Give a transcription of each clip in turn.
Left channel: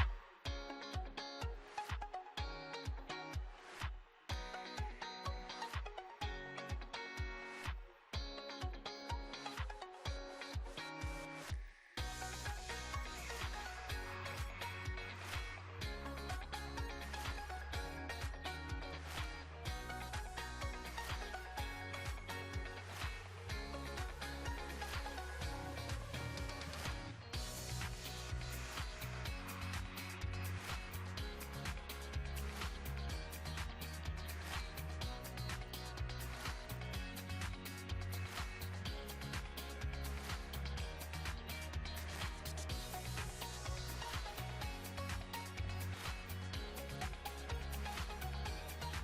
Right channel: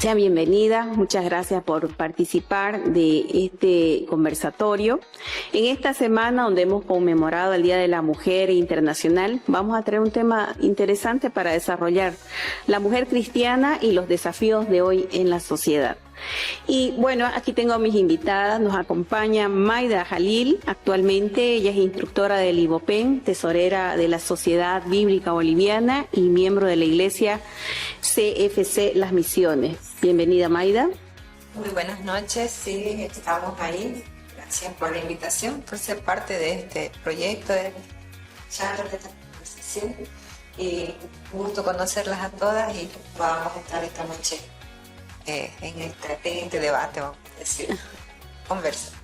Sea bienvenida, muchas gracias por participar de este conversatorio. En esta semana donde hemos conmemorado el Día de la Mujer Internacional, vamos a traer un tema interesante para desarrollar: la mujer cristiana y los desafíos de hoy en la sociedad. Y bueno, aquí tengo a mis invitadas. Nos acompaña Maida Jalil, actualmente ella es instructora del IBOPEN, tesorera de la Sociedad Bíblica Boliviana y miembro de la Iglesia CFC Las Misiones. Bienvenida, Maida. Muy buenas noches, sí, estamos ahí. Gracias por la invitación, por ser parte de este proyecto, de charla, de esta conversación. Y un gusto conocerlas a todas y vamos a estar esta noche en este debate, vamos a decir,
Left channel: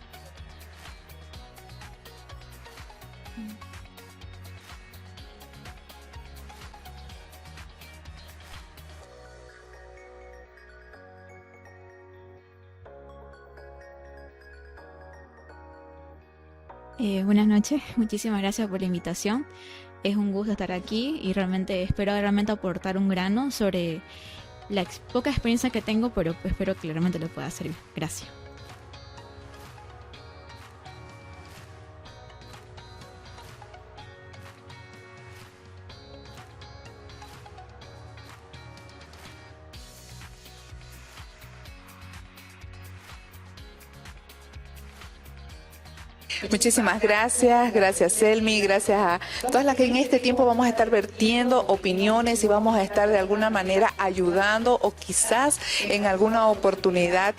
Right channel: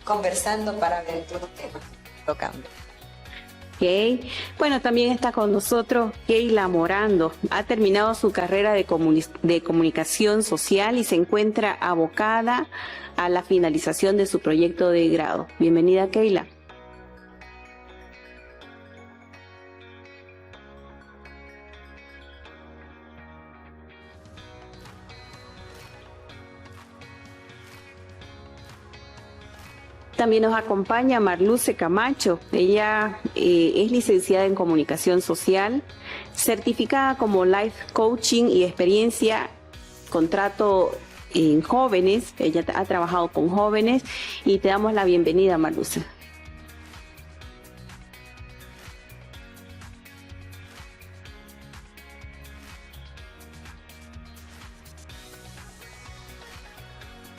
conversando para ver todos los temas tocando. Okay. Bueno, también está con nosotros Keila Morando. Ha terminado su carrera de comunicación social y se encuentra abocada a la finalización de su proyecto de grado. Bienvenida, Keila. Buenas noches, muchísimas gracias por la invitación. Es un gusto estar aquí y espero aportar un grano sobre la poca experiencia que tengo, pero espero que realmente le pueda servir. Gracias. También nos acompaña Marluce Camacho. Ella es licenciada en Comunicación Social, certificada como Life Coaching y experiencia contrato en jóvenes. Ella ha trabajado con jóvenes y te damos la bienvenida, Marluce. Muchísimas gracias, gracias Selmi, gracias a todas las que en este tiempo vamos a estar vertiendo opiniones y vamos a estar de alguna manera ayudando o quizás en alguna oportunidad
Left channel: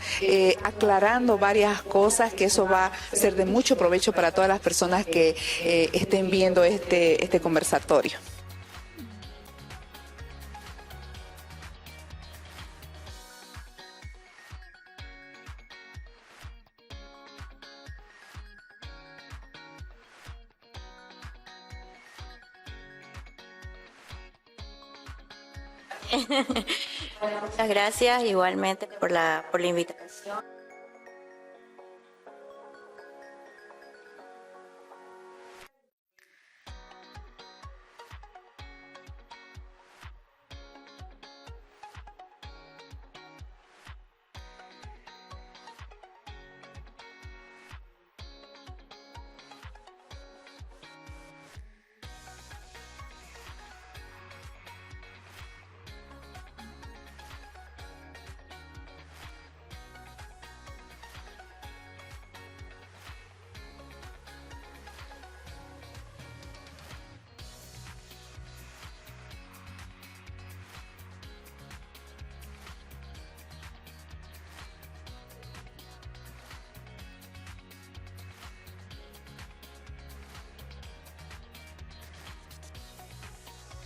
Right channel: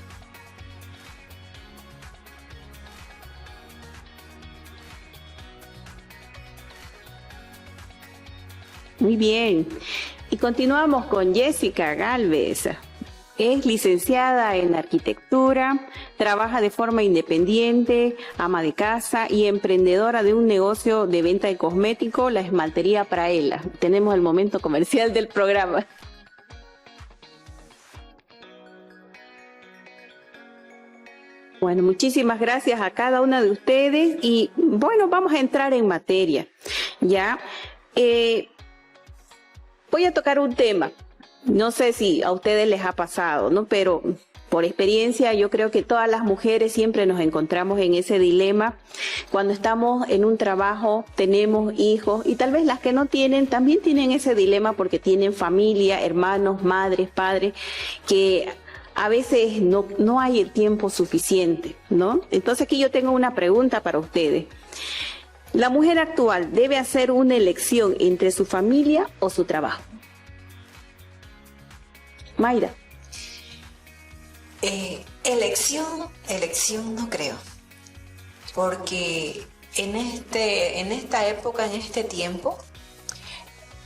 aclarando varias cosas, que eso va a ser de mucho provecho para todas las personas que estén viendo este conversatorio. Muy bien, y continuamos con Jessica Galvez. Es licenciada en arquitectura, trabaja de forma independiente, ama de casa y emprendedora de un negocio de venta de cosméticos, la esmaltería Praela. Tenemos el momento comercial del programa. Muchas gracias igualmente por la invitación. Bueno, muchísimas gracias a cada una de ustedes y bueno, vamos a entrar en materia. Ya, voy a tocar un tema. No sé si a ustedes les ha pasado, ¿no? Pero por experiencia yo creo que todas las mujeres siempre nos encontramos en ese dilema cuando estamos en un trabajo, tenemos hijos y tal vez las que no tienen también tienen ese dilema porque tienen familia, hermanos, madres, padres, que a veces no hay el tiempo suficiente, ¿no? Entonces aquí yo tengo una pregunta para ustedes. ¿La mujer actual debe hacer una elección entre su familia o su trabajo? Mayra. Elección no creo, porque en esta época, en este tiempo,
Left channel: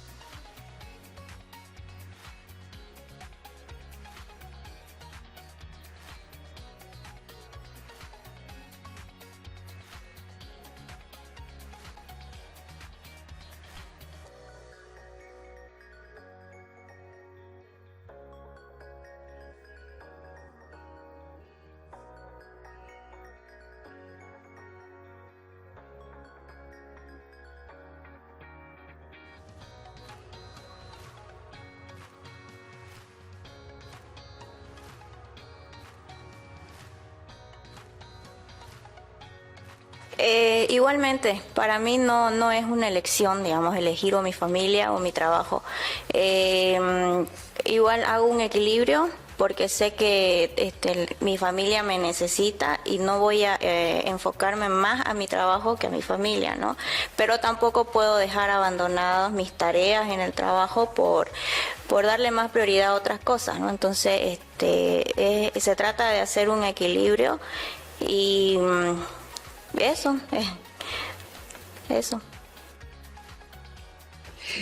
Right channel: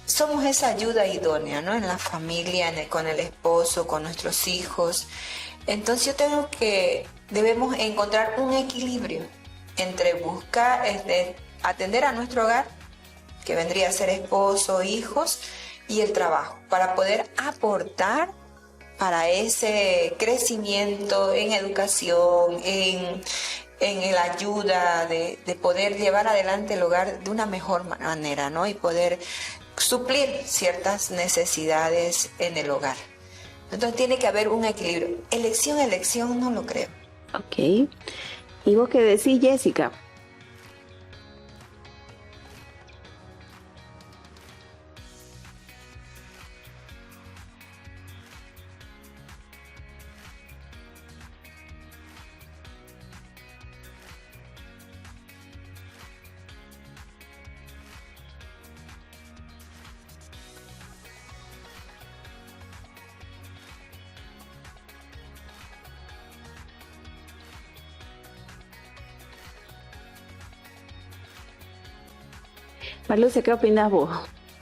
somos esa ayuda idónea, ¿no? En la familia, con el esposo, con nuestros hijos. Entonces debemos encontrar un equilibrio entre buscar, atender a nuestro hogar, que vendría a ser esposo, hijos, y el trabajo, para poder aportar para ese crecimiento en educación, en la ayuda de poder llevar adelante el hogar de una mejor manera, ¿no? Y poder suplir ciertas necesidades en el hogar. Entonces tiene que haber un equilibrio. Elección no lo creo. Ok. ¿Y vos qué decís, Jessica? Igualmente, para mí no es una elección, digamos, elegir o mi familia o mi trabajo. Igual hago un equilibrio porque sé que mi familia me necesita y no voy a enfocarme más a mi trabajo que a mi familia, ¿no? Pero tampoco puedo dejar abandonadas mis tareas en el trabajo por darle más prioridad a otras cosas, ¿no? Entonces, se trata de hacer un equilibrio y eso. Marluce, ¿qué opinas vos?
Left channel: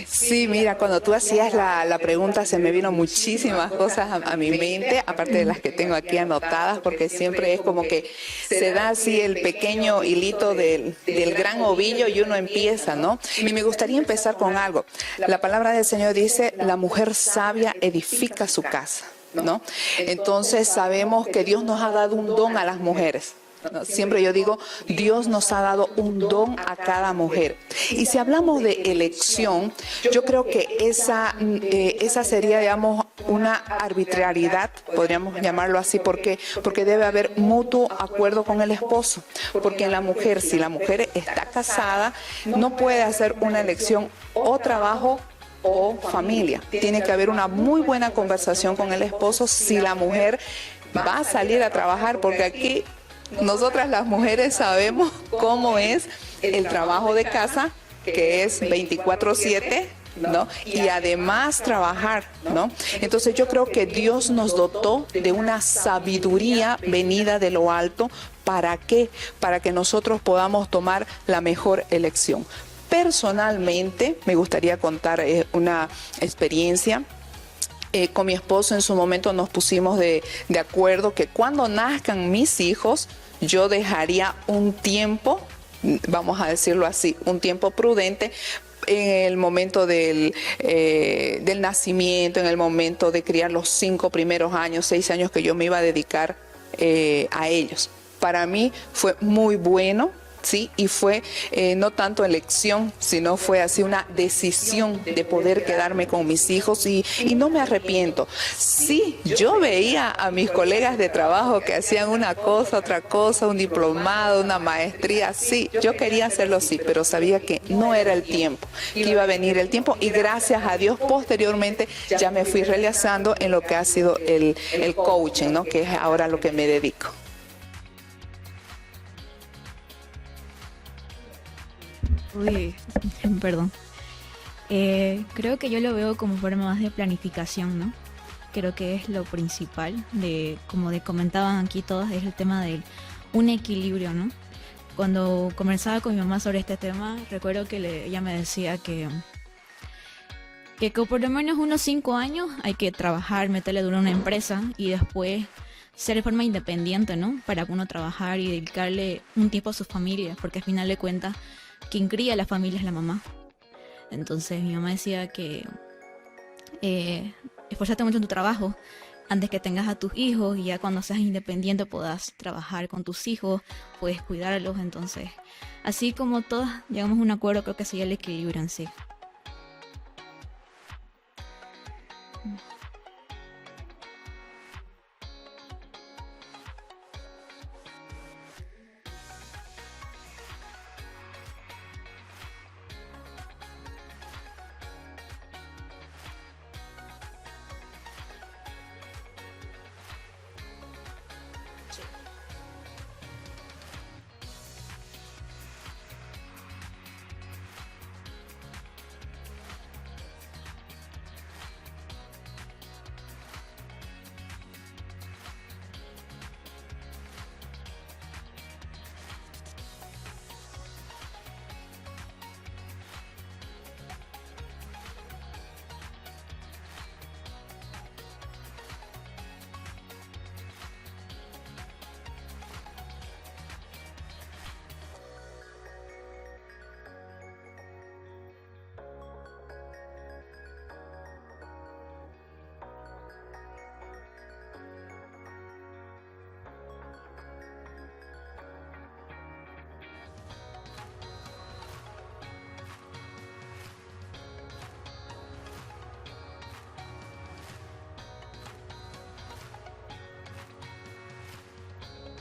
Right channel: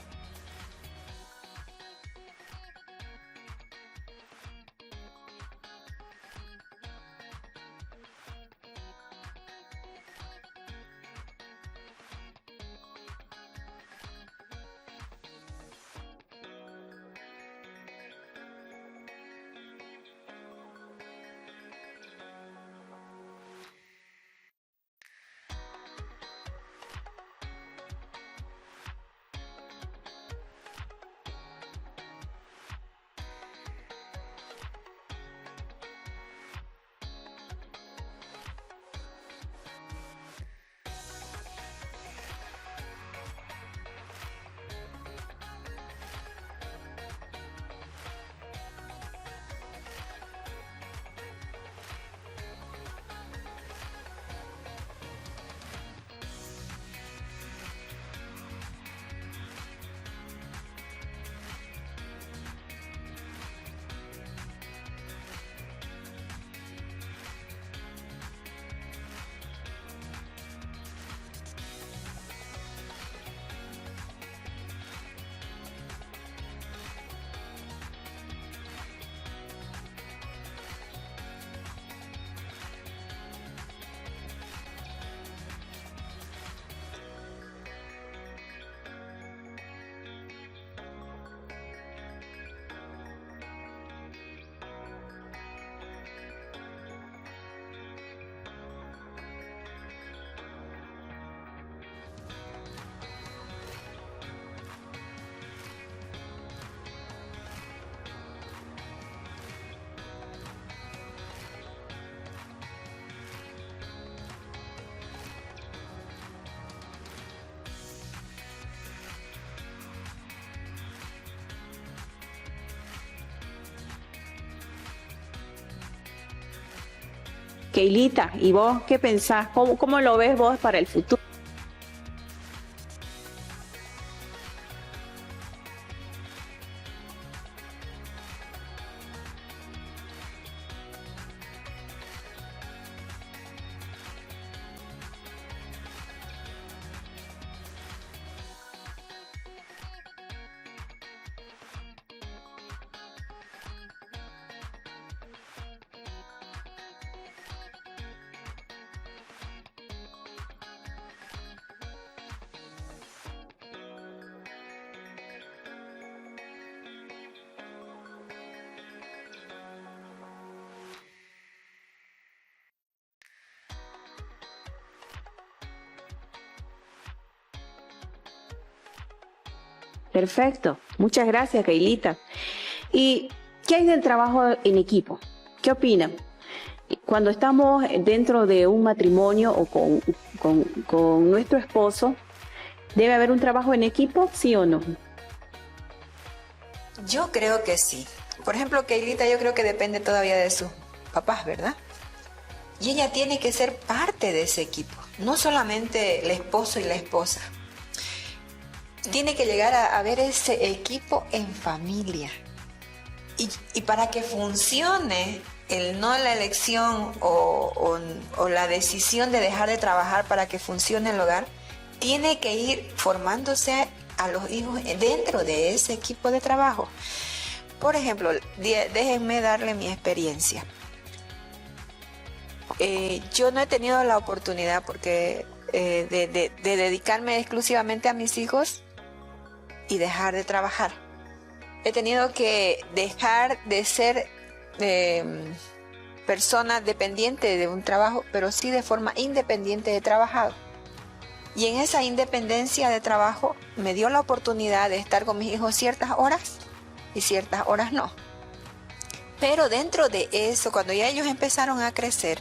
Sí, mira, cuando tú hacías la pregunta se me vino muchísimas cosas a mi mente, aparte de las que tengo aquí anotadas, porque siempre es como que se da así el pequeño hilito del gran ovillo y uno empieza, ¿no? Y me gustaría empezar con algo. La palabra del Señor dice, la mujer sabia edifica su casa, ¿no? Entonces sabemos que Dios nos ha dado un don a las mujeres. Siempre yo digo, Dios nos ha dado un don a cada mujer. Y si hablamos de elección, yo creo que esa sería, digamos, una arbitrariedad, podríamos llamarlo así. ¿Por qué? Porque debe haber mutuo acuerdo con el esposo. Porque en la mujer, si la mujer está casada, no puede hacer una elección o trabajo o familia. Tiene que haber una muy buena conversación con el esposo si la mujer va a salir a trabajar, porque aquí nosotras las mujeres sabemos cómo es el trabajo de casa, que es 24/7, ¿no? Y además trabajar, ¿no? Entonces yo creo que Dios nos dotó de una sabiduría venida de lo alto. ¿Para qué? Para que nosotros podamos tomar la mejor elección. Personalmente, me gustaría contar una experiencia. Con mi esposo en su momento nos pusimos de acuerdo que cuando nazcan mis hijos, yo dejaría un tiempo, vamos a decirlo así, un tiempo prudente en el momento del nacimiento, en el momento de criar los 5 primeros años, 6 años que yo me iba a dedicar a ellos. Para mí fue muy bueno. Sí, y fue no tanto elección, sino fue así una decisión de poder quedarme con mis hijos y no me arrepiento. Sí, yo veía a mis colegas de trabajo que hacían una cosa, otra cosa, un diplomado, una maestría, sí, yo quería hacerlo sí, pero sabía que no era el tiempo, que iba a venir el tiempo y gracias a Dios posteriormente ya me fui realizando en lo que ha sido el coaching, ¿no? Que es ahora lo que me dedico. Keilita, ¿y vos qué pensás? ¿Cómo lo ves vos para el futuro? Uy, perdón. Creo que yo lo veo como forma más de planificación, ¿no? Creo que es lo principal, como comentaban aquí todos, es el tema de un equilibrio, ¿no? Cuando conversaba con mi mamá sobre este tema, recuerdo que ella me decía que por lo menos unos 5 años hay que trabajar, meterle duro a una empresa y después ser de forma independiente, ¿no? Para uno trabajar y dedicarle un tiempo a su familia, porque al final de cuentas, quien cría a la familia es la mamá. Entonces mi mamá decía que esforzate mucho en tu trabajo antes que tengas a tus hijos y ya cuando seas independiente puedas trabajar con tus hijos, puedes cuidarlos. Entonces, así como todas llegamos a un acuerdo, creo que sería el equilibrio en sí. Perfecto, muchas gracias, Keilita. ¿Y qué hay del trabajo en equipo? ¿Qué opinan? Cuando estamos dentro de un matrimonio o con nuestro esposo, ¿debe haber un trabajo en equipo, sí o no? Yo creo que sí. Por ejemplo, Keilita yo creo que depende todavía de sus papás, ¿verdad? Y ella tiene que ser parte de ese equipo, no solamente el esposo y la esposa. Tiene que llegar a ver ese equipo en familia. Y para que funcione no la elección o la decisión de dejar de trabajar para que funcione el hogar, tiene que ir formándose a los hijos dentro de ese equipo de trabajo. Por ejemplo, déjenme darle mi experiencia. Yo no he tenido la oportunidad de dedicarme exclusivamente a mis hijos y dejar de trabajar. He tenido que dejar de ser persona dependiente de un trabajo, pero sí de forma independiente de trabajar. Y en esa independencia de trabajo me dio la oportunidad de estar con mis hijos ciertas horas y ciertas horas no. Pero dentro de eso, cuando ya ellos empezaron a crecer,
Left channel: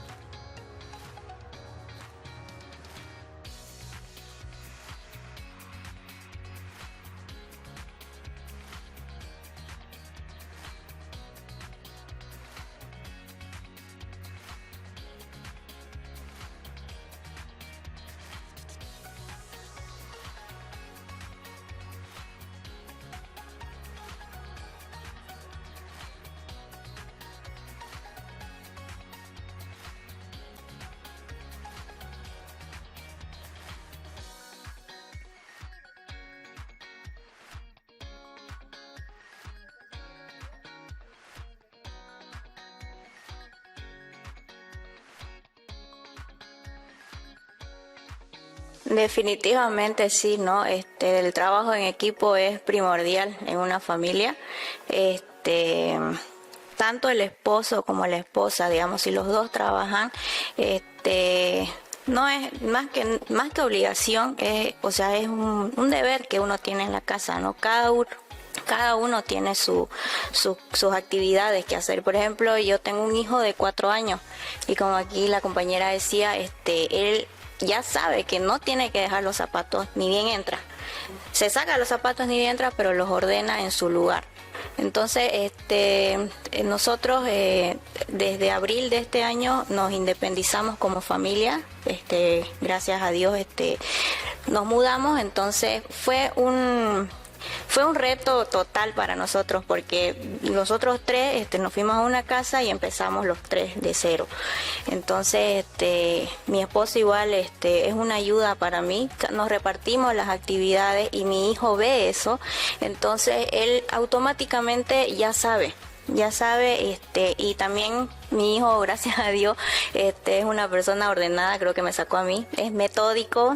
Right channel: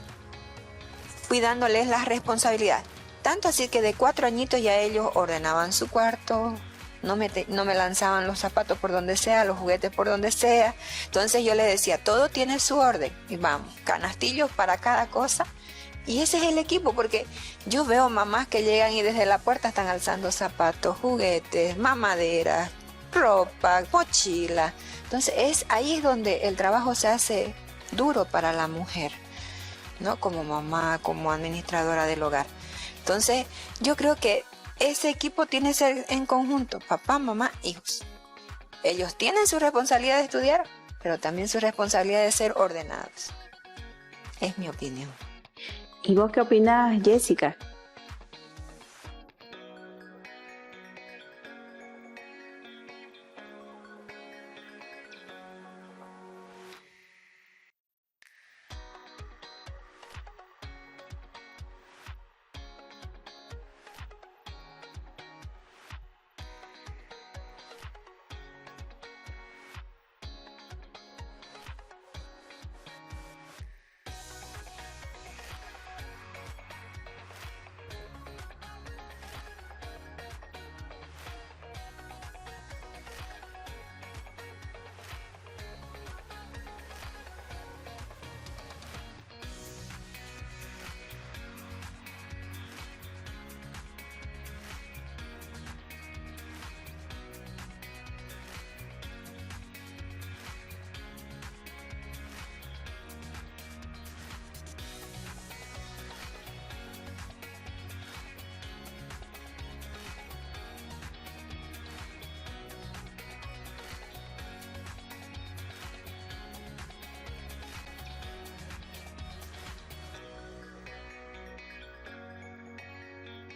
fui dándoles la responsabilidad. Tanto así que de 4 añitos ya ellos ordenaban su cuarto, no me lanzaban los zapatos por donde sea, los juguetes por donde sea. Entonces yo les decía, todo tiene su orden. Y vamos, canastillos para cada cosa. Y ese es el equipo, porque yo veo mamás que llegan y desde la puerta están alzando zapatos, juguetes, mamaderas, ropa, mochila. Entonces ahí es donde el trabajo se hace duro para la mujer, ¿no? Como mamá, como administradora del hogar. Entonces yo creo que ese equipo tiene que ser en conjunto, papá, mamá, hijos. Ellos tienen su responsabilidad de estudiar, pero también su responsabilidad de ser ordenados. Es mi opinión. ¿Y vos qué opinás, Jessica? Definitivamente sí, ¿no? El trabajo en equipo es primordial en una familia. Tanto el esposo como la esposa, digamos, si los dos trabajan, no es más que obligación, es un deber que uno tiene en la casa, ¿no? Cada cada uno tiene sus actividades que hacer. Por ejemplo, yo tengo un hijo de 4 años y como aquí la compañera decía, él ya sabe que no tiene que dejar los zapatos ni bien entra. Se saca los zapatos ni bien entra, pero los ordena en su lugar. Entonces, nosotros desde abril de este año nos independizamos como familia. Gracias a Dios, nos mudamos. Entonces fue un reto total para nosotros porque nosotros tres nos fuimos a una casa y empezamos los tres de cero. Entonces mi esposo igual es una ayuda para mí, nos repartimos las actividades y mi hijo ve eso, entonces él automáticamente ya sabe, y también mi hijo, gracias a Dios, es una persona ordenada, creo que me sacó a mí, es metódico,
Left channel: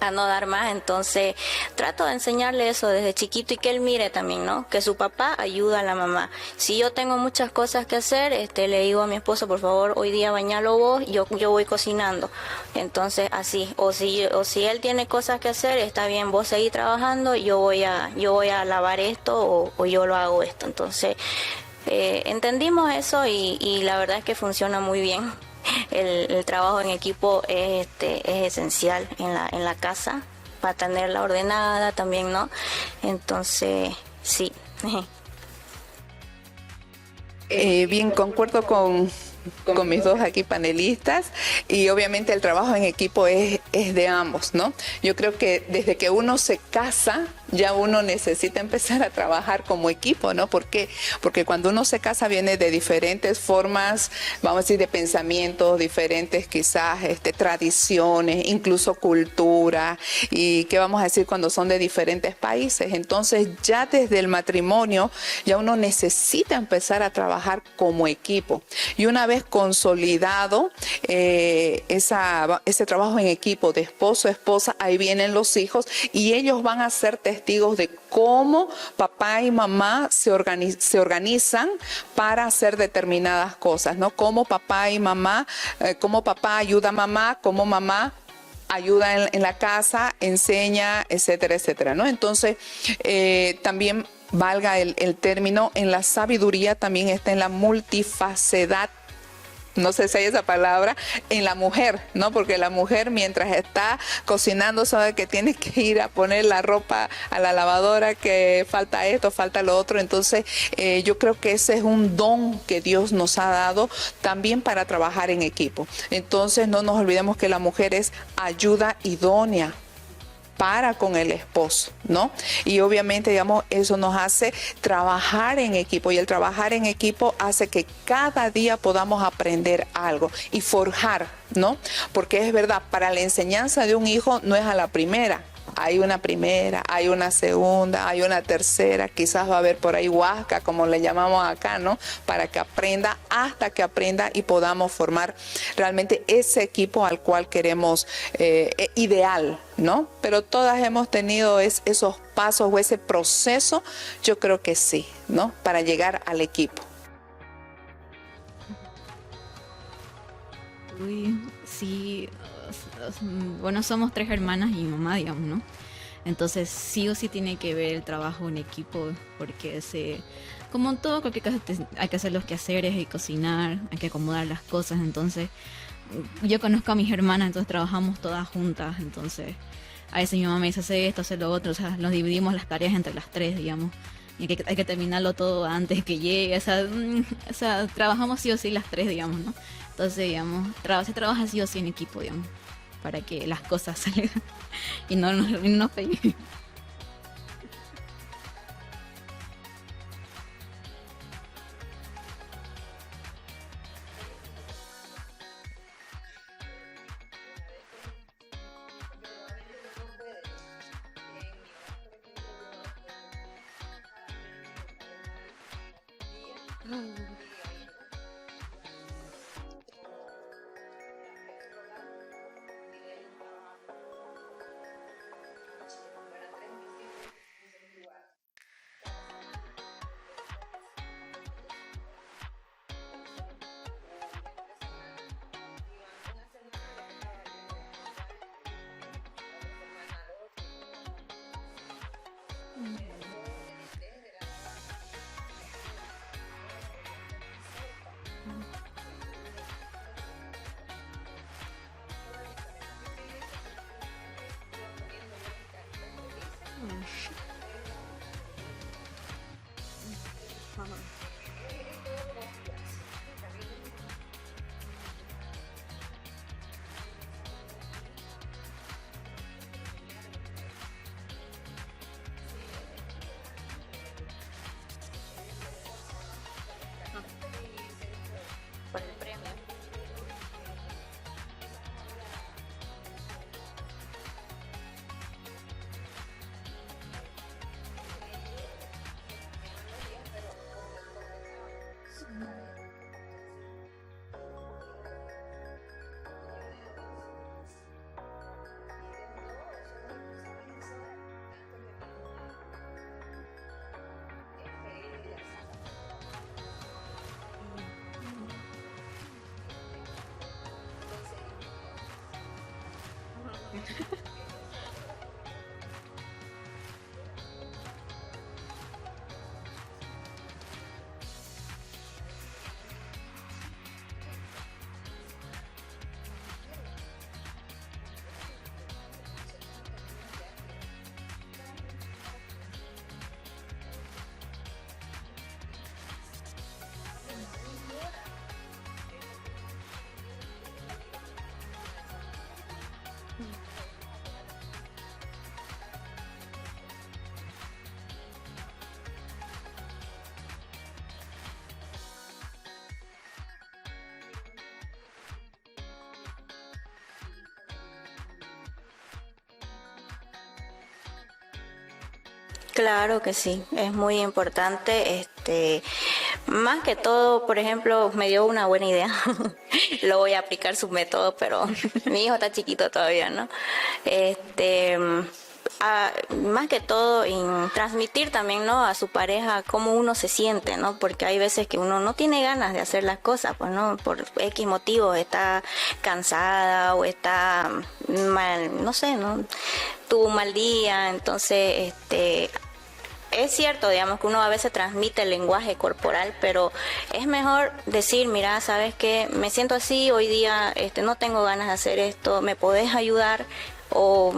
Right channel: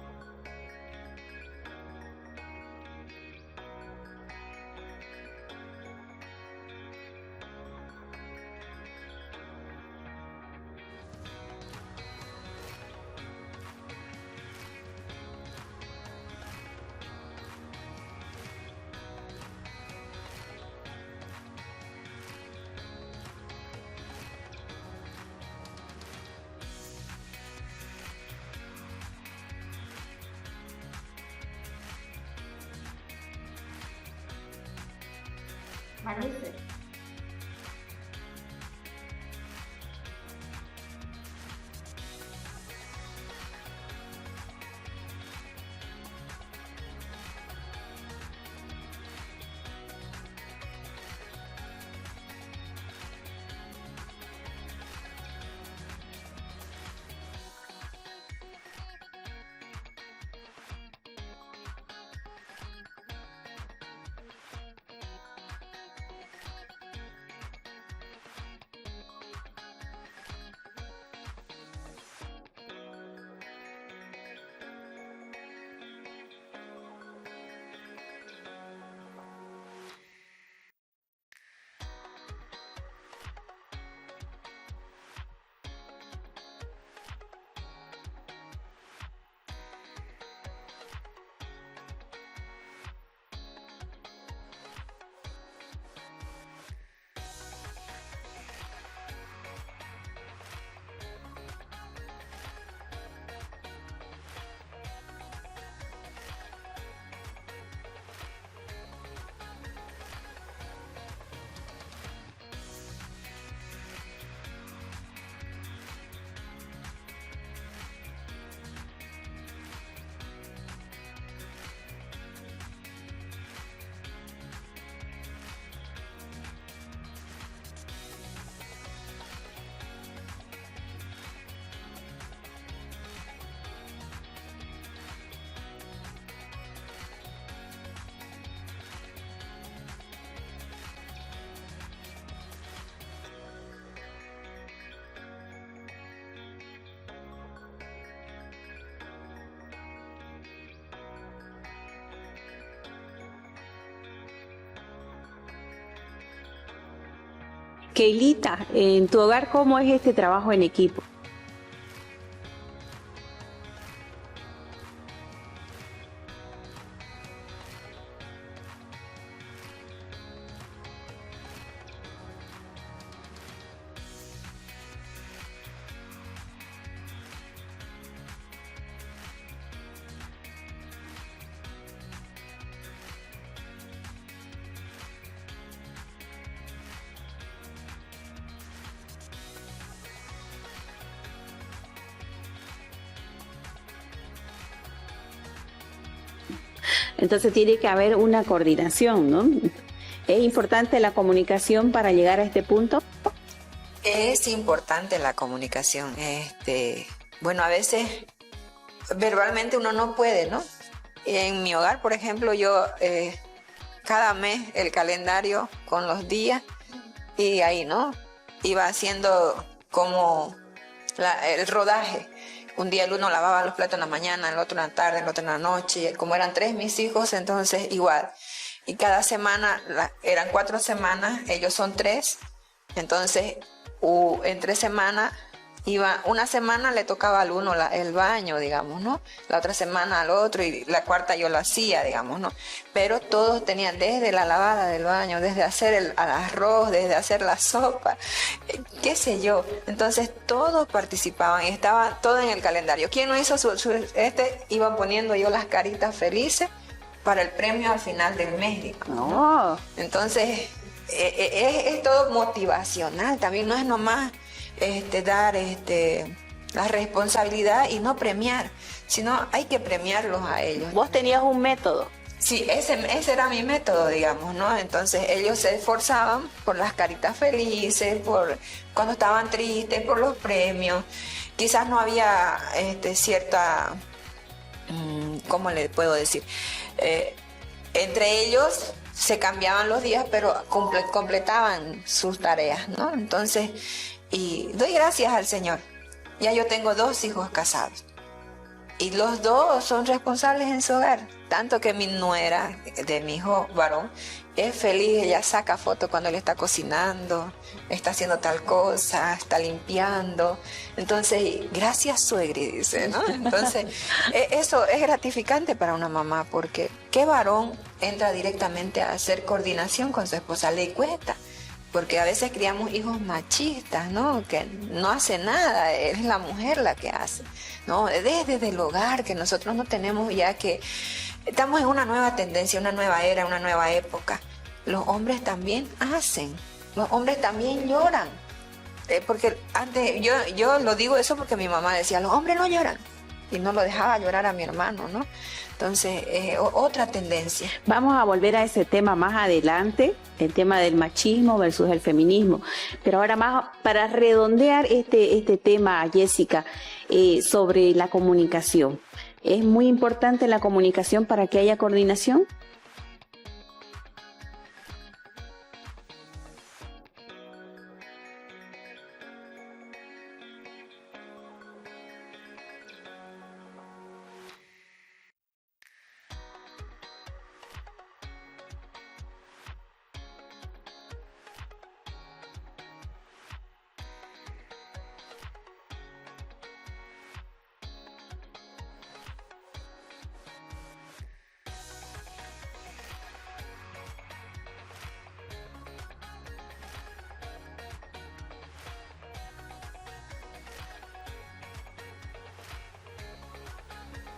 a no dar más, entonces trato de enseñarle eso desde chiquito y que él mire también, ¿no? Que su papá ayuda a la mamá. Si yo tengo muchas cosas que hacer, le digo a mi esposo, por favor, hoy día bañalo vos, yo voy cocinando. Entonces así, o si él tiene cosas que hacer, está bien, vos seguís trabajando, yo voy a lavar esto o yo lo hago esto. Entonces entendimos eso y la verdad es que funciona muy bien. El trabajo en equipo es esencial en la casa para tenerla ordenada también, ¿no? Entonces, sí. Bien, concuerdo con mis dos aquí panelistas y obviamente el trabajo en equipo es de ambos, ¿no? Yo creo que desde que uno se casa ya uno necesita empezar a trabajar como equipo, ¿no? ¿Por qué? Porque cuando uno se casa viene de diferentes formas, vamos a decir, de pensamientos, diferentes quizás tradiciones, incluso cultura, y qué vamos a decir cuando son de diferentes países. Entonces ya desde el matrimonio ya uno necesita empezar a trabajar como equipo. Y una vez consolidado ese trabajo en equipo de esposo, esposa, ahí vienen los hijos y ellos van a ser testigos de cómo papá y mamá se organizan para hacer determinadas cosas, ¿no? Cómo papá y mamá, cómo papá ayuda a mamá, cómo mamá ayuda en la casa, enseña, etcétera, etcétera, ¿no? Entonces, también valga el término, en la sabiduría también está en la multifacedad, no sé si hay esa palabra, en la mujer, ¿no? Porque la mujer mientras está cocinando sabe que tiene que ir a poner la ropa a la lavadora, que falta esto, falta lo otro. Entonces yo creo que ese es un don que Dios nos ha dado también para trabajar en equipo. Entonces no nos olvidemos que la mujer es ayuda idónea para con el esposo, ¿no? Y obviamente, digamos, eso nos hace trabajar en equipo y el trabajar en equipo hace que cada día podamos aprender algo y forjar, ¿no? Porque es verdad, para la enseñanza de un hijo no es a la primera. Hay una primera, hay una segunda, hay una tercera, quizás va a haber por ahí huasca, como le llamamos acá, ¿no? Para que aprenda, hasta que aprenda y podamos formar realmente ese equipo al cual queremos, ideal, ¿no? Pero todas hemos tenido esos pasos o ese proceso, yo creo que sí, ¿no? Para llegar al equipo. Keilita, en tu hogar, ¿cómo es este trabajo en equipo? Sí, bueno, somos 3 hermanas y mamá, digamos, ¿no? Entonces sí o sí tiene que ver el trabajo en equipo, porque como en todo, cualquier cosa hay que hacer los quehaceres, hay que cocinar, hay que acomodar las cosas. Entonces yo conozco a mis hermanas, entonces trabajamos todas juntas. Entonces a veces mi mamá me dice hacer esto, hacer lo otro, o sea, nos dividimos las tareas entre las 3, digamos. Y que hay que terminarlo todo antes que llegue, o sea, trabajamos sí o sí las 3, digamos, ¿no? Entonces, digamos, se trabaja sí o sí en equipo, digamos, para que las cosas salgan y no nos peguen. Entonces tiene que haber una coordinación, ¿no? ¿Es importante la comunicación para llegar a este punto? Es importante la comunicación. Bueno, a veces verbalmente uno no puede, ¿no? En mi hogar, por ejemplo, yo cada mes el calendario con los días y ahí, ¿no? Iba haciendo como el rodaje. Un día el uno lavaba los platos en la mañana, el otro en la tarde, el otro en la noche. Y como eran 3 mis hijos, entonces igual. Y cada semana, eran 4 semanas, ellos son 3. Entonces, en 3 semanas Iba, una semana le tocaba al uno el baño, digamos, ¿no? La otra semana al otro y la cuarta yo lo hacía, digamos, ¿no? Pero todos tenían desde la lavada del baño, desde hacer el arroz, desde hacer la sopa, qué sé yo. Entonces todos participaban y estaba todo en el calendario. ¿Quién no hizo iba poniendo yo las caritas felices para el premio al final del mes, digamos, ¿no? Entonces es todo motivacional, también no es nomás dar la responsabilidad y no premiar, sino hay que premiarlos a ellos. Vos tenías un método. Sí, ese era mi método, digamos, ¿no? Entonces ellos se esforzaban por las caritas felices, por cuando estaban tristes, por los premios. Quizás no había cierta, ¿cómo le puedo decir? Entre ellos se cambiaban los días, pero completaban sus tareas, ¿no? Entonces, y doy gracias al Señor. Ya yo tengo 2 hijos casados y los 2 son responsables en su hogar. Tanto que mi nuera de mi hijo varón es feliz, ella saca fotos cuando él está cocinando, está haciendo tal cosa, está limpiando. Entonces, gracias suegri, dice, ¿no? Entonces, eso es gratificante para una mamá, porque ¿qué varón entra directamente a hacer coordinación con su esposa? Le cuesta. Porque a veces criamos hijos machistas, ¿no? Que no hace nada, es la mujer la que hace, ¿no? Desde el hogar, que nosotros no tenemos ya que... Estamos en una nueva tendencia, una nueva era, una nueva época. Los hombres también hacen, los hombres también lloran. Porque antes, yo lo digo eso porque mi mamá decía, los hombres no lloran. Y no lo dejaba llorar a mi hermano, ¿no? Entonces, otra tendencia. Vamos a volver a ese tema más adelante, el tema del machismo versus el feminismo. Pero ahora más para redondear este tema, Jessica, sobre la comunicación. ¿Es muy importante la comunicación para que haya coordinación? Claro que sí, es muy importante. Más que todo, por ejemplo, me dio una buena idea. Lo voy a aplicar su método, pero mi hijo está chiquito todavía, ¿no? Más que todo en transmitir también, ¿no?, a su pareja cómo uno se siente, ¿no? Porque hay veces que uno no tiene ganas de hacer las cosas, pues, ¿no? Por X motivo, está cansada o está mal, no sé, ¿no? Tuvo un mal día, entonces, es cierto, digamos, que uno a veces transmite el lenguaje corporal, pero es mejor decir, mira, ¿sabes qué? Me siento así, hoy día no tengo ganas de hacer esto, ¿me podés ayudar? O...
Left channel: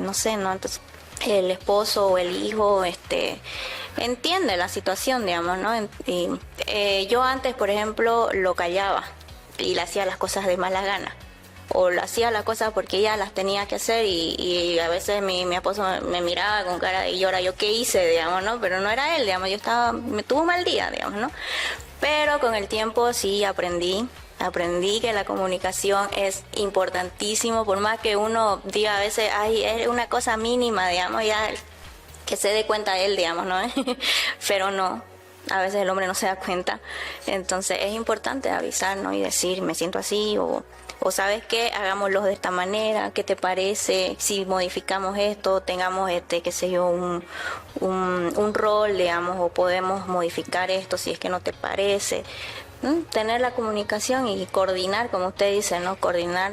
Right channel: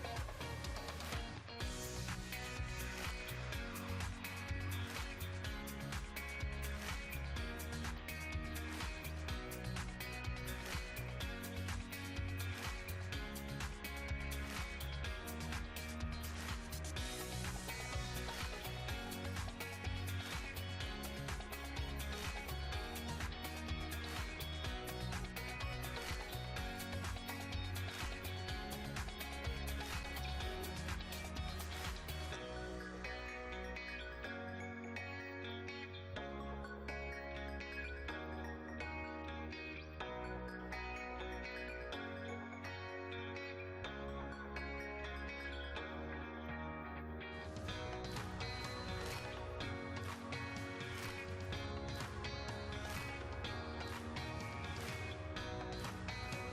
no sé, ¿no? Entonces el esposo o el hijo entiende la situación, digamos, ¿no? Yo antes, por ejemplo, lo callaba y le hacía las cosas de mala gana, o lo hacía las cosas porque ella las tenía que hacer, y a veces mi esposo me miraba con cara de llora, yo qué hice, digamos, ¿no? Pero no era él, digamos, me tuvo un mal día, digamos, ¿no? Pero con el tiempo sí aprendí que la comunicación es importantísimo, por más que uno diga a veces, ay, es una cosa mínima, digamos, ya que se dé cuenta él, digamos, ¿no? Pero no, a veces el hombre no se da cuenta. Entonces es importante avisar, ¿no? Y decir, me siento así, o ¿sabes qué? Hagámoslo de esta manera, ¿qué te parece? Si modificamos esto, tengamos qué sé yo, un rol, digamos, o podemos modificar esto si es que no te parece. Tener la comunicación y coordinar, como usted dice, ¿no? Coordinar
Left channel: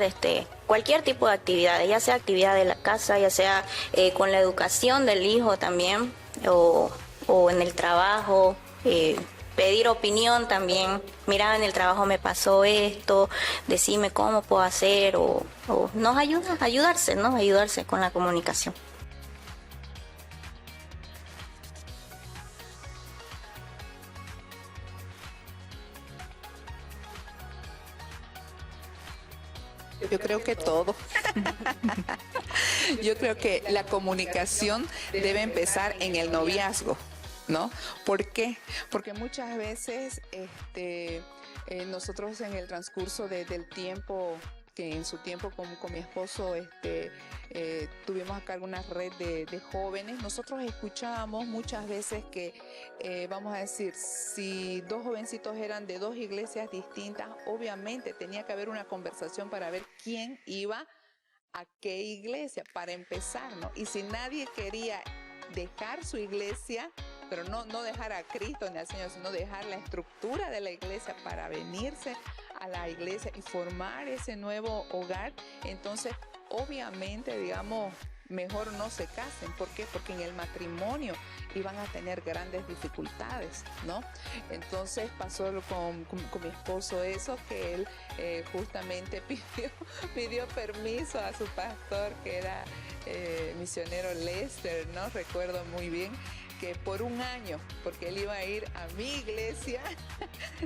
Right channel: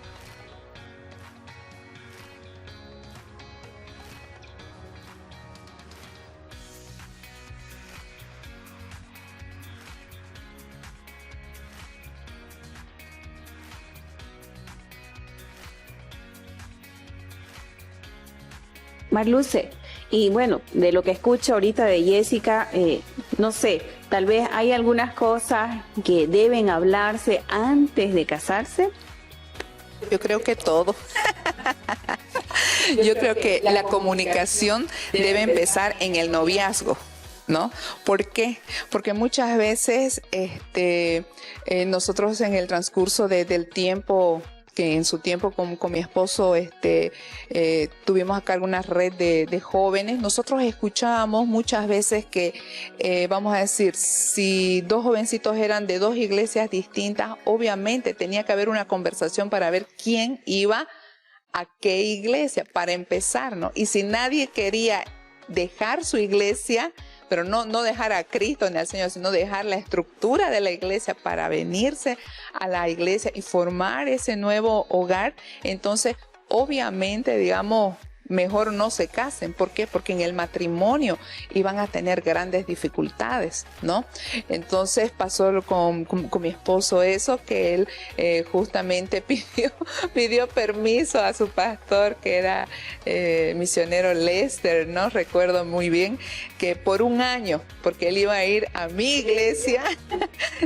cualquier tipo de actividades, ya sea actividad de la casa, ya sea con la educación del hijo también, o en el trabajo, pedir opinión también. Mira, en el trabajo me pasó esto, decime cómo puedo hacer, o nos ayudarse, ¿no? Ayudarse con la comunicación. Marluce, y bueno, de lo que escucho ahorita de Jessica, no sé, tal vez hay algunas cosas que deben hablarse antes de casarse. Yo creo que todo. Yo creo que la comunicación debe empezar en el noviazgo, ¿no? ¿Por qué? Porque muchas veces nosotros en el transcurso del tiempo, que en su tiempo con mi esposo tuvimos acá alguna red de jóvenes, nosotros escuchábamos muchas veces que, vamos a decir, si 2 jovencitos eran de 2 iglesias distintas, obviamente tenía que haber una conversación para ver quién iba a qué iglesia, para empezar, ¿no? Y si nadie quería dejar su iglesia, pero no dejar a Cristo ni al Señor, sino dejar la estructura de la iglesia para venirse a la iglesia y formar ese nuevo hogar. Entonces, obviamente, digamos, mejor no se casen. ¿Por qué? Porque en el matrimonio iban a tener grandes dificultades, ¿no? Entonces pasó con mi esposo eso, que él justamente pidió permiso a su pastor, que era misionero Lester, ¿no? Recuerdo muy bien que por un año, porque él iba a ir a mi iglesia,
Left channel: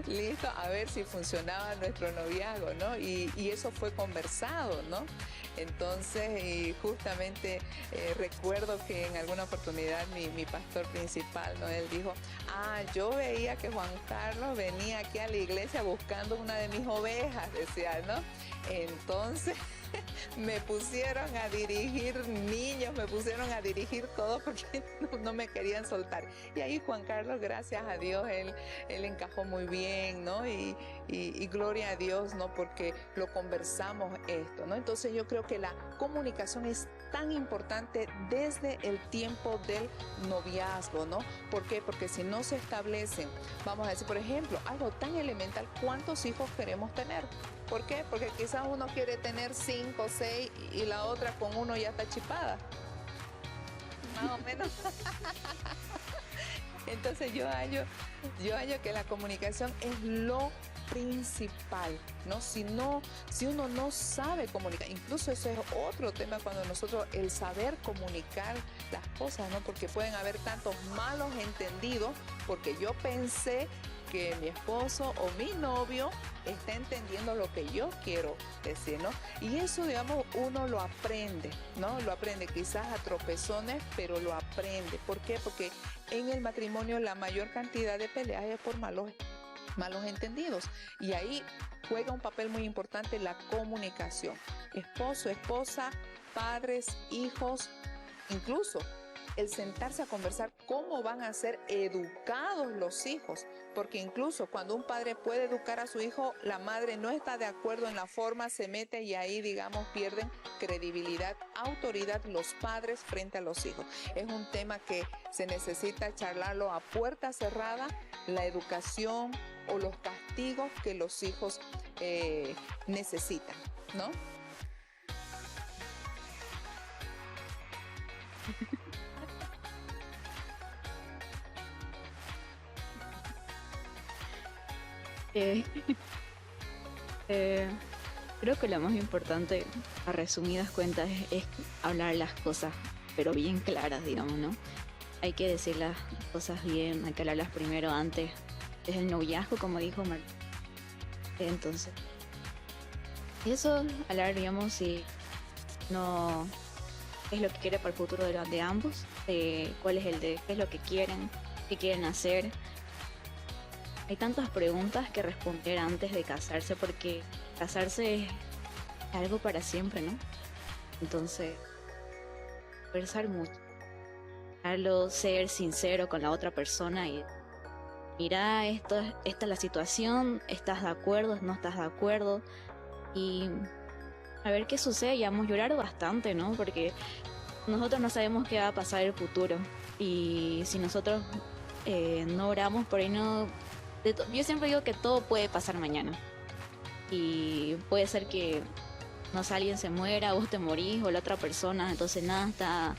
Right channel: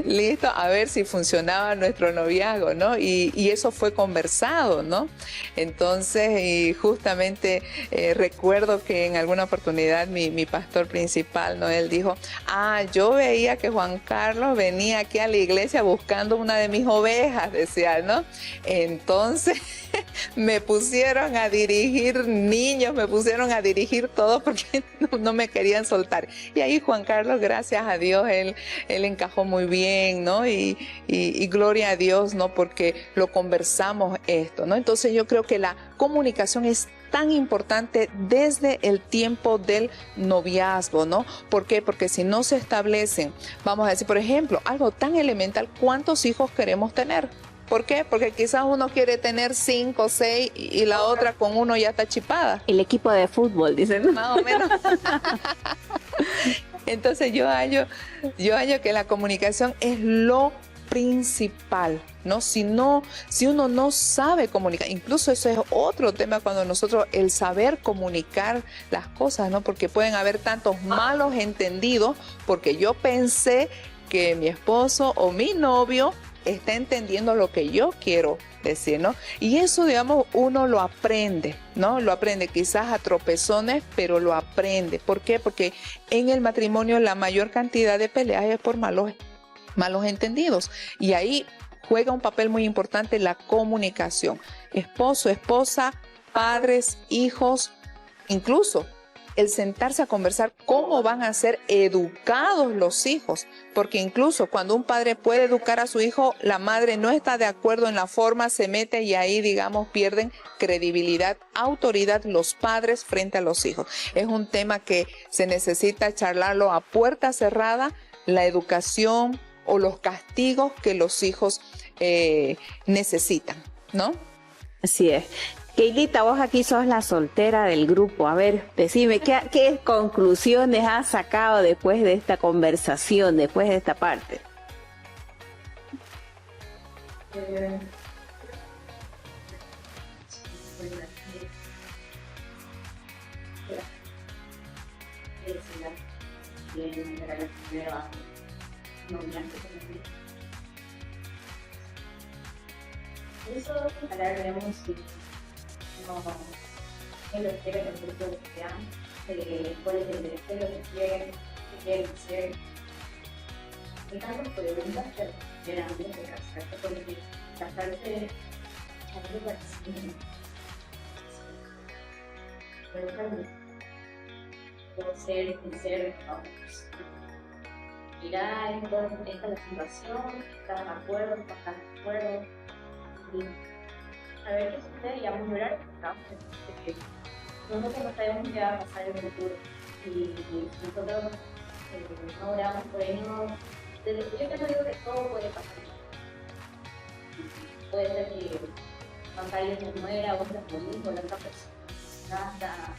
listo, a ver si funcionaba nuestro noviazgo, ¿no? Y eso fue conversado, ¿no? Entonces, y justamente recuerdo que en alguna oportunidad mi pastor principal, ¿no? Él dijo, yo veía que Juan Carlos venía aquí a la iglesia buscando una de mis ovejas, decía, ¿no? Entonces me pusieron a dirigir niños, me pusieron a dirigir todo porque no me querían soltar. Y ahí Juan Carlos, gracias a Dios, él encajó muy bien, ¿no? Y gloria a Dios, ¿no? Porque lo conversamos esto, ¿no? Entonces yo creo que la comunicación es tan importante desde el tiempo del noviazgo, ¿no? ¿Por qué? Porque si no se establecen, vamos a decir, por ejemplo, algo tan elemental, ¿cuántos hijos queremos tener? ¿Por qué? Porque quizás uno quiere tener 5, 6 y la otra con uno ya está chipada. El equipo de fútbol, dicen. Más o menos. Entonces yo hallo que la comunicación es lo principal, ¿no? Si uno no sabe comunicar, incluso eso es otro tema cuando nosotros, el saber comunicar las cosas, ¿no? Porque pueden haber tantos malos entendidos, porque yo pensé que mi esposo o mi novio está entendiendo lo que yo quiero decir, ¿no? Y eso, digamos, uno lo aprende, ¿no? Lo aprende quizás a tropezones, pero lo aprende. ¿Por qué? Porque en el matrimonio la mayor cantidad de peleas es por malos entendidos. Y ahí juega un papel muy importante la comunicación. Esposo, esposa, padres, hijos, incluso el sentarse a conversar cómo van a ser educados los hijos, porque incluso cuando un padre puede educar a su hijo, la madre no está de acuerdo en la forma, se mete y ahí, digamos, pierden credibilidad, autoridad los padres frente a los hijos. Es un tema que se necesita charlarlo a puerta cerrada, la educación o los castigos que los hijos necesitan, ¿no? Así es. Keilita, vos aquí sos la soltera del grupo. A ver, decime, ¿qué conclusiones has sacado después de esta conversación, después de esta parte? Creo que lo más importante, a resumidas cuentas, es hablar las cosas, pero bien claras, digamos, ¿no? Hay que decir las cosas bien, hay que hablarlas primero antes del noviazgo, como dijo Martín. Entonces, eso, hablar, digamos, si no es lo que quiere para el futuro de ambos, cuál es qué es lo que quieren, qué quieren hacer. Hay tantas preguntas que responder antes de casarse, porque casarse es algo para siempre, ¿no? Entonces, conversar mucho, ser sincero con la otra persona y mira, esta es la situación, ¿estás de acuerdo? ¿No estás de acuerdo? Y a ver qué sucede, y vamos a llorar bastante, ¿no? Porque nosotros no sabemos qué va a pasar en el futuro. Y si nosotros no oramos, por ahí no... Yo siempre digo que todo puede pasar mañana. Y puede ser que, no sé, alguien se muera, vos te morís, o la otra persona, entonces nada está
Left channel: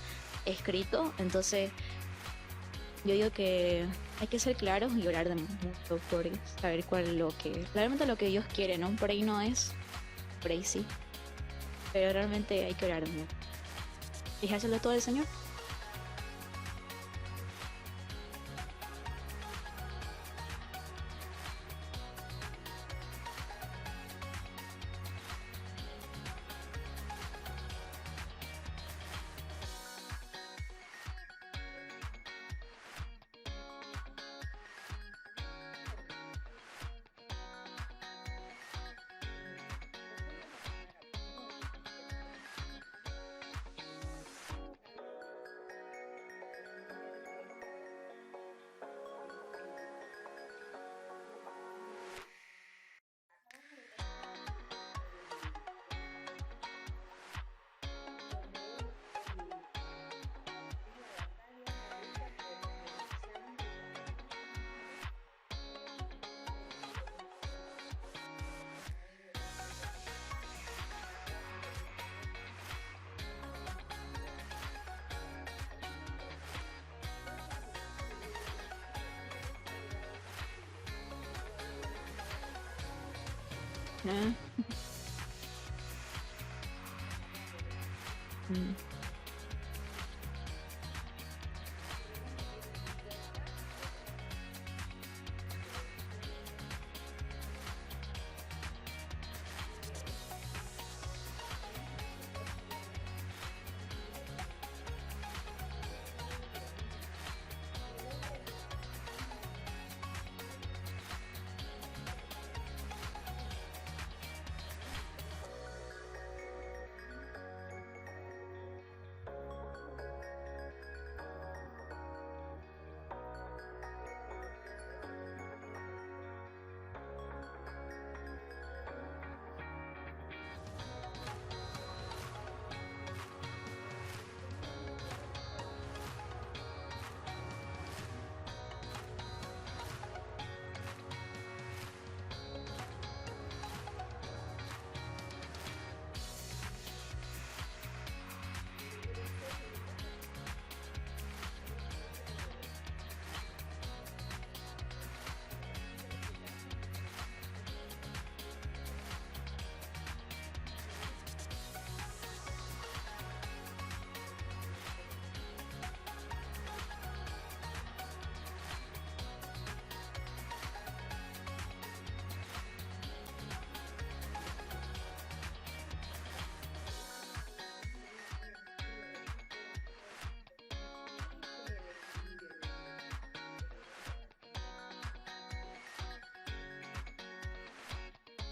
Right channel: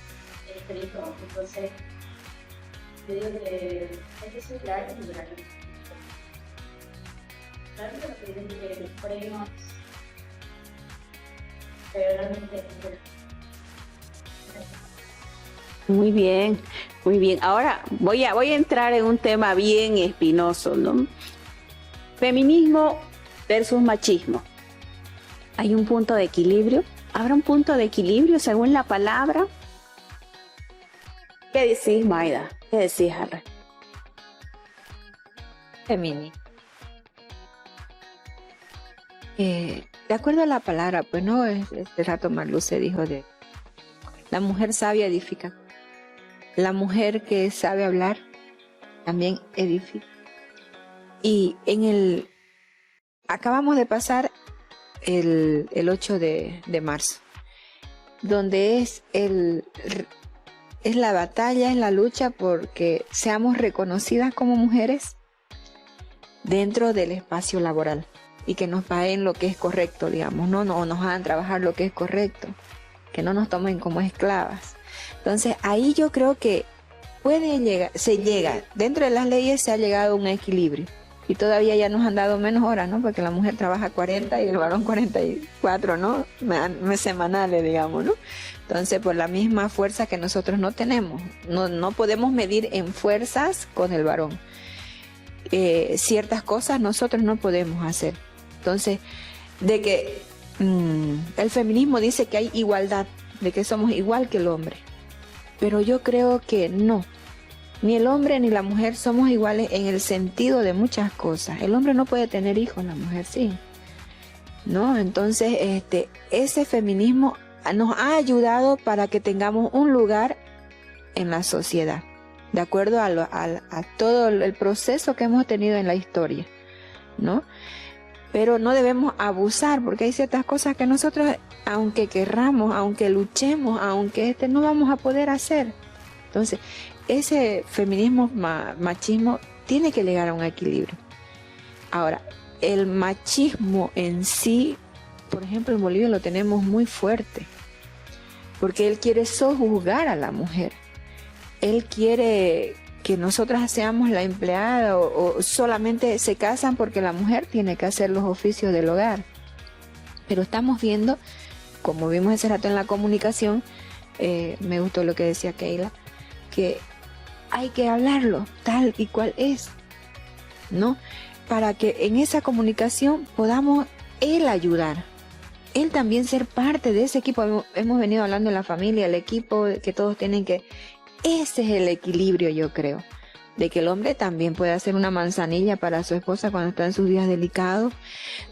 escrito. Entonces, yo digo que hay que ser claros y orar de nuestros doctores, saber claramente lo que Dios quiere, ¿no? Por ahí no es, por ahí sí. Pero realmente hay que orar, ¿no? Fíjaselo todo el Señor. Muy bien, muy bien. Ahora voy a entrar en un tema bien espinoso, ¿no? Feminismo versus machismo. ¿Hay un punto de equilibrio? ¿Habrá un punto de equilibrio según la palabra? ¿Qué decís, Maida? ¿Qué decís, Harry? Feminismo. De acuerdo a la palabra, pues no, este rato Marlu se dijo de la mujer sabia edifica. La mujer que sabe hablar también edifica. Y acabamos de pasar el 8 de marzo, donde es el es la batalla, es la lucha porque seamos reconocidas como mujeres dentro del espacio laboral y que nos paguen lo que es correcto, digamos, no nos hagan trabajar lo que es correcto, que no nos tomen como esclavas. Entonces ahí yo creo que se llega, dentro de las leyes se ha llegado a un equilibrio y todavía ya nos han dado menos horas, ¿no? Porque la mujer trabaja 40 y el varón 44, ¿no? Semanales, digamos, ¿no? Entonces por la misma fuerza que nosotros no tenemos, no podemos medir en fuerzas con el varón. Ciertas cosas nosotros no podemos hacer. Entonces, de que el feminismo dice que hay igualdad, de que somos igual que el hombre. Pero yo creo que no. Ni el hombre ni la mujer somos iguales en el sentido de muchas cosas. El hombre no puede tener hijos, la mujer sí. ¿No? Entonces, ese feminismo nos ha ayudado para que tengamos un lugar en la sociedad, de acuerdo a todo el proceso que hemos tenido en la historia, ¿no? Pero no debemos abusar, porque hay ciertas cosas que nosotros, aunque querramos, aunque luchemos, aunque no vamos a poder hacer. Entonces, ese feminismo, machismo, tiene que llegar a un equilibrio. Ahora, el machismo en sí, por ejemplo, en Bolivia lo tenemos muy fuerte, porque él quiere sojuzgar a la mujer. Él quiere que nosotras seamos la empleada o solamente se casan porque la mujer tiene que hacer los oficios del hogar. Pero estamos viendo, como vimos ese rato en la comunicación, me gustó lo que decía Keila, que hay que hablarlo tal y cual es, ¿no? Para que en esa comunicación podamos él ayudar, él también ser parte de ese equipo. Hemos venido hablando de la familia, el equipo, que todos tienen que... Ese es el equilibrio, yo creo, de que el hombre también puede hacer una manzanilla para su esposa cuando está en sus días delicados,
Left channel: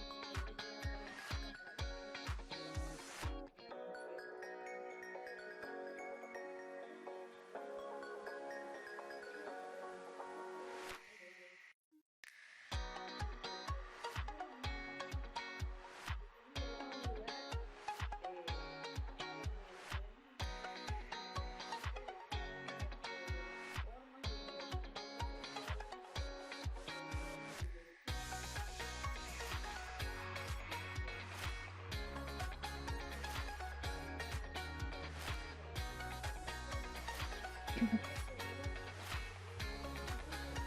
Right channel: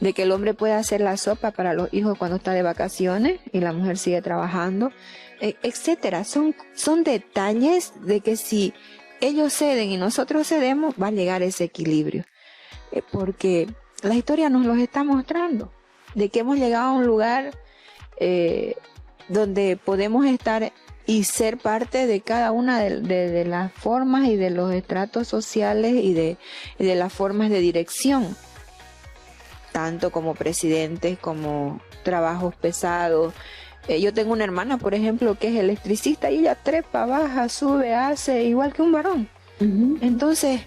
de que el hombre puede hacer la sopa para los hijos cuando está de vacaciones y la mujer sigue trabajando, etcétera. Son detalles de que si ellos ceden y nosotros cedemos, va a llegar ese equilibrio, porque la historia nos los está mostrando, de que hemos llegado a un lugar donde podemos estar y ser parte de cada una de las formas y de los estratos sociales y de las formas de dirección, tanto como presidentes, como trabajos pesados. Yo tengo una hermana, por ejemplo, que es electricista y ella trepa, baja, sube, hace igual que un varón. Entonces,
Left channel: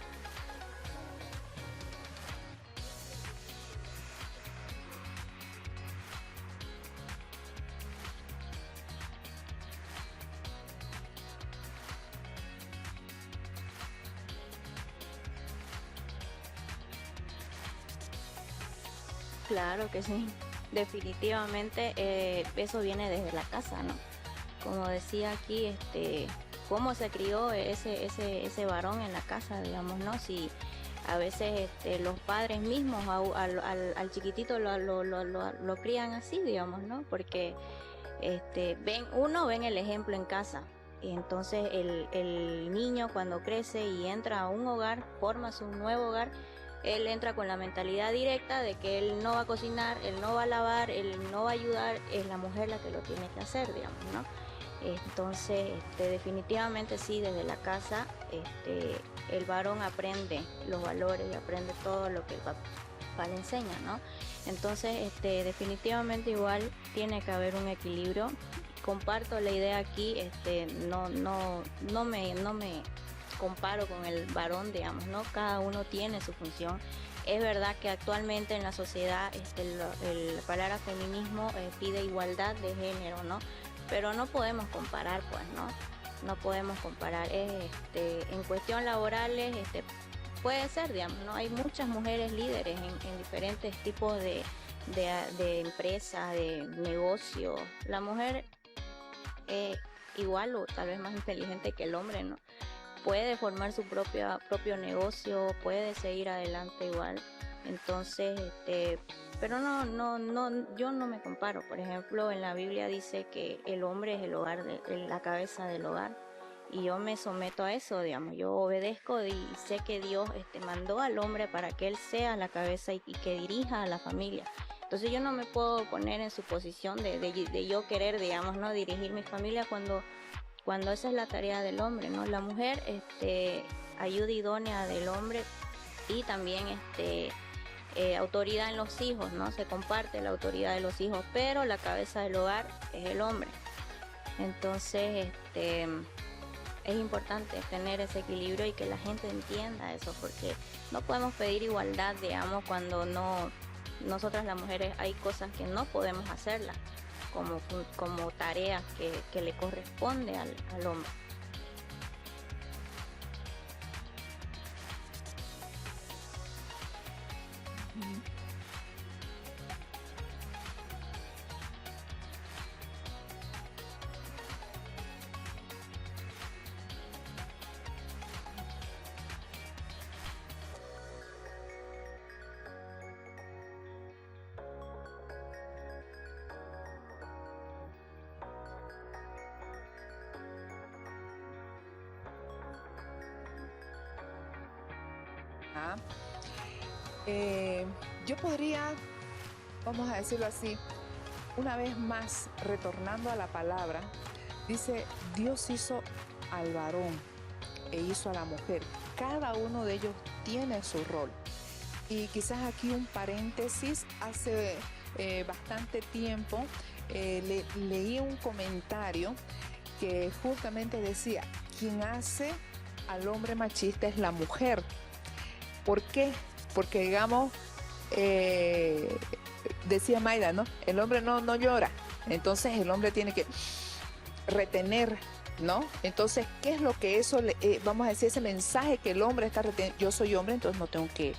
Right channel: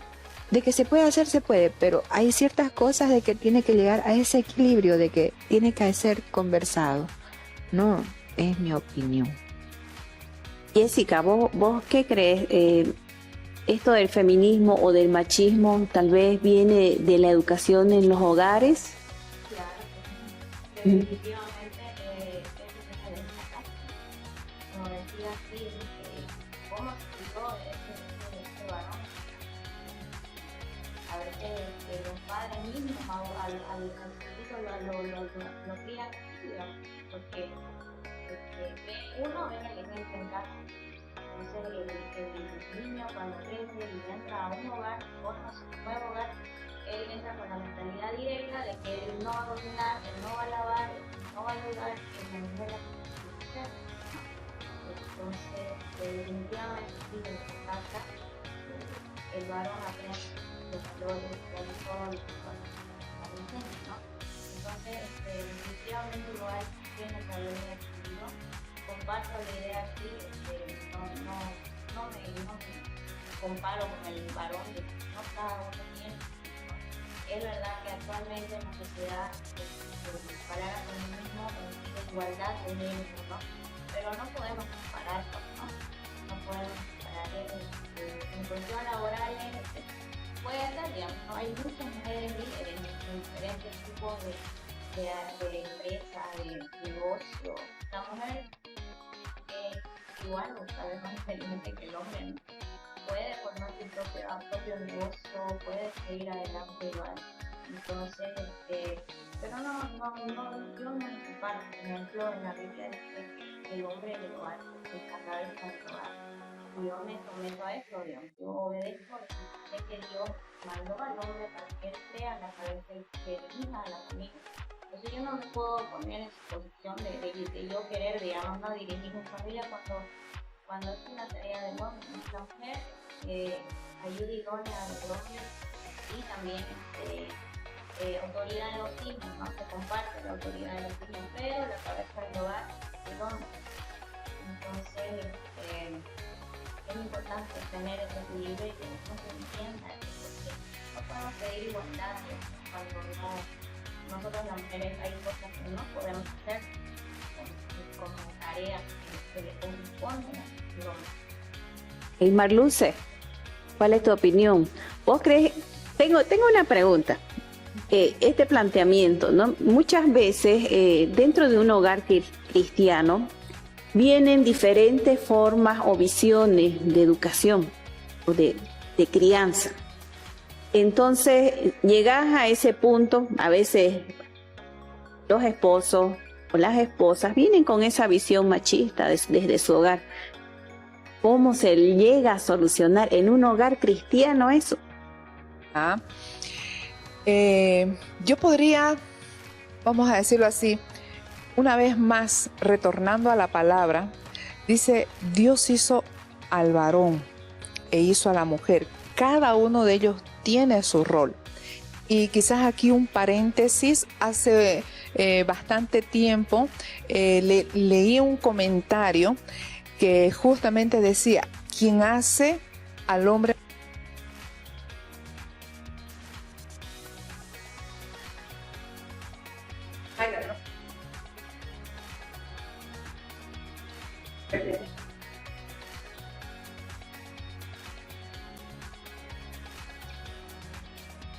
de que se puede hacer, se puede, pero hay ciertas cosas de que tiene que llegar a ese equilibrio, de que tiene que ser conversado. No, es mi opinión. Jessica, ¿vos qué crees? ¿Esto del feminismo o del machismo tal vez viene de la educación en los hogares? Claro que sí, definitivamente eso viene desde la casa, ¿no? Como decía aquí, cómo se crió ese varón en la casa, digamos, ¿no? Si a veces los padres mismos al chiquitito lo crían así, digamos, ¿no? Porque ven el ejemplo en casa, y entonces el niño cuando crece y entra a un hogar, forma su nuevo hogar, él entra con la mentalidad directa de que él no va a cocinar, él no va a lavar, él no va a ayudar, es la mujer la que lo tiene que hacer, digamos, ¿no? Entonces, definitivamente sí, desde la casa el varón aprende los valores y aprende todo lo que el papá le enseña, ¿no? Entonces, definitivamente igual tiene que haber un equilibrio. Comparto la idea aquí, no me comparo con el varón, digamos, ¿no? Cada uno tiene su función. Es verdad que actualmente en la sociedad la palabra feminismo pide igualdad de género, ¿no? Pero no podemos comparar, pues, ¿no? No podemos comparar. En cuestión laborales, puede ser, digamos, ¿no? Hay muchas mujeres líderes en diferentes tipos de empresas, de negocios. La mujer igual o tal vez más inteligente que el hombre, ¿no? Puede formar su propio negocio, puede seguir adelante igual. Entonces, pero yo no me comparo. Por ejemplo, en la Biblia dice que el hombre es el hogar, la cabeza del hogar. Y yo me someto a eso, digamos, yo obedezco y sé que Dios mandó al hombre para que él sea la cabeza y que dirija a la familia. Entonces yo no me puedo poner en su posición de yo querer, digamos, no dirigir mi familia cuando cuando esa es la tarea del hombre, ¿no? La mujer, ayuda idónea del hombre y también, autoridad en los hijos, ¿no? Se comparte la autoridad de los hijos, pero la cabeza del hogar es el hombre. Entonces, es importante tener ese equilibrio y que la gente entienda eso, porque no podemos pedir igualdad, digamos, cuando nosotras las mujeres hay cosas que no podemos hacerlas, como tareas que le corresponde al hombre. Marluce, ¿cuál es tu opinión? ¿Vos crees? Tengo una pregunta. Este planteamiento, ¿no? Muchas veces dentro de un hogar cristiano vienen diferentes formas o visiones de educación o de crianza. Entonces llegas a ese punto, a veces los esposos o las esposas vienen con esa visión machista desde su hogar. ¿Cómo se llega a solucionar en un hogar cristiano eso? Yo podría, vamos a decirlo así, una vez más, retornando a la palabra, dice, Dios hizo al varón e hizo a la mujer. Cada uno de ellos tiene su rol. Y quizás aquí un paréntesis, hace bastante tiempo leí un comentario que justamente decía, quien hace al hombre machista es la mujer. ¿Por qué? Porque digamos, decía Mayra, ¿no? El hombre no llora, entonces el hombre tiene que retener, ¿no? Entonces, ¿qué es lo que eso, vamos a decir, ese mensaje que el hombre está reteniendo? Yo soy hombre, entonces no tengo que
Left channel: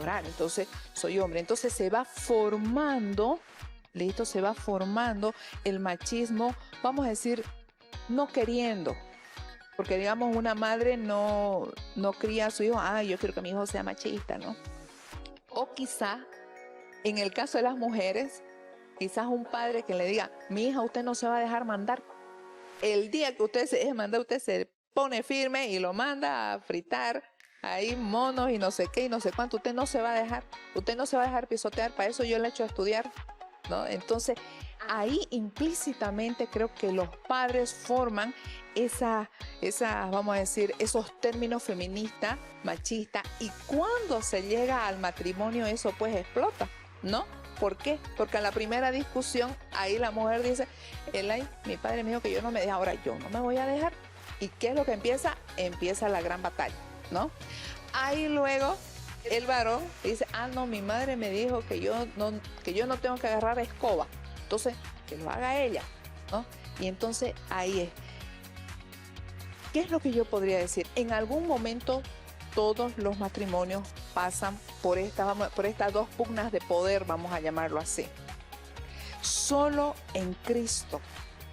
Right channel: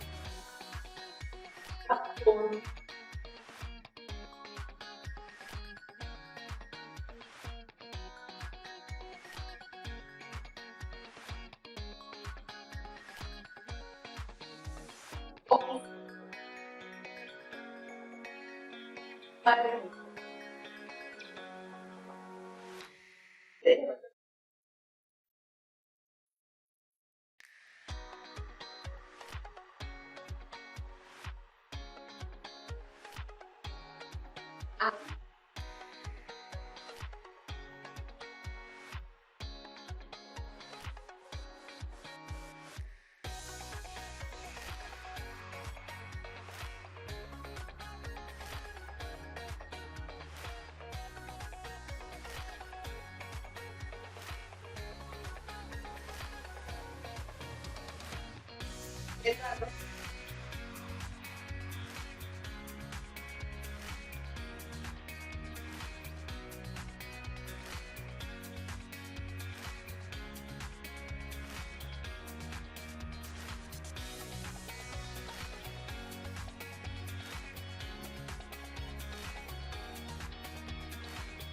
llorar, entonces soy hombre. Entonces se va formando, listo, se va formando el machismo, vamos a decir, no queriendo. Porque digamos una madre no cría a su hijo, yo quiero que mi hijo sea machista, ¿no? O quizá, en el caso de las mujeres, quizás un padre que le diga, mi hija, usted no se va a dejar mandar. El día que usted se deje mandar, usted se pone firme y lo manda a fritar ahí monos y no sé qué y no sé cuánto. Usted no se va a dejar pisotear, para eso yo le he hecho a estudiar, ¿no? Entonces, ahí implícitamente creo que los padres forman esa, vamos a decir, esos términos feministas, machistas, y cuando se llega al matrimonio eso pues explota, ¿no? ¿Por qué? Porque en la primera discusión ahí la mujer dice, Elay, mi padre me dijo que yo no me deja, ahora yo no me voy a dejar. ¿Y qué es lo que empieza? Empieza la gran batalla, ¿no? Ahí luego el varón dice, no, mi madre me dijo que yo no tengo que agarrar escoba, entonces que lo haga ella, ¿no? Y entonces ahí es. ¿Qué es lo que yo podría decir? En algún momento todos los matrimonios pasan por estas dos pugnas de poder, vamos a llamarlo así. Solo en Cristo,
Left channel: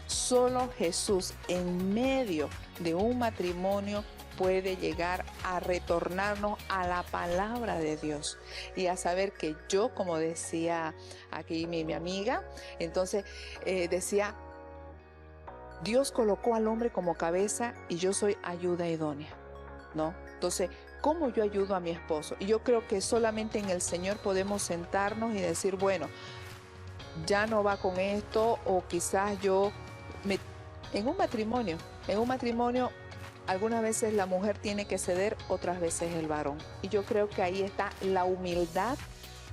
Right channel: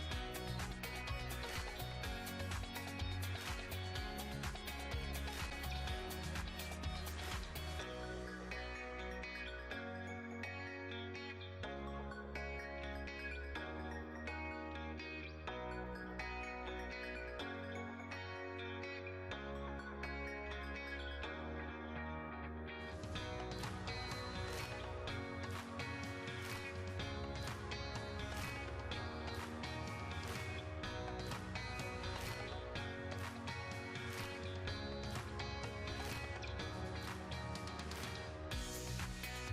solo Jesús en medio de un matrimonio puede llegar a retornarnos a la palabra de Dios y a saber que yo, como decía aquí mi amiga, entonces decía, Dios colocó al hombre como cabeza y yo soy ayuda idónea, ¿no? Entonces, ¿cómo yo ayudo a mi esposo? Y yo creo que solamente en el Señor podemos sentarnos y decir, bueno, ya no va con esto, o quizás en un matrimonio, algunas veces la mujer tiene que ceder, otras veces el varón. Y yo creo que ahí está la humildad,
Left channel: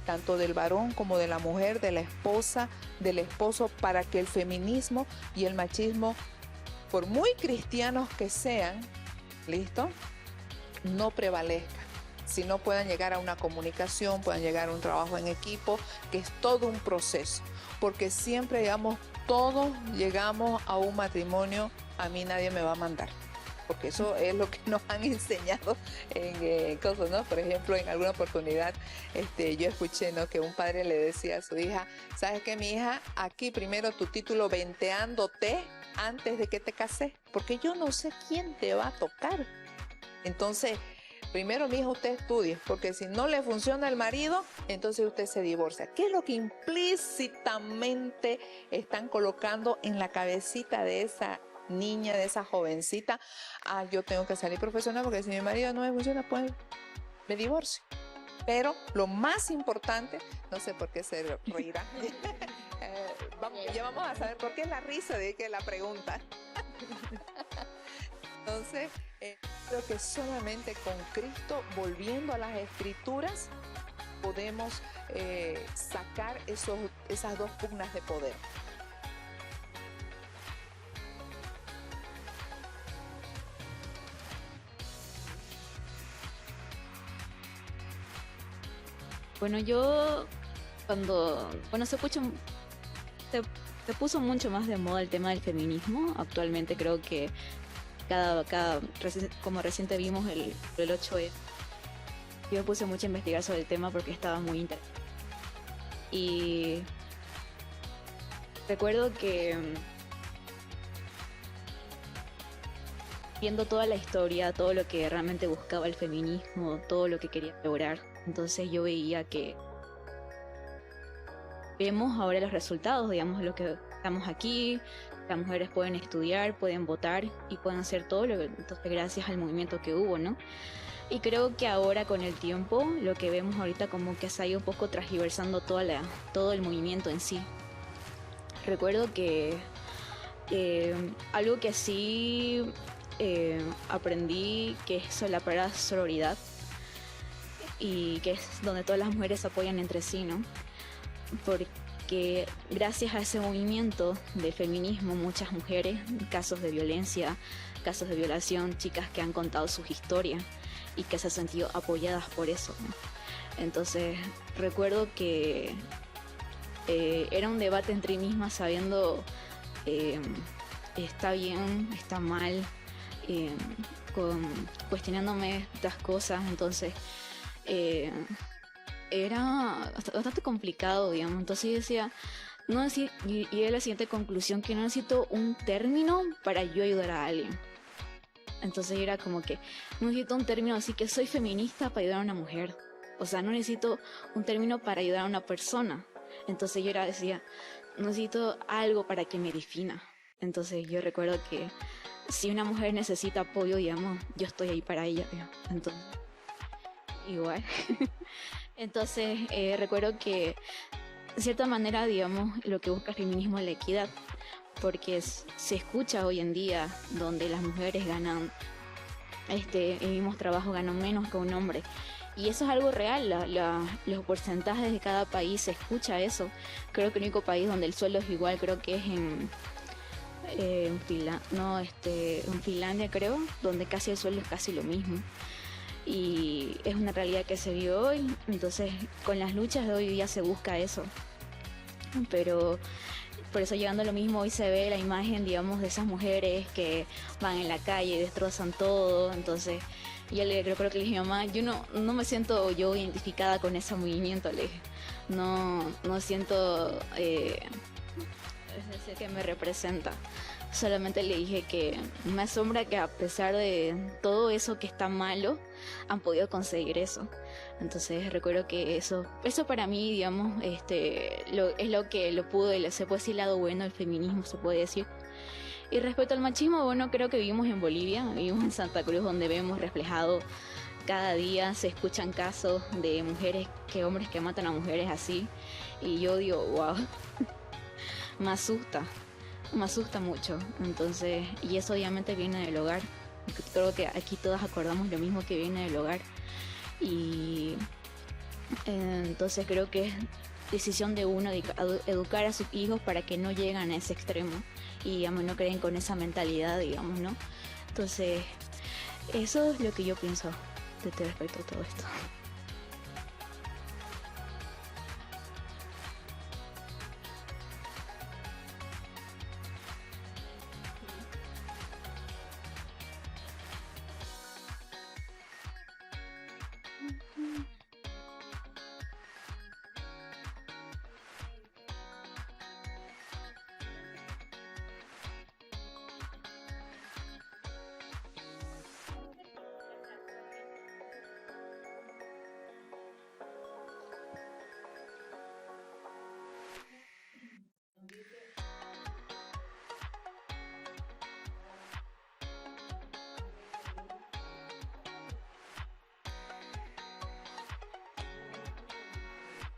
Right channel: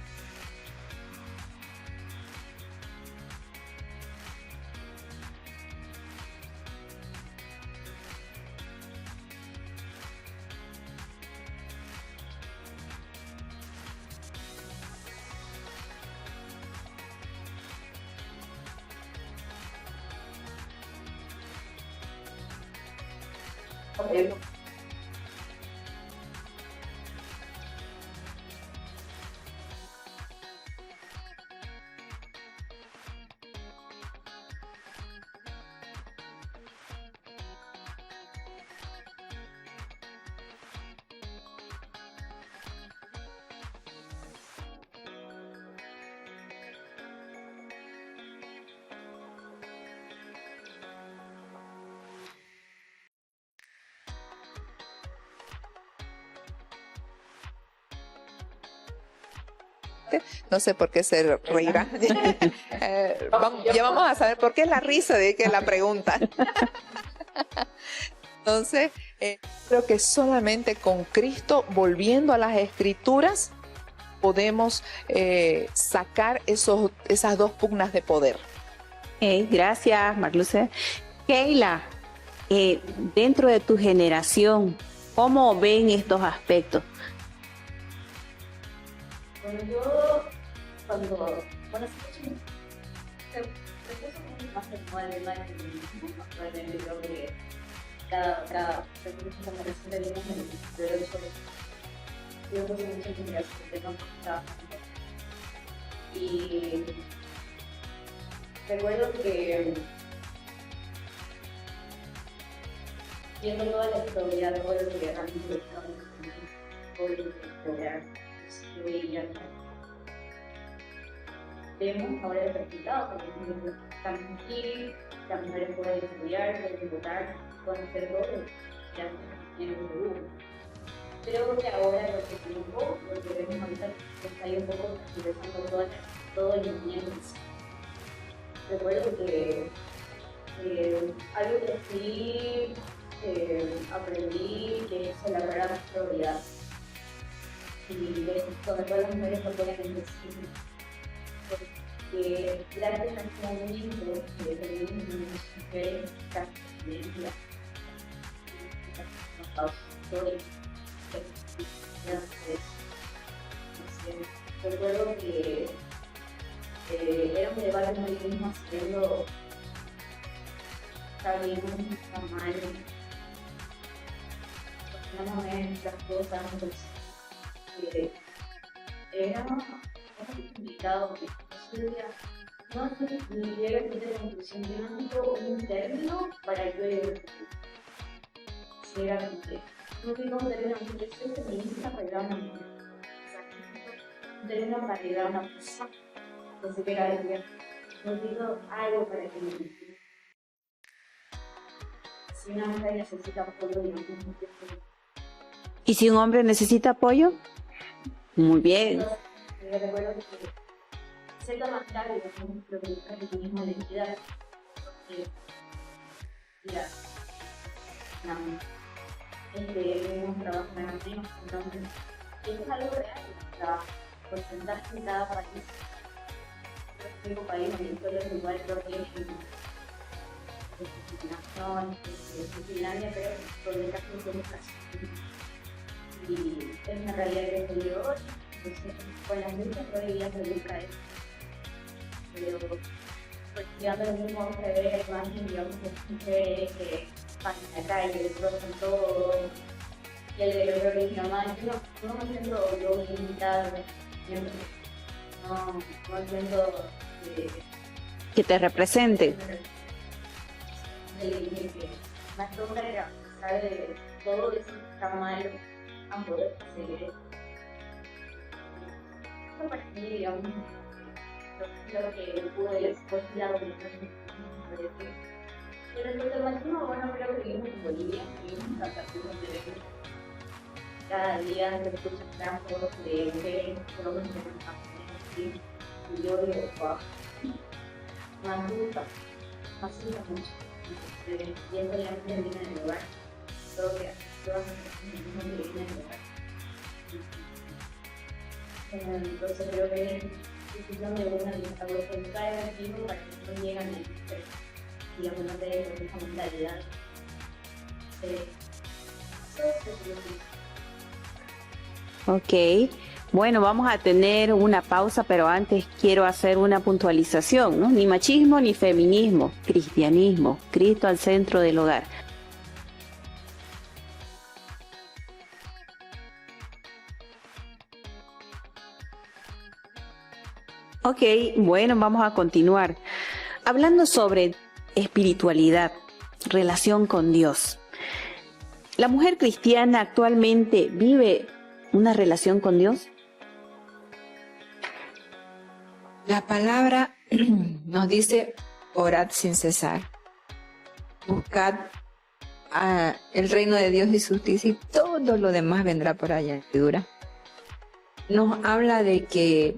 tanto del varón como de la mujer, de la esposa, del esposo, para que el feminismo y el machismo, por muy cristianos que sean, ¿listo?, no prevalezcan, sino puedan llegar a una comunicación, puedan llegar a un trabajo en equipo, que es todo un proceso, porque siempre todos llegamos a un matrimonio, a mí nadie me va a mandar. Porque eso es lo que nos han enseñado en cosas, ¿no? Por ejemplo, en alguna oportunidad yo escuché, ¿no?, que un padre le decía a su hija, ¿sabes qué, mi hija? Aquí primero tu título venteándote antes de que te cases, porque yo no sé quién te va a tocar. Entonces, primero, mi hija, usted estudie, porque si no le funciona el marido, entonces usted se divorcia. ¿Qué es lo que implícitamente están colocando en la cabecita de esa niña, de esa jovencita? Yo tengo que salir profesional porque si mi marido no me funciona, pues me divorcio. Pero lo más importante, no sé por qué se reirá, ya vamos a saber por qué es la risa de que la pregunta. Entonces, creo que solamente con Cristo, volviendo a las Escrituras, podemos sacar esas dos pugnas de poder. Gracias, Marluce. Keila, dentro de tu generación, ¿cómo ven estos aspectos? Bueno, yo cuando se puso mucho más de moda el tema del feminismo, actualmente creo que como reciente vimos el 8 yo puse mucho a investigar sobre el tema porque estaba muy interesante. Y recuerdo que viendo toda la historia, todo lo que realmente buscaba el feminismo, todo lo que quería lograr, entonces yo veía que vemos ahora los resultados, digamos, lo que estamos aquí, las mujeres pueden estudiar, pueden votar y pueden hacer todo lo que gracias al movimiento que hubo, ¿no? Y creo que ahora con el tiempo, lo que vemos ahorita como que se ha ido un poco transgiversando todo el movimiento en sí. Recuerdo que algo que sí aprendí, que es la palabra sororidad, y que es donde todas las mujeres se apoyan entre sí, ¿no? Porque gracias a ese movimiento de feminismo, muchas mujeres, casos de violencia, casos de violación, chicas que han contado sus historias y que se han sentido apoyadas por eso, ¿no? Entonces recuerdo que era un debate entre mí misma sabiendo está bien, está mal, cuestionándome estas cosas, entonces era bastante complicado, digamos. Entonces yo decía, y era la siguiente conclusión, que no necesito un término para yo ayudar a alguien. Entonces era como que no necesito un término, así que soy feminista para ayudar a una mujer. O sea, no necesito un término para ayudar a una persona. Entonces yo decía, no necesito algo para que me defina. Entonces yo recuerdo que si una mujer necesita apoyo, digamos, yo estoy ahí para ella. Entonces, ¿y si un hombre necesita apoyo? Igual. Muy bien. Entonces recuerdo que de cierta manera, digamos, lo que busca el feminismo es la equidad, porque se escucha hoy en día donde las mujeres ganan el mismo trabajo, ganan menos que un hombre. Y eso es algo real, los porcentajes de cada país se escucha eso. Creo que el único país donde el sueldo es igual, creo que es en Finlandia, creo, donde casi el sueldo es casi lo mismo. Y es una realidad que se vive hoy, entonces con las luchas de hoy día se busca eso. Pero por eso llegando a lo mismo, hoy se ve la imagen, digamos, de esas mujeres que van en la calle, destrozan todo, entonces yo le recuerdo que le dije, mamá, yo no me siento yo identificada con ese movimiento, le dije, no siento que te represente. Que me representa. Solamente le dije que me asombra que a pesar de todo eso que está malo, han podido conseguir eso. Entonces recuerdo que eso para mí, digamos, es lo que se puede decir lado bueno del feminismo, se puede decir. Y respecto al machismo, bueno, creo que vivimos en Bolivia, vivimos en Santa Cruz, donde vemos reflejado cada día, se escuchan casos de hombres que matan a mujeres así, y yo digo, wow, me asusta mucho. Entonces, y eso obviamente viene del hogar. Creo que aquí todas acordamos lo mismo, que viene del hogar. Y entonces creo que es decisión de uno de educar a sus hijos para que no lleguen a ese extremo y, digamos, no creen con esa mentalidad, digamos, ¿no? Entonces, eso es lo que yo pienso respecto a todo esto. Ok, bueno, vamos a tener una pausa, pero antes quiero hacer una puntualización, ¿no? Ni machismo ni feminismo, cristianismo, Cristo al centro del hogar. Ok, bueno, vamos a continuar. Hablando sobre espiritualidad, relación con Dios. ¿La mujer cristiana actualmente vive una relación con Dios? La palabra nos dice, orad sin cesar. Buscad el reino de Dios y su justicia, y todo lo demás vendrá por añadidura. Nos habla de que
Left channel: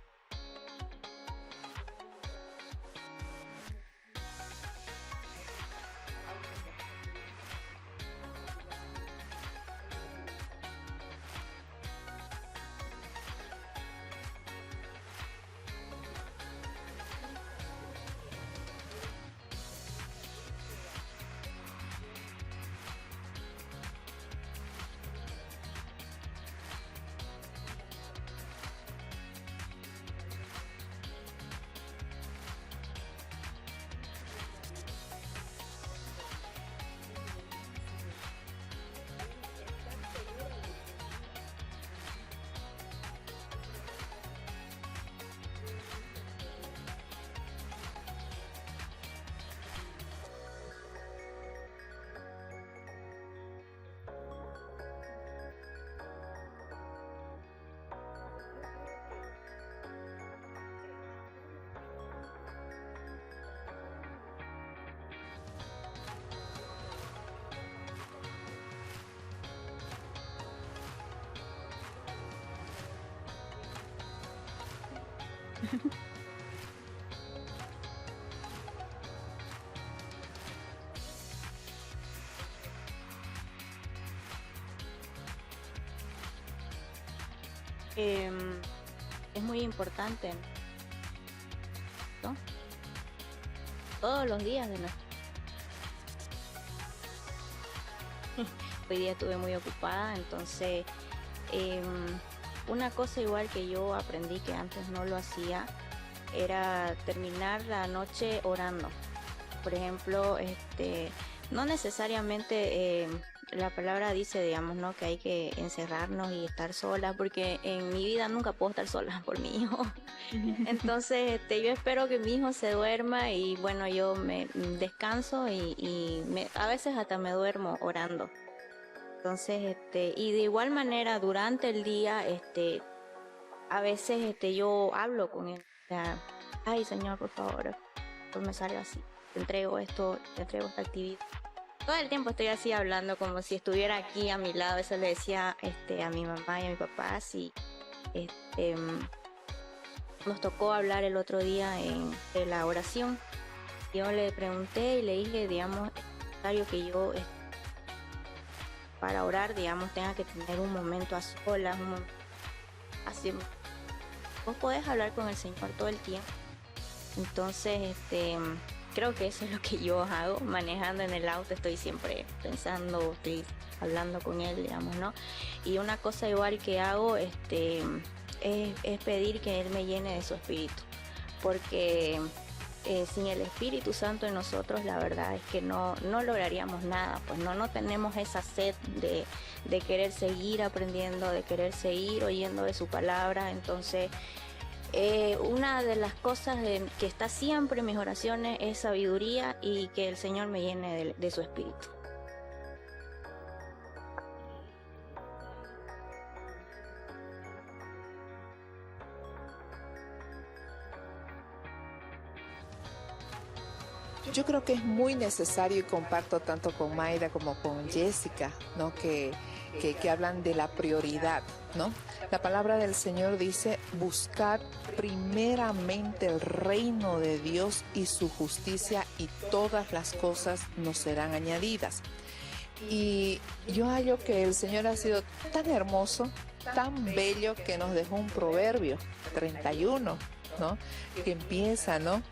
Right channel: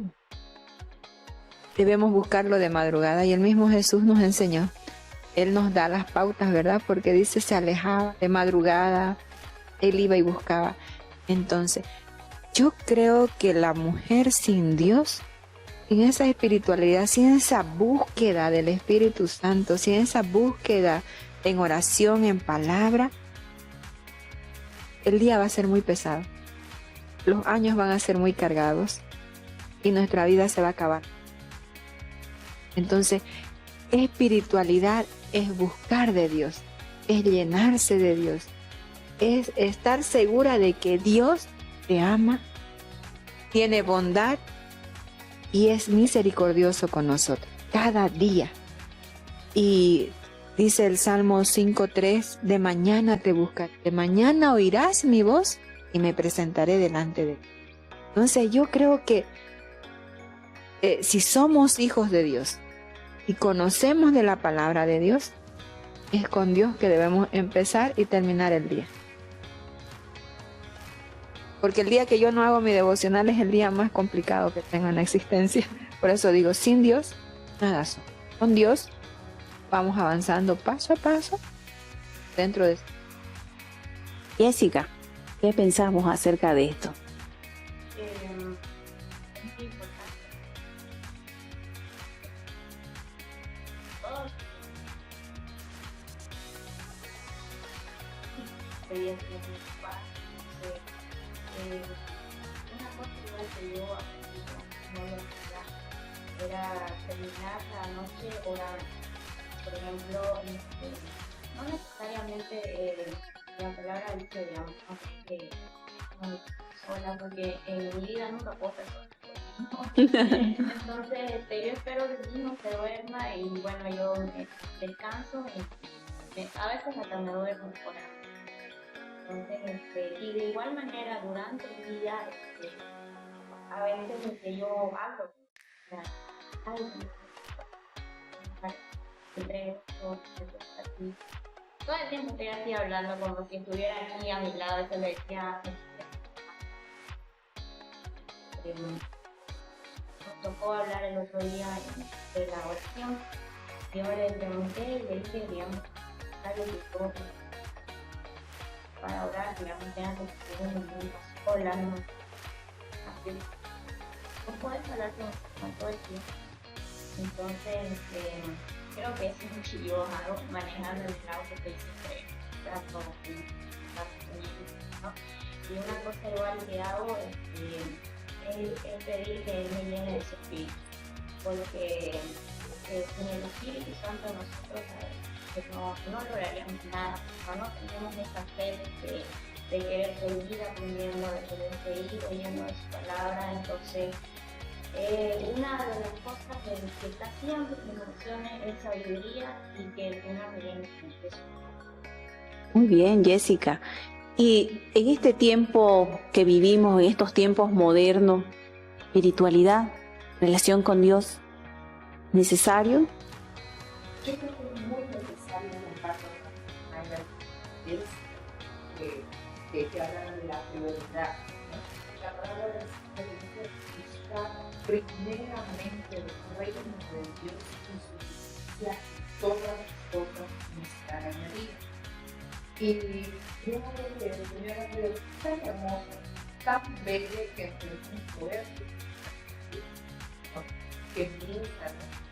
debemos buscarlo de madrugada, y el mismo Jesús nos enseñó Él nos da las pautas, ¿verdad? Porque dice, se alejaba de madrugada, él iba y buscaba. Entonces, yo creo que la mujer sin Dios, sin esa espiritualidad, sin esa búsqueda del Espíritu Santo, sin esa búsqueda en oración, en palabra, el día va a ser muy pesado. Los años van a ser muy cargados y nuestra vida se va a acabar. Entonces, espiritualidad es buscar de Dios, es llenarse de Dios, es estar segura de que Dios te ama, tiene bondad y es misericordioso con nosotros cada día. Y dice el Salmo 5:3, de mañana te buscaré, de mañana oirás mi voz y me presentaré delante de ti. Entonces yo creo que si somos hijos de Dios y conocemos de la palabra de Dios, es con Dios que debemos empezar y terminar el día. Porque el día que yo no hago mi devocional es el día más complicado que tengo en la existencia. Por eso digo, sin Dios, nada soy. Con Dios vamos avanzando paso a paso dentro de... Jessica, ¿qué pensamos acerca de esto? Es muy importante, ¿no? Todos los días de la... Hoy día estuve muy ocupada, entonces una cosa igual que yo aprendí que antes no lo hacía era terminar la noche orando. Por ejemplo, no necesariamente la palabra dice, digamos, ¿no?, que hay que encerrarnos y estar sola, porque en mi vida nunca puedo estar sola por mi hijo. Entonces, yo espero que mi hijo se duerma y bueno, yo me descanso y a veces hasta me duermo orando. Entonces, y de igual manera durante el día, a veces yo hablo con él. O sea, ay Señor, por favor, no me salga así. Te entrego esto, te entrego esta actividad. Todo el tiempo estoy así hablando como si estuviera aquí a mi lado. A veces le decía a mi mamá y a mi papá así. Nos tocó hablar el otro día de la oración. Yo le pregunté y le dije, digamos, que yo para orar, digamos, tenga que tener un momento a solas, así. Vos podés hablar con el Señor todo el tiempo. Entonces, creo que eso es lo que yo hago, manejando en el auto, estoy siempre pensando, estoy hablando con él, digamos, ¿no? Y una cosa igual que hago, es pedir que él me llene de su espíritu, porque sin el Espíritu Santo en nosotros, la verdad es que no lograríamos nada, pues no tenemos esa sed de querer seguir aprendiendo, de querer seguir oyendo de su palabra. Entonces, una de las cosas que está siempre en mis oraciones es sabiduría y que el Señor me llene de su espíritu. Muy bien, Jessica. Y en este tiempo que vivimos, en estos tiempos modernos, espiritualidad, relación con Dios, ¿necesario? Yo creo que es muy necesario y comparto tanto con Mayra como con Jessica, ¿no? que hablan de la prioridad, ¿no? La palabra del Señor dice, buscar primeramente el reino de Dios y su justicia y todas las cosas nos serán añadidas. Y yo hallo que el Señor ha sido tan hermoso, tan bello, que nos dejó un proverbio 31, ¿no? Que empieza, ¿no?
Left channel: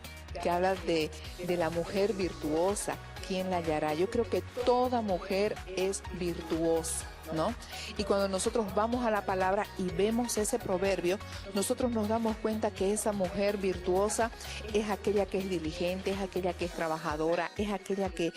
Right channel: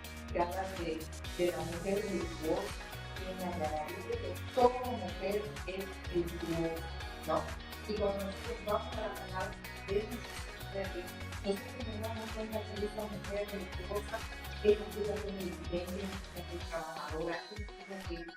Que habla de la mujer virtuosa. ¿Quién la hallará? Yo creo que toda mujer es virtuosa, ¿no? Y cuando nosotros vamos a la palabra y vemos ese proverbio, nosotros nos damos cuenta que esa mujer virtuosa es aquella que es diligente, es aquella que es trabajadora, es aquella que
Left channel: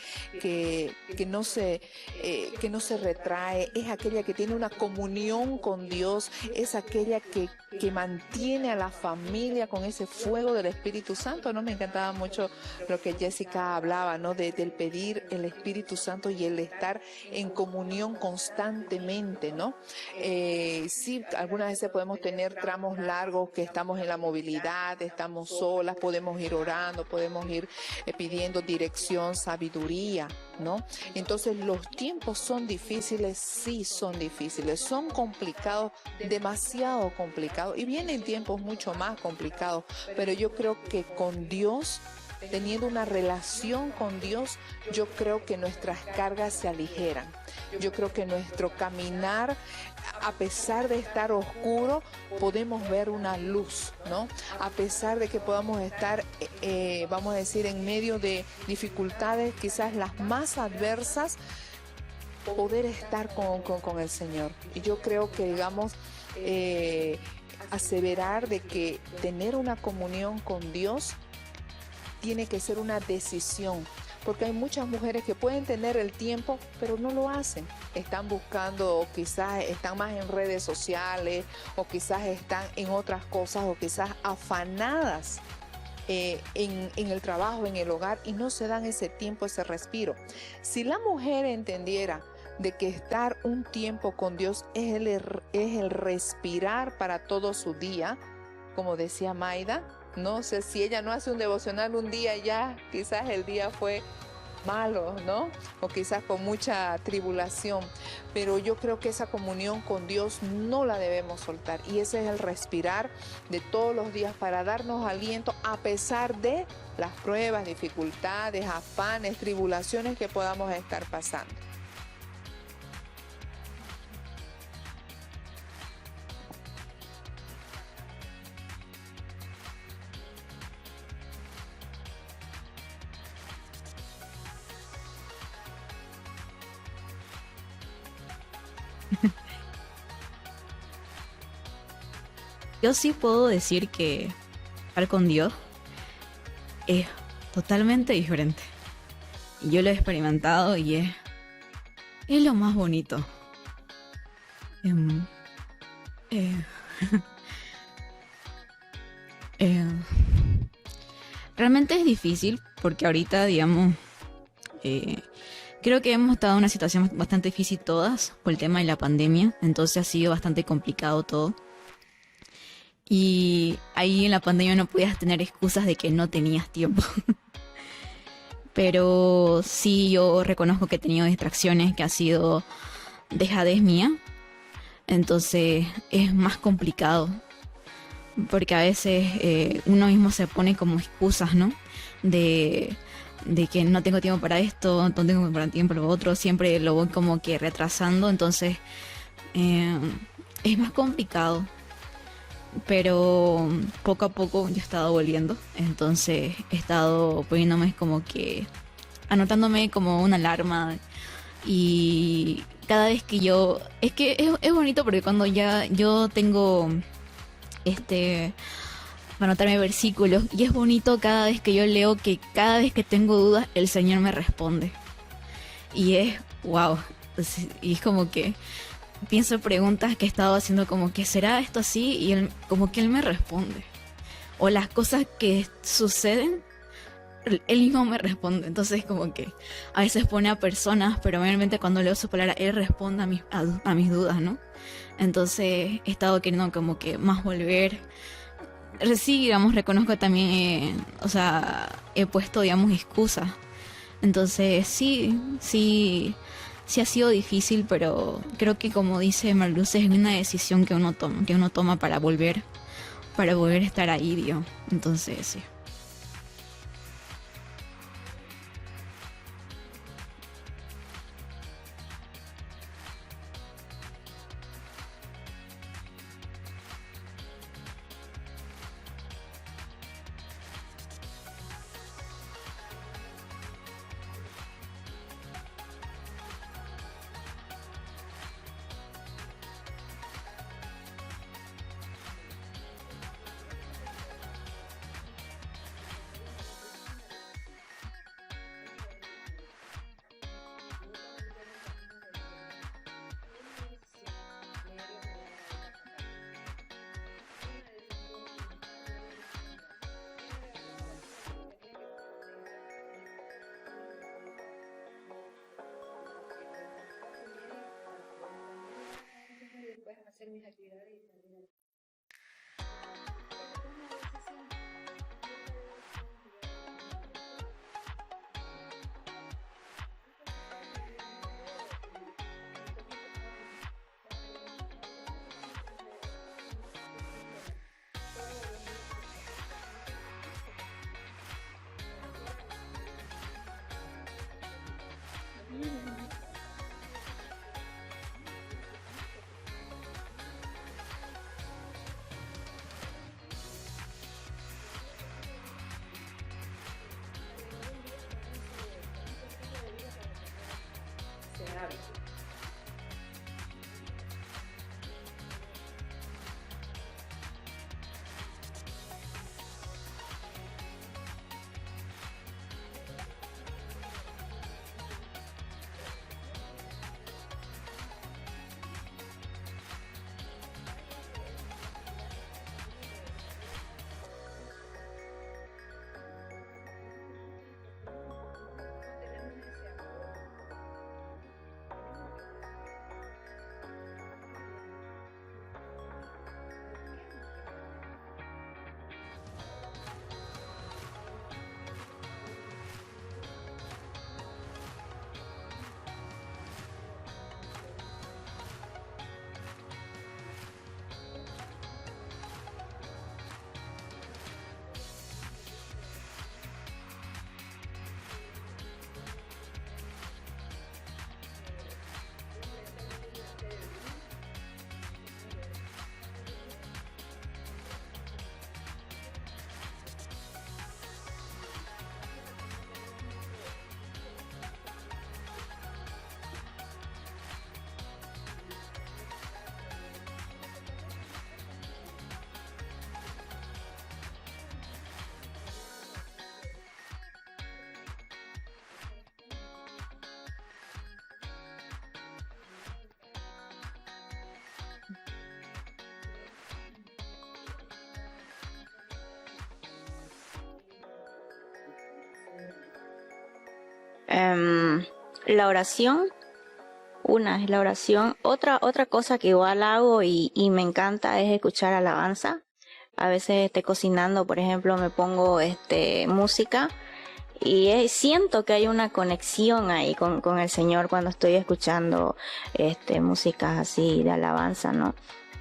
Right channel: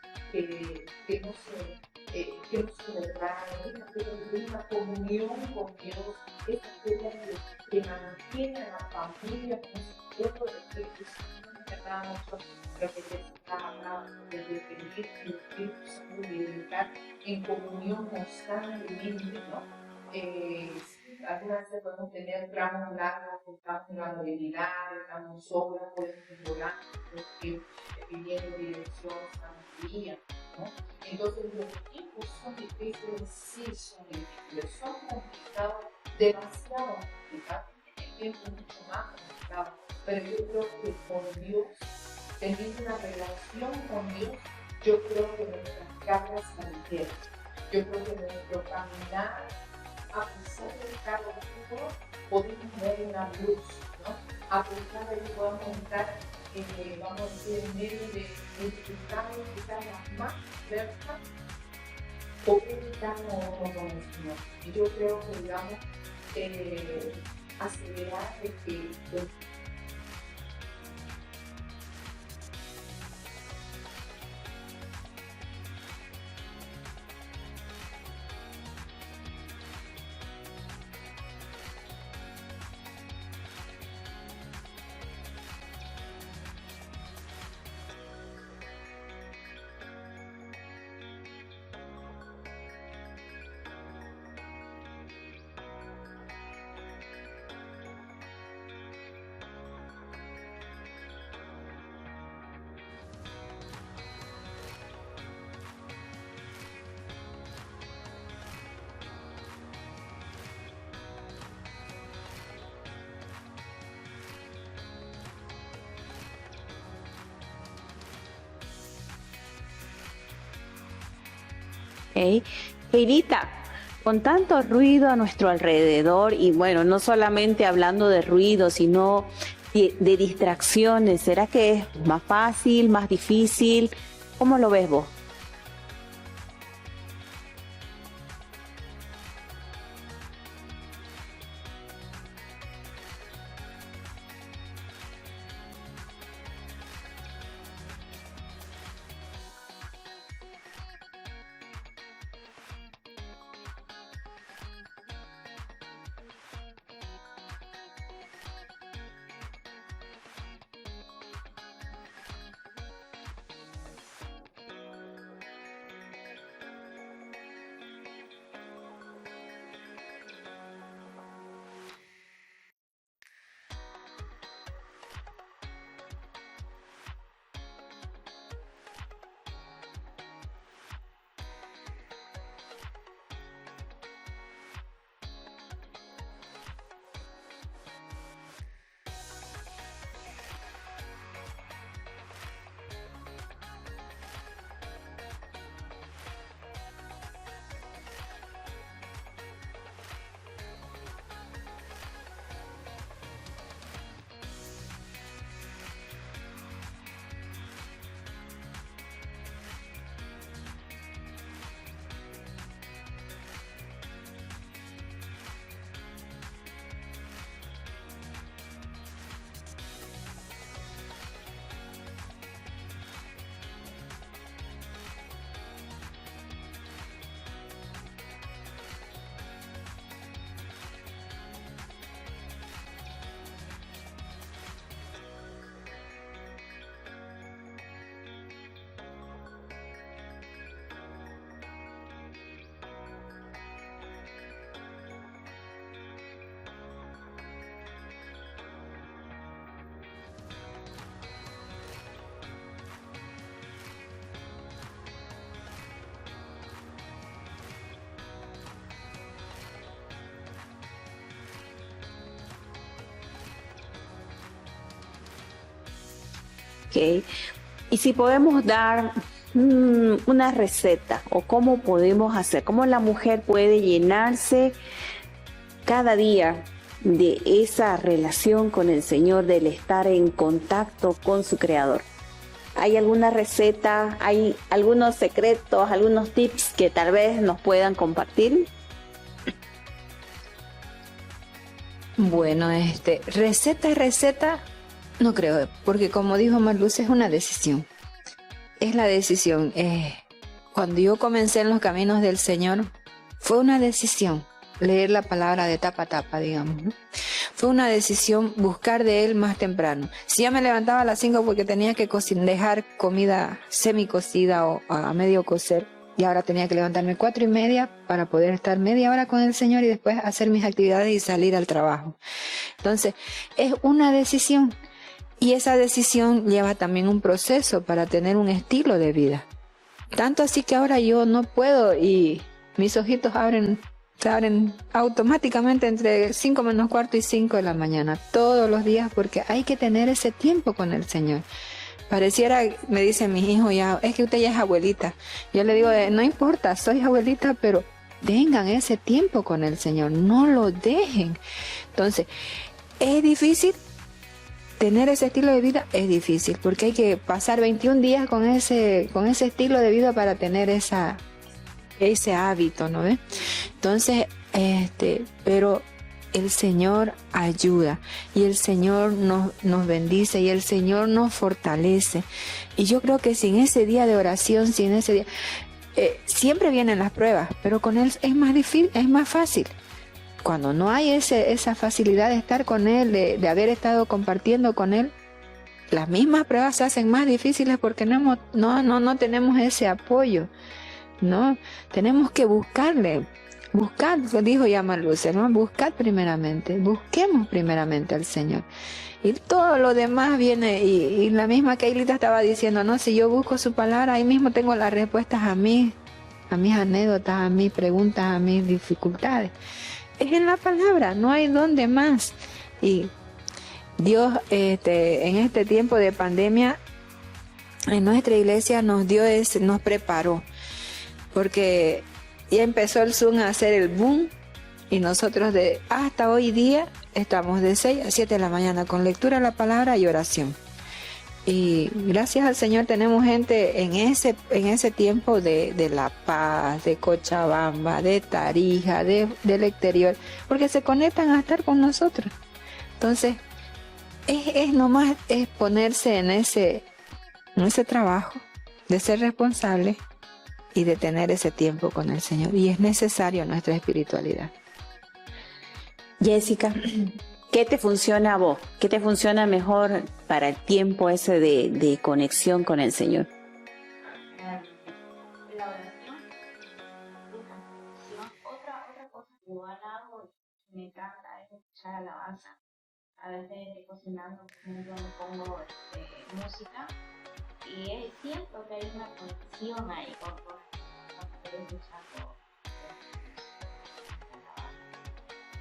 no se retrae, es aquella que tiene una comunión con Dios, es aquella que mantiene a la familia con ese fuego del Espíritu Santo, ¿no? Me encantaba mucho lo que Jessica hablaba, ¿no? Del pedir el Espíritu Santo y el estar en comunión constantemente, ¿no? Sí, algunas veces podemos tener tramos largos que estamos en la movilidad, estamos solas, podemos ir orando, podemos ir pidiendo dirección, sabiduría, ¿no? Entonces los tiempos son difíciles, sí son difíciles, son complicados, demasiado complicados, y vienen tiempos mucho más complicados, pero yo creo que con Dios teniendo una relación con Dios, yo creo que nuestras cargas se aligeran. Yo creo que nuestro caminar, a pesar de estar oscuro, podemos ver una luz, ¿no? A pesar de que podamos estar, vamos a decir, en medio de dificultades quizás las más adversas, poder estar con el Señor. Y yo creo que, digamos, aseverar de que tener una comunión con Dios tiene que ser una decisión, porque hay muchas mujeres que pueden tener el tiempo, pero no lo hacen. Están buscando, o quizás están más en redes sociales, o quizás están en otras cosas, o quizás afanadas en el trabajo, en el hogar, y no se dan ese tiempo, ese respiro. Si la mujer entendiera de que estar un tiempo con Dios es el respirar para todo su día, como decía Maida, no sé, si ella no hace un devocional un día, ya quizás el día fue malo, ¿no? O quizás con mucha tribulación, pero yo creo que esa comunión con Dios no la debemos soltar, y ese es el respirar de todos los días para darnos aliento a pesar de las pruebas, dificultades, afanes, tribulaciones que podamos estar pasando. ¿Okay? Peirita, con tanto ruido a nuestro alrededor, y bueno, no solamente hablando de ruido, sino de distracciones, ¿será que es más fácil, más difícil? ¿Cómo lo ves vos? Yo sí puedo decir que estar con Dios es totalmente diferente. Yo lo he experimentado y es lo más bonito. Realmente es difícil porque ahorita, digamos, creo que hemos estado en una situación bastante difícil todas por el tema de la pandemia, entonces ha sido bastante complicado todo. Y ahí en la pandemia no podías tener excusas de que no tenías tiempo. Pero sí, yo reconozco que he tenido distracciones, que ha sido dejadez mía. Entonces es más complicado. Porque a veces uno mismo se pone como excusas, ¿no? De que no tengo tiempo para esto, no tengo tiempo para lo otro. Siempre lo voy como que retrasando. Entonces es más complicado. Pero poco a poco yo he estado volviendo, entonces he estado poniéndome como que, anotándome como una alarma, y cada vez que yo, es que es bonito porque cuando ya yo tengo para anotarme versículos, y es bonito cada vez que yo leo que cada vez que tengo dudas el Señor me responde, y es wow, y es como que pienso preguntas que he estado haciendo como que ¿será esto así? Y él, como que él me responde. O las cosas que suceden, él mismo me responde. Entonces como que a veces pone a personas, pero mayormente cuando leo su palabra, él responde a mis dudas, ¿no? Entonces he estado queriendo como que más volver. Sí, digamos, reconozco también, he puesto, digamos, excusas. Entonces sí ha sido difícil, pero creo que, como dice Marluz, es una decisión que uno toma para volver a estar ahí, Dios. Entonces, sí. Okay. Y si podemos dar una receta, o cómo podemos hacer, cómo la mujer puede llenarse cada día de esa relación con el Señor, del estar en contacto con su Creador. ¿Hay alguna receta, hay algunos secretos, algunos tips que tal vez nos puedan compartir? Bueno, receta, no creo, porque como dijo Marluz, es una decisión. Es la decisión. Cuando yo comencé en los caminos del Señor, fue una decisión leer la palabra de tapa a tapa, digamos, ¿no? Fue una decisión buscar de Él más temprano. Si ya me levantaba a las 5 porque tenía que dejar comida semicocida o a medio cocer, y ahora tenía que levantarme 4:30 para poder estar media hora con el Señor y después hacer mis actividades y salir al trabajo. Entonces, es una decisión, y esa decisión lleva también un proceso para tener un estilo de vida. Tanto así que ahora yo no puedo, y mis ojitos se abren automáticamente entre 5 menos cuarto y 5 de la mañana, todos los días, porque hay que tener ese tiempo con el Señor. Pareciera, me dicen mis hijos ya, es que usted ya es abuelita. Yo le digo, no importa, soy abuelita, pero tengan ese tiempo con el Señor, no lo dejen. Entonces, es difícil tener ese estilo de vida, es difícil, porque hay que pasar 21 días con ese estilo de vida para tener ese hábito, ¿no ves? Entonces, pero el Señor ayuda y el Señor nos bendice y el Señor nos fortalece. Y yo creo que sin ese día de oración, sin ese día, siempre vienen las pruebas, pero con Él es más difícil, es más fácil. Cuando no hay esa facilidad de estar con Él, de haber estado compartiendo con Él, las mismas pruebas se hacen más difíciles porque no tenemos ese apoyo, ¿no? Tenemos que buscarle. Buscad, dijo ya Marluce, ¿no? Buscad primeramente, busquemos primeramente al Señor. Y todo lo demás viene, y la misma Keilita estaba diciendo, no, si yo busco su palabra, ahí mismo tengo las respuestas a mis anécdotas, a mis preguntas, a mis dificultades. Es en la palabra, no hay donde más. Y Dios, en este tiempo de pandemia, en nuestra iglesia nos preparó, porque ya empezó el Zoom a hacer el boom y nosotros hasta hoy día estamos de 6 a 7 de la mañana con lectura de la palabra y oración. Y gracias al Señor tenemos gente en ese tiempo de La Paz, de Cochabamba, de Tarija, del exterior, porque se conectan a estar con nosotros. Entonces, es nomás ponerse en ese trabajo de ser responsable y de tener ese tiempo con el Señor. Y es necesario nuestra espiritualidad. Jessica, ¿qué te funciona a vos? ¿Qué te funciona mejor para el tiempo ese de conexión con el Señor? La oración. Una es la oración. Otra cosa que igual hago y me encanta es escuchar alabanza. A veces cocinando, por ejemplo, me pongo música. Y siento que hay una conexión ahí con el Señor cuando estoy escuchando músicas así de alabanza, ¿no?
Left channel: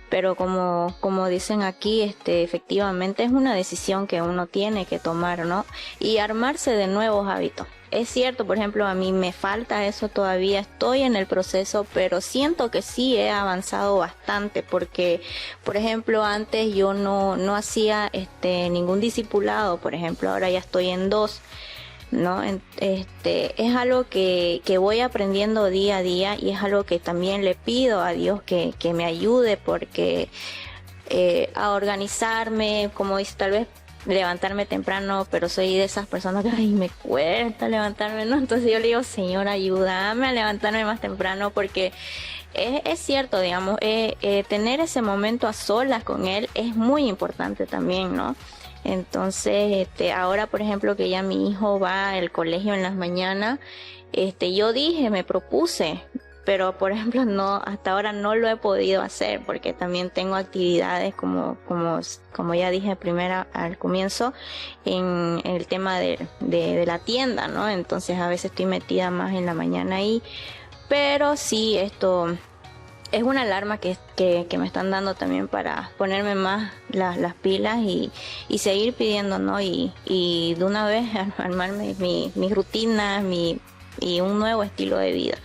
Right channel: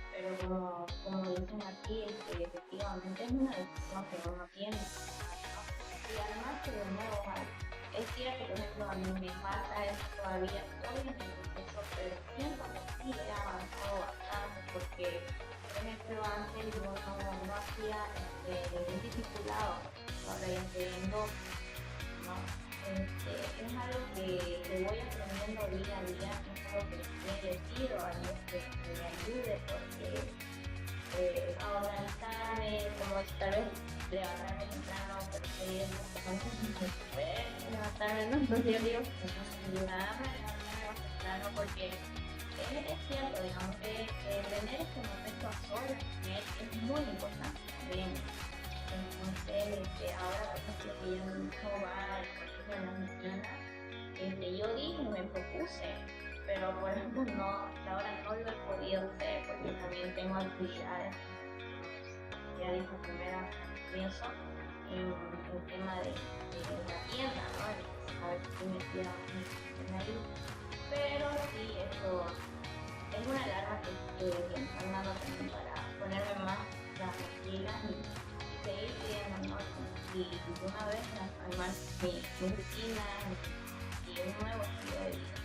Pero como dicen aquí, efectivamente es una decisión que uno tiene que tomar, ¿no? Y armarse de nuevos hábitos. Es cierto, por ejemplo, a mí me falta eso todavía, estoy en el proceso, pero siento que sí he avanzado bastante, porque, por ejemplo, antes yo no hacía ningún discipulado, por ejemplo, ahora ya estoy en 2. ¿No? Es algo que voy aprendiendo día a día y es algo que también le pido a Dios que me ayude, porque a organizarme, como dice, tal vez levantarme temprano, pero soy de esas personas que me cuesta levantarme, ¿no? Entonces yo le digo, Señor, ayúdame a levantarme más temprano, porque es cierto, digamos, tener ese momento a solas con Él es muy importante también, ¿no? Entonces, ahora, por ejemplo, que ya mi hijo va al colegio en las mañanas, yo me propuse, pero por ejemplo, hasta ahora no lo he podido hacer, porque también tengo actividades como ya dije al comienzo, en el tema de la tienda, ¿no? Entonces, a veces estoy metida más en la mañana ahí, pero sí, esto es una alarma que me están dando también para ponerme más las pilas y seguir pidiendo, ¿no? Y de una vez armarme mis rutinas y un nuevo estilo de vida.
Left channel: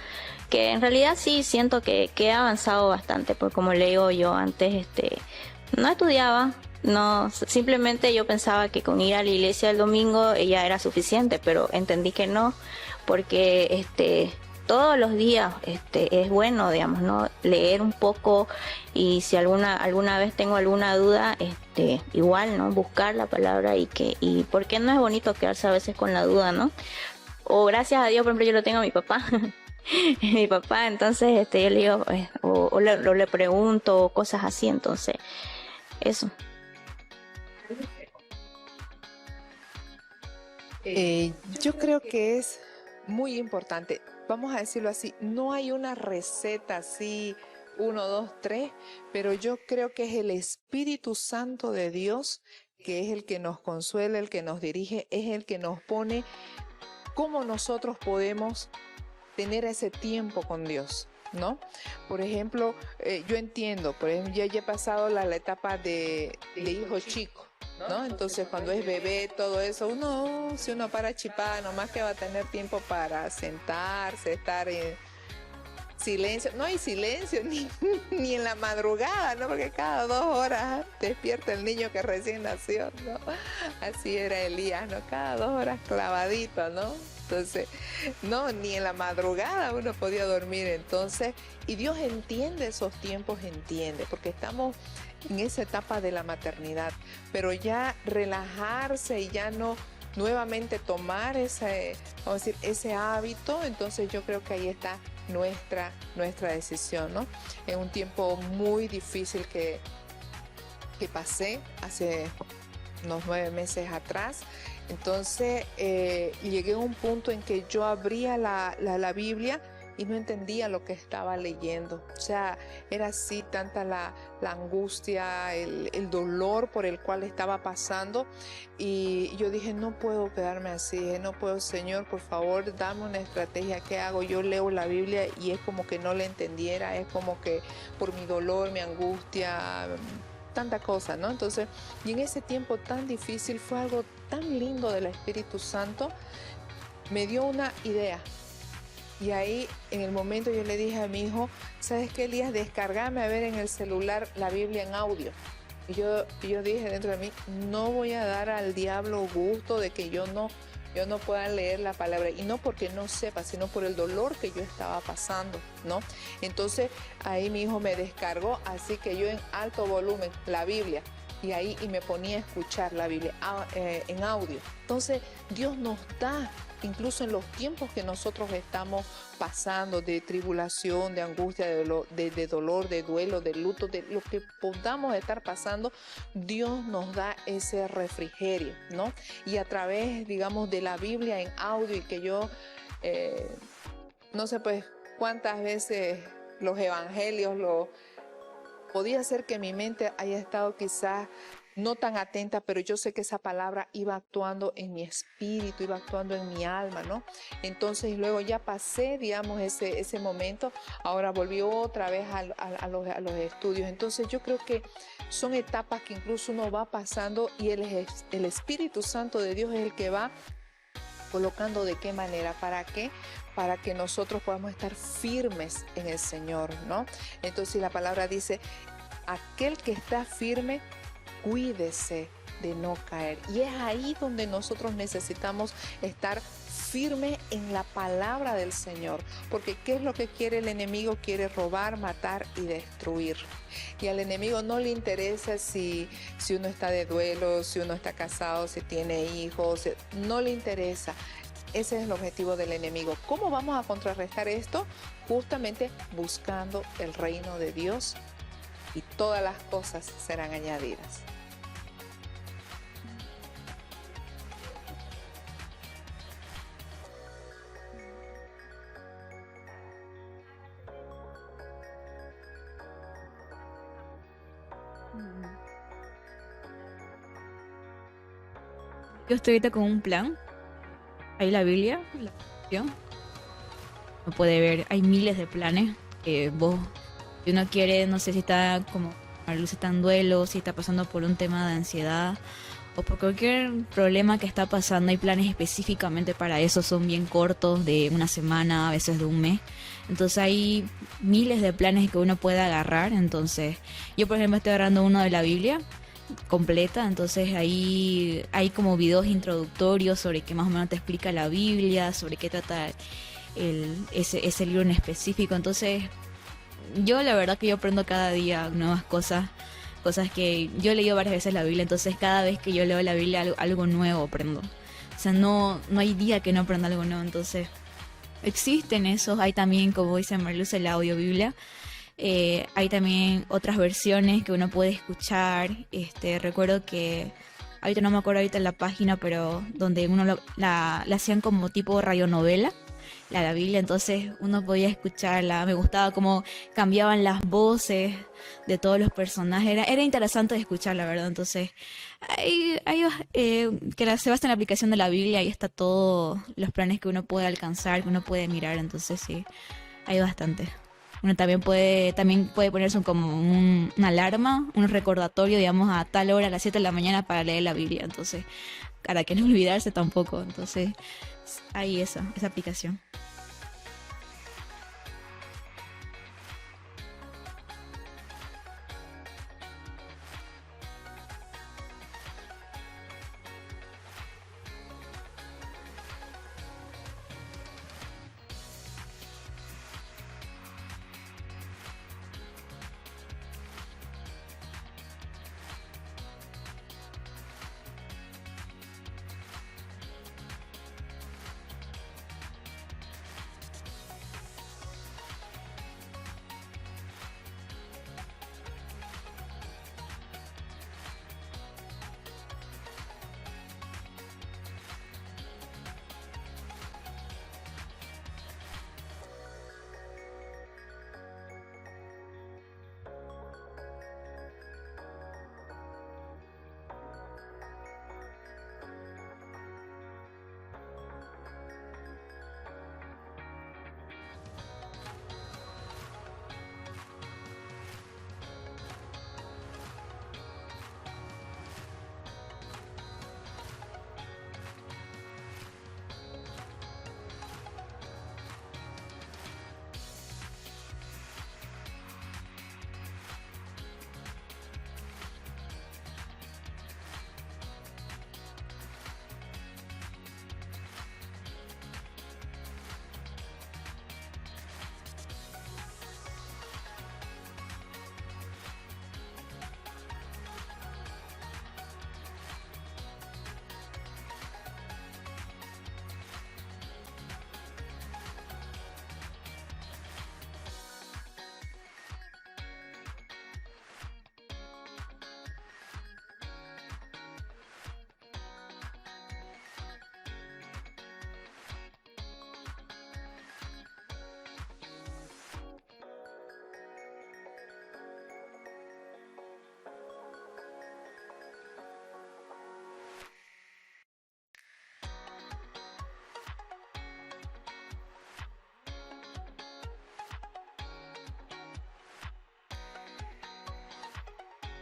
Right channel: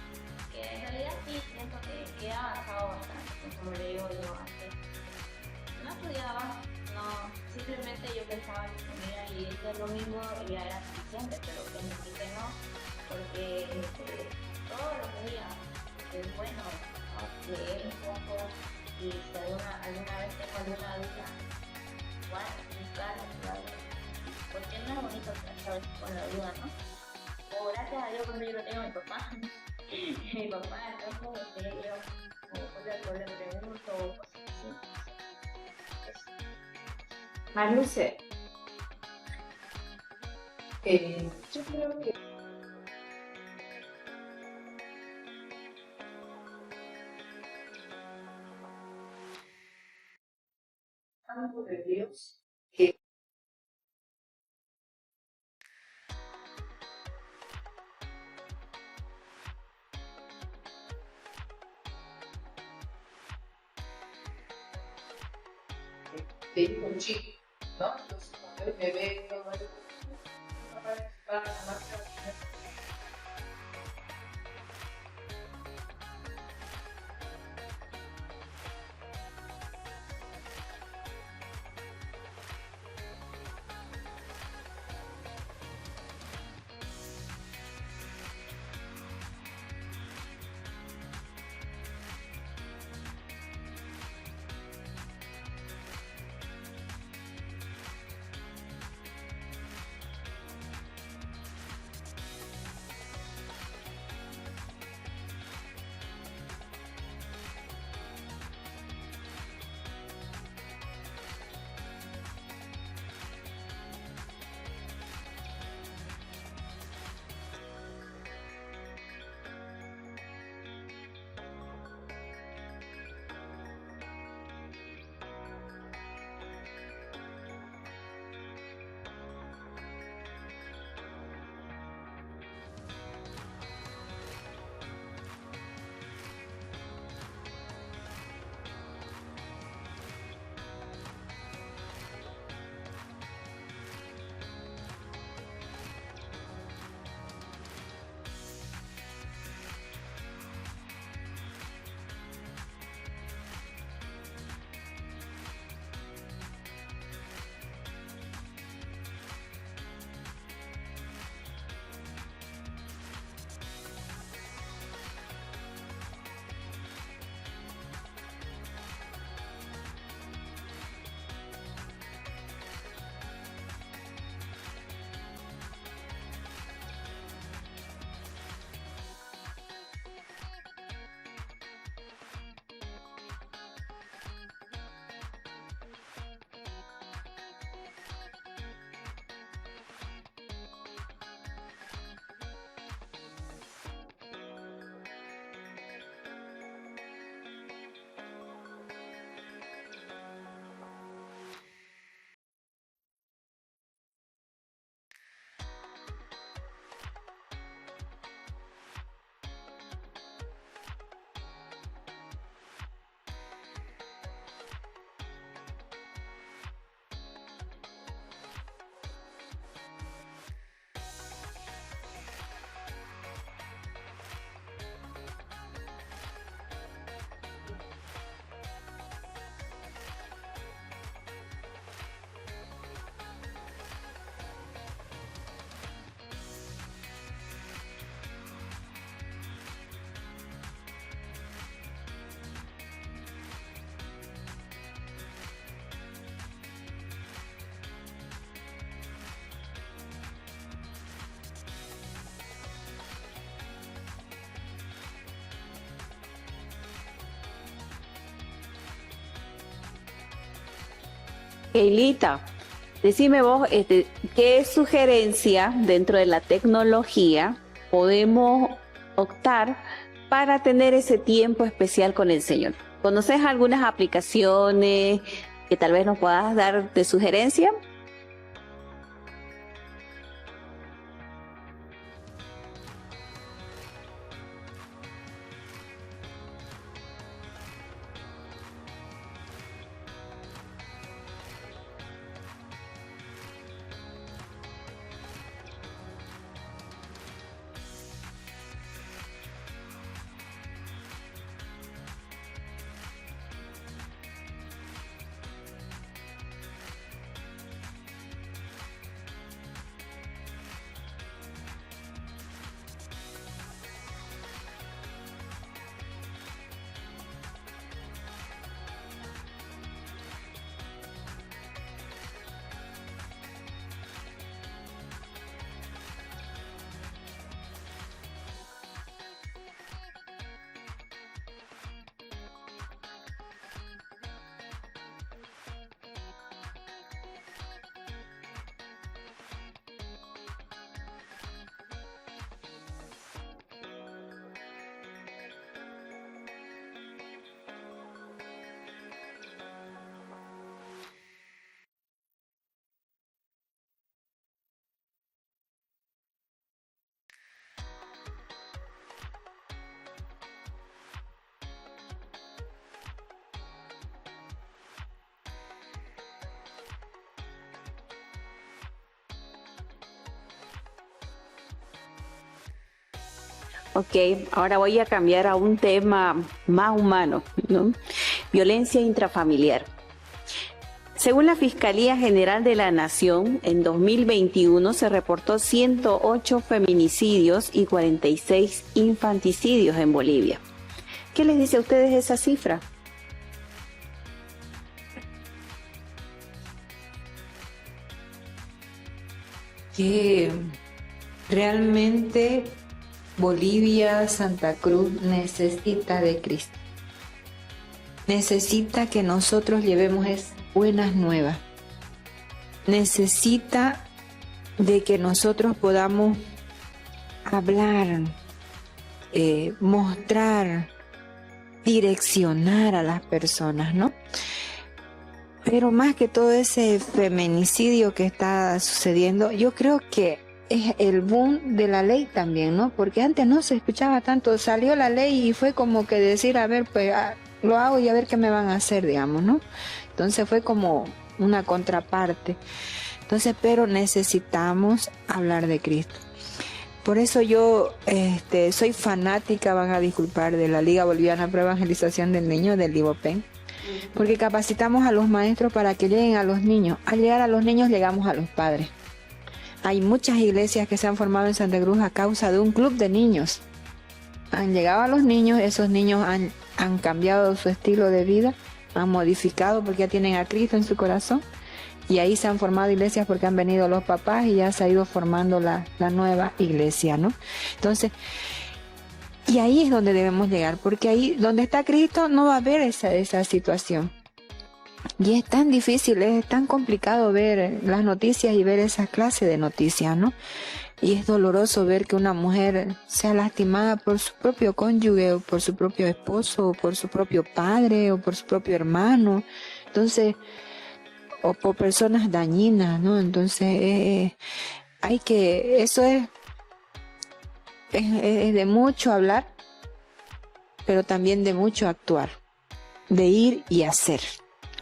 Que en realidad sí siento que he avanzado bastante, porque como le digo yo antes, no estudiaba, no, simplemente yo pensaba que con ir a la iglesia el domingo ya era suficiente, pero entendí que no, porque todos los días es bueno, digamos, ¿no? Leer un poco, y si alguna vez tengo alguna duda, igual, ¿no? Buscar la palabra y porque no es bonito quedarse a veces con la duda, ¿no? O gracias a Dios, por ejemplo, yo lo tengo a mi papá. Mi papá, entonces yo le digo, o le pregunto, cosas así, entonces, eso. Marluce. Yo creo que es muy importante, vamos a decirlo así, no hay una receta así, 1, 2, 3, pero yo creo que es el Espíritu Santo de Dios, que es el que nos consuela, el que nos dirige, es el que nos pone cómo nosotros podemos tener ese tiempo con Dios, ¿no? Por ejemplo, yo entiendo, por ejemplo, yo ya he pasado la etapa de hijo chico, ¿no? Entonces cuando es bebé, todo eso, si uno para chipar, nomás que va a tener tiempo para sentarse, estar en silencio. No hay silencio ni en la madrugada, ¿no? Porque cada 2 horas despierta el niño que recién nació, ¿no? Así era Elías, ¿no? Cada 2 horas clavadito, ¿no? Entonces, no, ni en la madrugada uno podía dormir. Entonces, y Dios entiende esos tiempos, entiende, porque estamos en esa etapa de la maternidad, pero ya relajarse y ya no nuevamente tomar vamos a decir, ese hábito, entonces yo creo que ahí está nuestra decisión, ¿no? Es un tiempo muy difícil que pasé hace unos 9 meses atrás. Entonces llegué a un punto en que yo abría la Biblia y no entendía lo que estaba leyendo. O sea, era así tanta la angustia, el dolor por el cual estaba pasando. Y yo dije, no puedo quedarme así, no puedo, Señor, por favor, dame una estrategia. ¿Qué hago? Yo leo la Biblia y es como que no la entendiera, es como que por mi dolor, mi angustia, tanta cosa, ¿no? Entonces, y en ese tiempo tan difícil fue algo tan lindo del Espíritu Santo, me dio una idea. Y ahí, en el momento, yo le dije a mi hijo, ¿sabes qué, Elías? Descargame a ver en el celular la Biblia en audio. Y yo dije dentro de mí, no voy a dar al diablo gusto de que yo no pueda leer la palabra. Y no porque no sepa, sino por el dolor que yo estaba pasando, ¿no? Entonces, ahí mi hijo me descargó, así que yo en alto volumen, la Biblia. Y me ponía a escuchar la Biblia en audio. Entonces, Dios nos da, incluso en los tiempos que nosotros estamos pasando, de tribulación, de angustia, de dolor, de duelo, de luto, de lo que podamos estar pasando, Dios nos da ese refrigerio, ¿no? Y a través, digamos, de la Biblia en audio, y que yo, no sé pues cuántas veces los evangelios, podía ser que mi mente haya estado quizás no tan atenta, pero yo sé que esa palabra iba actuando en mi espíritu, iba actuando en mi alma, ¿no? Entonces luego ya pasé, digamos, ese momento, ahora volví otra vez a los estudios. Entonces yo creo que son etapas que incluso uno va pasando y el Espíritu Santo de Dios es el que va colocando de qué manera, ¿para qué? Para que nosotros podamos estar firmes en el Señor, ¿no? Entonces la palabra dice, aquel que está firme, cuídese de no caer. Y es ahí donde nosotros necesitamos estar firme en la palabra del Señor, porque ¿qué es lo que quiere el enemigo? Quiere robar, matar y destruir. Y al enemigo no le interesa si uno está de duelo, si uno está casado, si tiene hijos, no le interesa. Ese es el objetivo del enemigo. ¿Cómo vamos a contrarrestar esto? Justamente buscando el reino de Dios, y todas las cosas serán añadidas. Keilita, decime vos, ¿qué sugerencia dentro de la tecnología podemos optar para tener ese tiempo especial con el Señor? ¿Conoces algunas aplicaciones que tal vez nos puedas dar de sugerencia? Yo estoy ahorita con un plan. Hay la Biblia, ¿no? Uno puede ver, hay miles de planes que si uno quiere, no sé si está como si está en duelo, si está pasando por un tema de ansiedad o por cualquier problema que está pasando, hay planes específicamente para eso, son bien cortos, de una semana, a veces de un mes. Entonces hay miles de planes que uno puede agarrar. Entonces yo, por ejemplo, estoy agarrando uno de la Biblia completa, entonces ahí hay como videos introductorios sobre qué más o menos te explica la Biblia, sobre qué trata ese libro en específico. Entonces yo la verdad que yo aprendo cada día nuevas cosas que yo he leído varias veces la Biblia, entonces cada vez que yo leo la Biblia algo nuevo aprendo. O sea, no hay día que no aprenda algo nuevo. Entonces existen esos, hay también, como dice Marluz, el audio Biblia. Hay también otras versiones que uno puede escuchar. Recuerdo que ahorita no me acuerdo ahorita la página, pero donde uno la hacían como tipo radionovela, la Biblia, entonces uno podía escucharla. Me gustaba cómo cambiaban las voces de todos los personajes, era interesante de escuchar, la verdad. Entonces que se basa en la aplicación de la Biblia, ahí está todos los planes que uno puede alcanzar, que uno puede mirar. Entonces sí, hay bastante. Bueno, también puede ponerse como una alarma, un recordatorio, digamos, a tal hora, a las 7 de la mañana para leer la Biblia. Entonces, para que no olvidarse tampoco. Entonces, hay esa aplicación. Ok, ahora voy a cambiar a un tema más humano, ¿no? Violencia intrafamiliar. Según la Fiscalía General de la Nación, en 2021 se reportó 108 feminicidios y 46 infanticidios en Bolivia. ¿Qué les dice a ustedes esa cifra? Que realmente Bolivia, Santa Cruz necesita de Cristo. Necesita que nosotros llevemos esas buenas nuevas. Necesita de que nosotros podamos hablar, mostrar, direccionar a las personas, ¿no? Pero más que todo ese feminicidio que está sucediendo, yo creo que es el boom de la ley también, ¿no? Porque antes no se escuchaba tanto, salió la ley y fue como que decir, a ver, pues lo hago y a ver qué me van a hacer, digamos, ¿no? Entonces fue como una contraparte. Entonces, pero necesitamos hablar de Cristo. Por eso yo soy fanática, van a disculpar, de la Liga Boliviana para Evangelización del Niño, del Libopen, porque capacitamos a los maestros para que lleguen a los niños. Al llegar a los niños llegamos a los padres. Hay muchas iglesias que se han formado en Santa Cruz a causa de un club de niños. Han llegado a los niños, esos niños han cambiado su estilo de vida, han modificado porque ya tienen a Cristo en su corazón. Y ahí se han formado iglesias porque han venido los papás y ya se ha ido formando la nueva iglesia, ¿no? Entonces, y ahí es donde debemos llegar, porque ahí donde está Cristo no va a haber esa situación. Y es tan difícil, es tan complicado ver las noticias y ver esa clase de noticias, ¿no? Y es doloroso ver que una mujer sea lastimada por su propio cónyuge, o por su propio esposo, o por su propio padre, o por su propio hermano. Entonces, o por personas dañinas, ¿no? Entonces, eso es de mucho hablar, pero también de mucho actuar, de ir y hacer,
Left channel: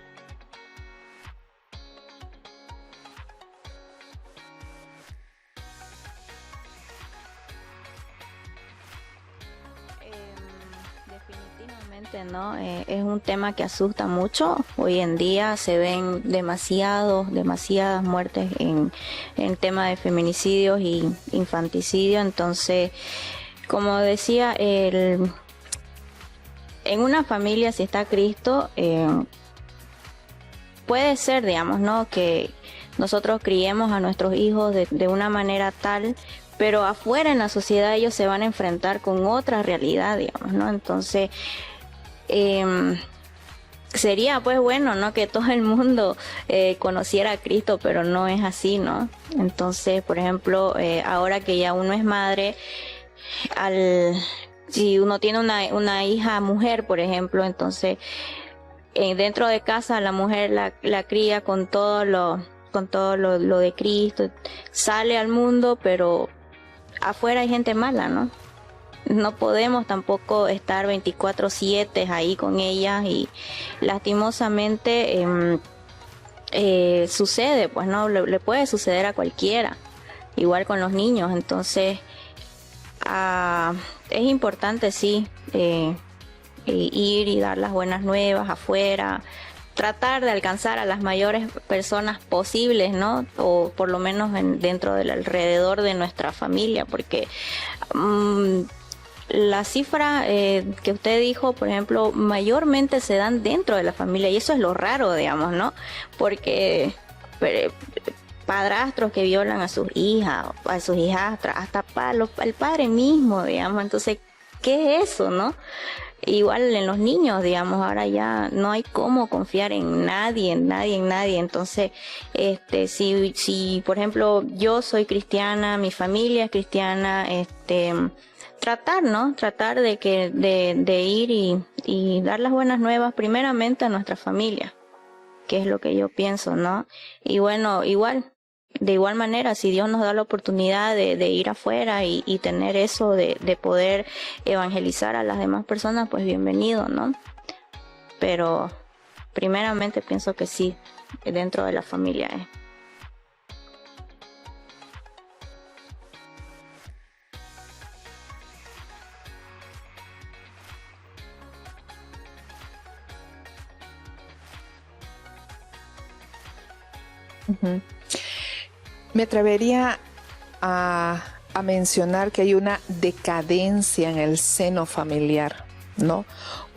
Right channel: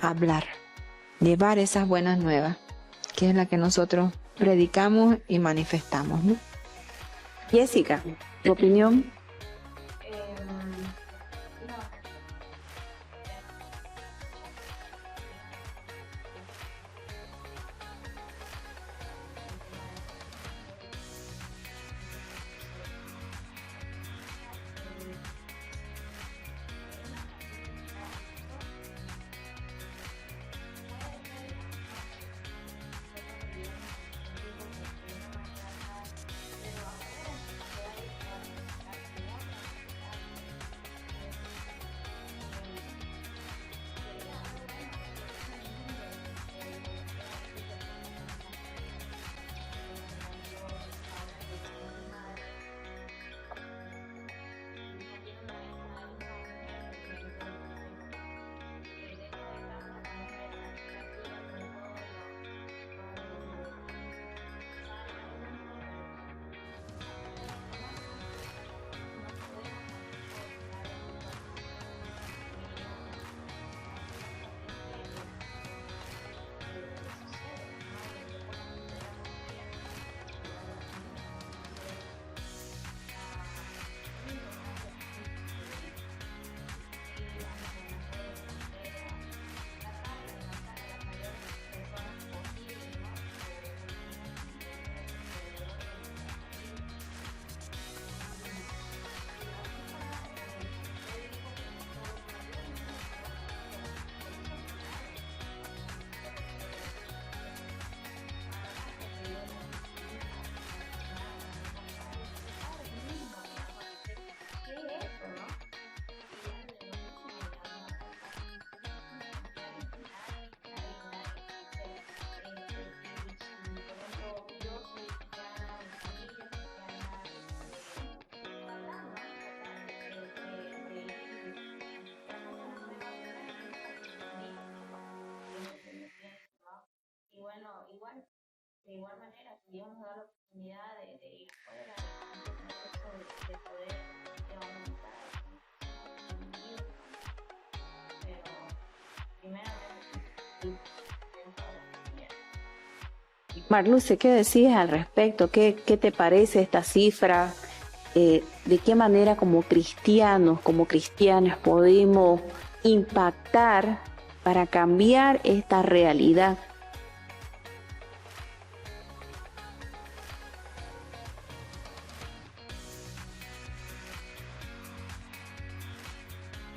hablar, llevar esas buenas nuevas, que es la que nosotros predicamos y manifestamos, ¿no? Jessica, ¿tu opinión? Definitivamente, ¿no? Es un tema que asusta mucho. Hoy en día se ven demasiadas muertes en tema de feminicidios y infanticidio. Entonces, como decía, en una familia, si está Cristo, puede ser, digamos, ¿no?, que nosotros criemos a nuestros hijos de una manera tal, pero afuera en la sociedad ellos se van a enfrentar con otra realidad, digamos, ¿no? Entonces, sería pues bueno, ¿no?, que todo el mundo conociera a Cristo, pero no es así, ¿no? Entonces, por ejemplo, ahora que ya uno es madre, si uno tiene una hija mujer, por ejemplo, entonces dentro de casa la mujer la cría con todo lo de Cristo, sale al mundo, pero afuera hay gente mala, ¿no? No podemos tampoco estar 24/7 ahí con ellas, y lastimosamente sucede, pues, ¿no? Le puede suceder a cualquiera, igual con los niños. Entonces es importante, sí, ir y dar las buenas nuevas afuera, tratar de alcanzar a las mayores personas posibles, ¿no? O por lo menos dentro del alrededor de nuestra familia, porque la cifra que usted dijo, por ejemplo, mayormente se dan dentro de la familia, y eso es lo raro, digamos, ¿no? Porque padrastros que violan a sus hijas, a sus hijastras, hasta el padre mismo, digamos. Entonces, ¿qué es eso, no? Igual en los niños, digamos, ahora ya no hay cómo confiar en nadie. Entonces, si por ejemplo yo soy cristiana, mi familia es cristiana, tratar, ¿no? Tratar de ir y dar las buenas nuevas primeramente a nuestra familia, que es lo que yo pienso, ¿no? Y bueno, igual de igual manera, si Dios nos da la oportunidad de ir afuera y tener eso de poder evangelizar a las demás personas, pues bienvenido, ¿no? Pero primeramente pienso que sí, dentro de la familia. Marluce, ¿qué decís al respecto? ¿Qué te parece esta cifra? ¿De qué manera como cristianos, como cristianas podemos impactar para cambiar esta realidad? Ujú. Me atrevería a mencionar que hay una decadencia en el seno familiar, ¿no?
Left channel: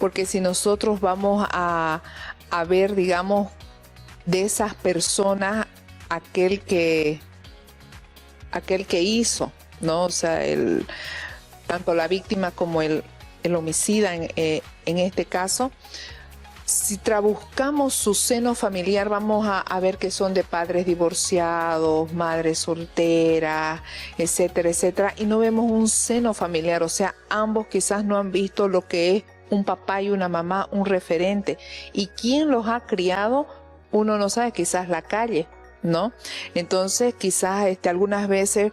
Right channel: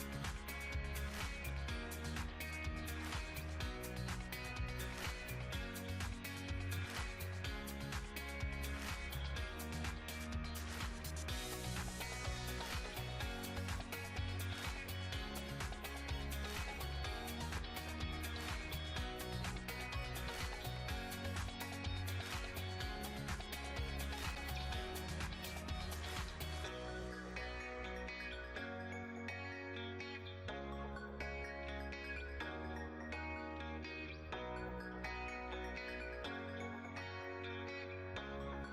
Porque si nosotros vamos a ver, digamos, de esas personas aquel que hizo, ¿no? O sea, tanto la víctima como el homicida en este caso, si buscamos su seno familiar, vamos a ver que son de padres divorciados, madres solteras, etcétera, etcétera, y no vemos un seno familiar, o sea, ambos quizás no han visto lo que es un papá y una mamá, un referente, y quién los ha criado, uno no sabe, quizás la calle, ¿no? Entonces, quizás algunas veces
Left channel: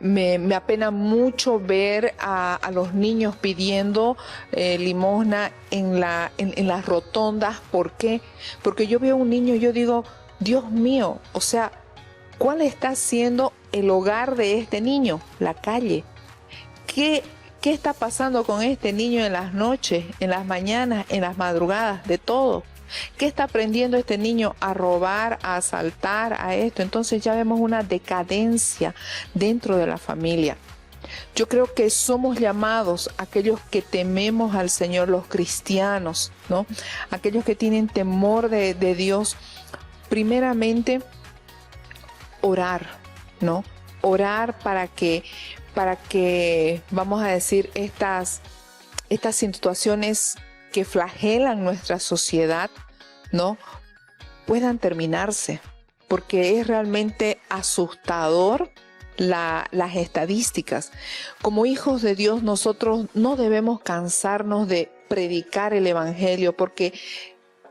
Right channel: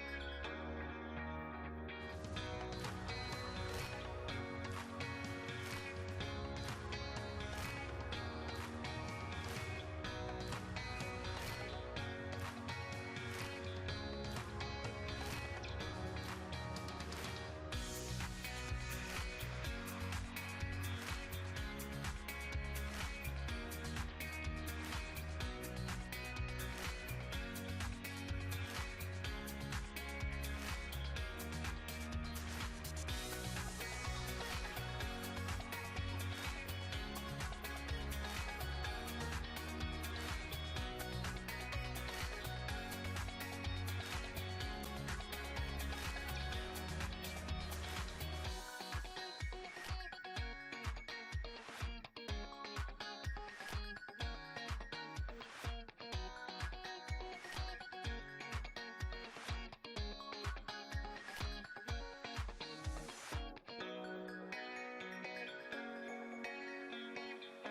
me apena mucho ver a los niños pidiendo limosna en las rotondas. ¿Por qué? Porque yo veo un niño y yo digo, Dios mío, o sea, ¿cuál está siendo el hogar de este niño? La calle. ¿Qué está pasando con este niño en las noches, en las mañanas, en las madrugadas, de todo? ¿Qué está aprendiendo este niño a robar, a asaltar, a esto? Entonces ya vemos una decadencia dentro de la familia. Yo creo que somos llamados, aquellos que tememos al Señor, los cristianos, ¿no? Aquellos que tienen temor de Dios, primeramente orar, ¿no? Orar para que vamos a decir, estas situaciones que flagelan nuestra sociedad, ¿no? Puedan terminarse, porque es realmente asustador las estadísticas. Como hijos de Dios, nosotros no debemos cansarnos de predicar el Evangelio, porque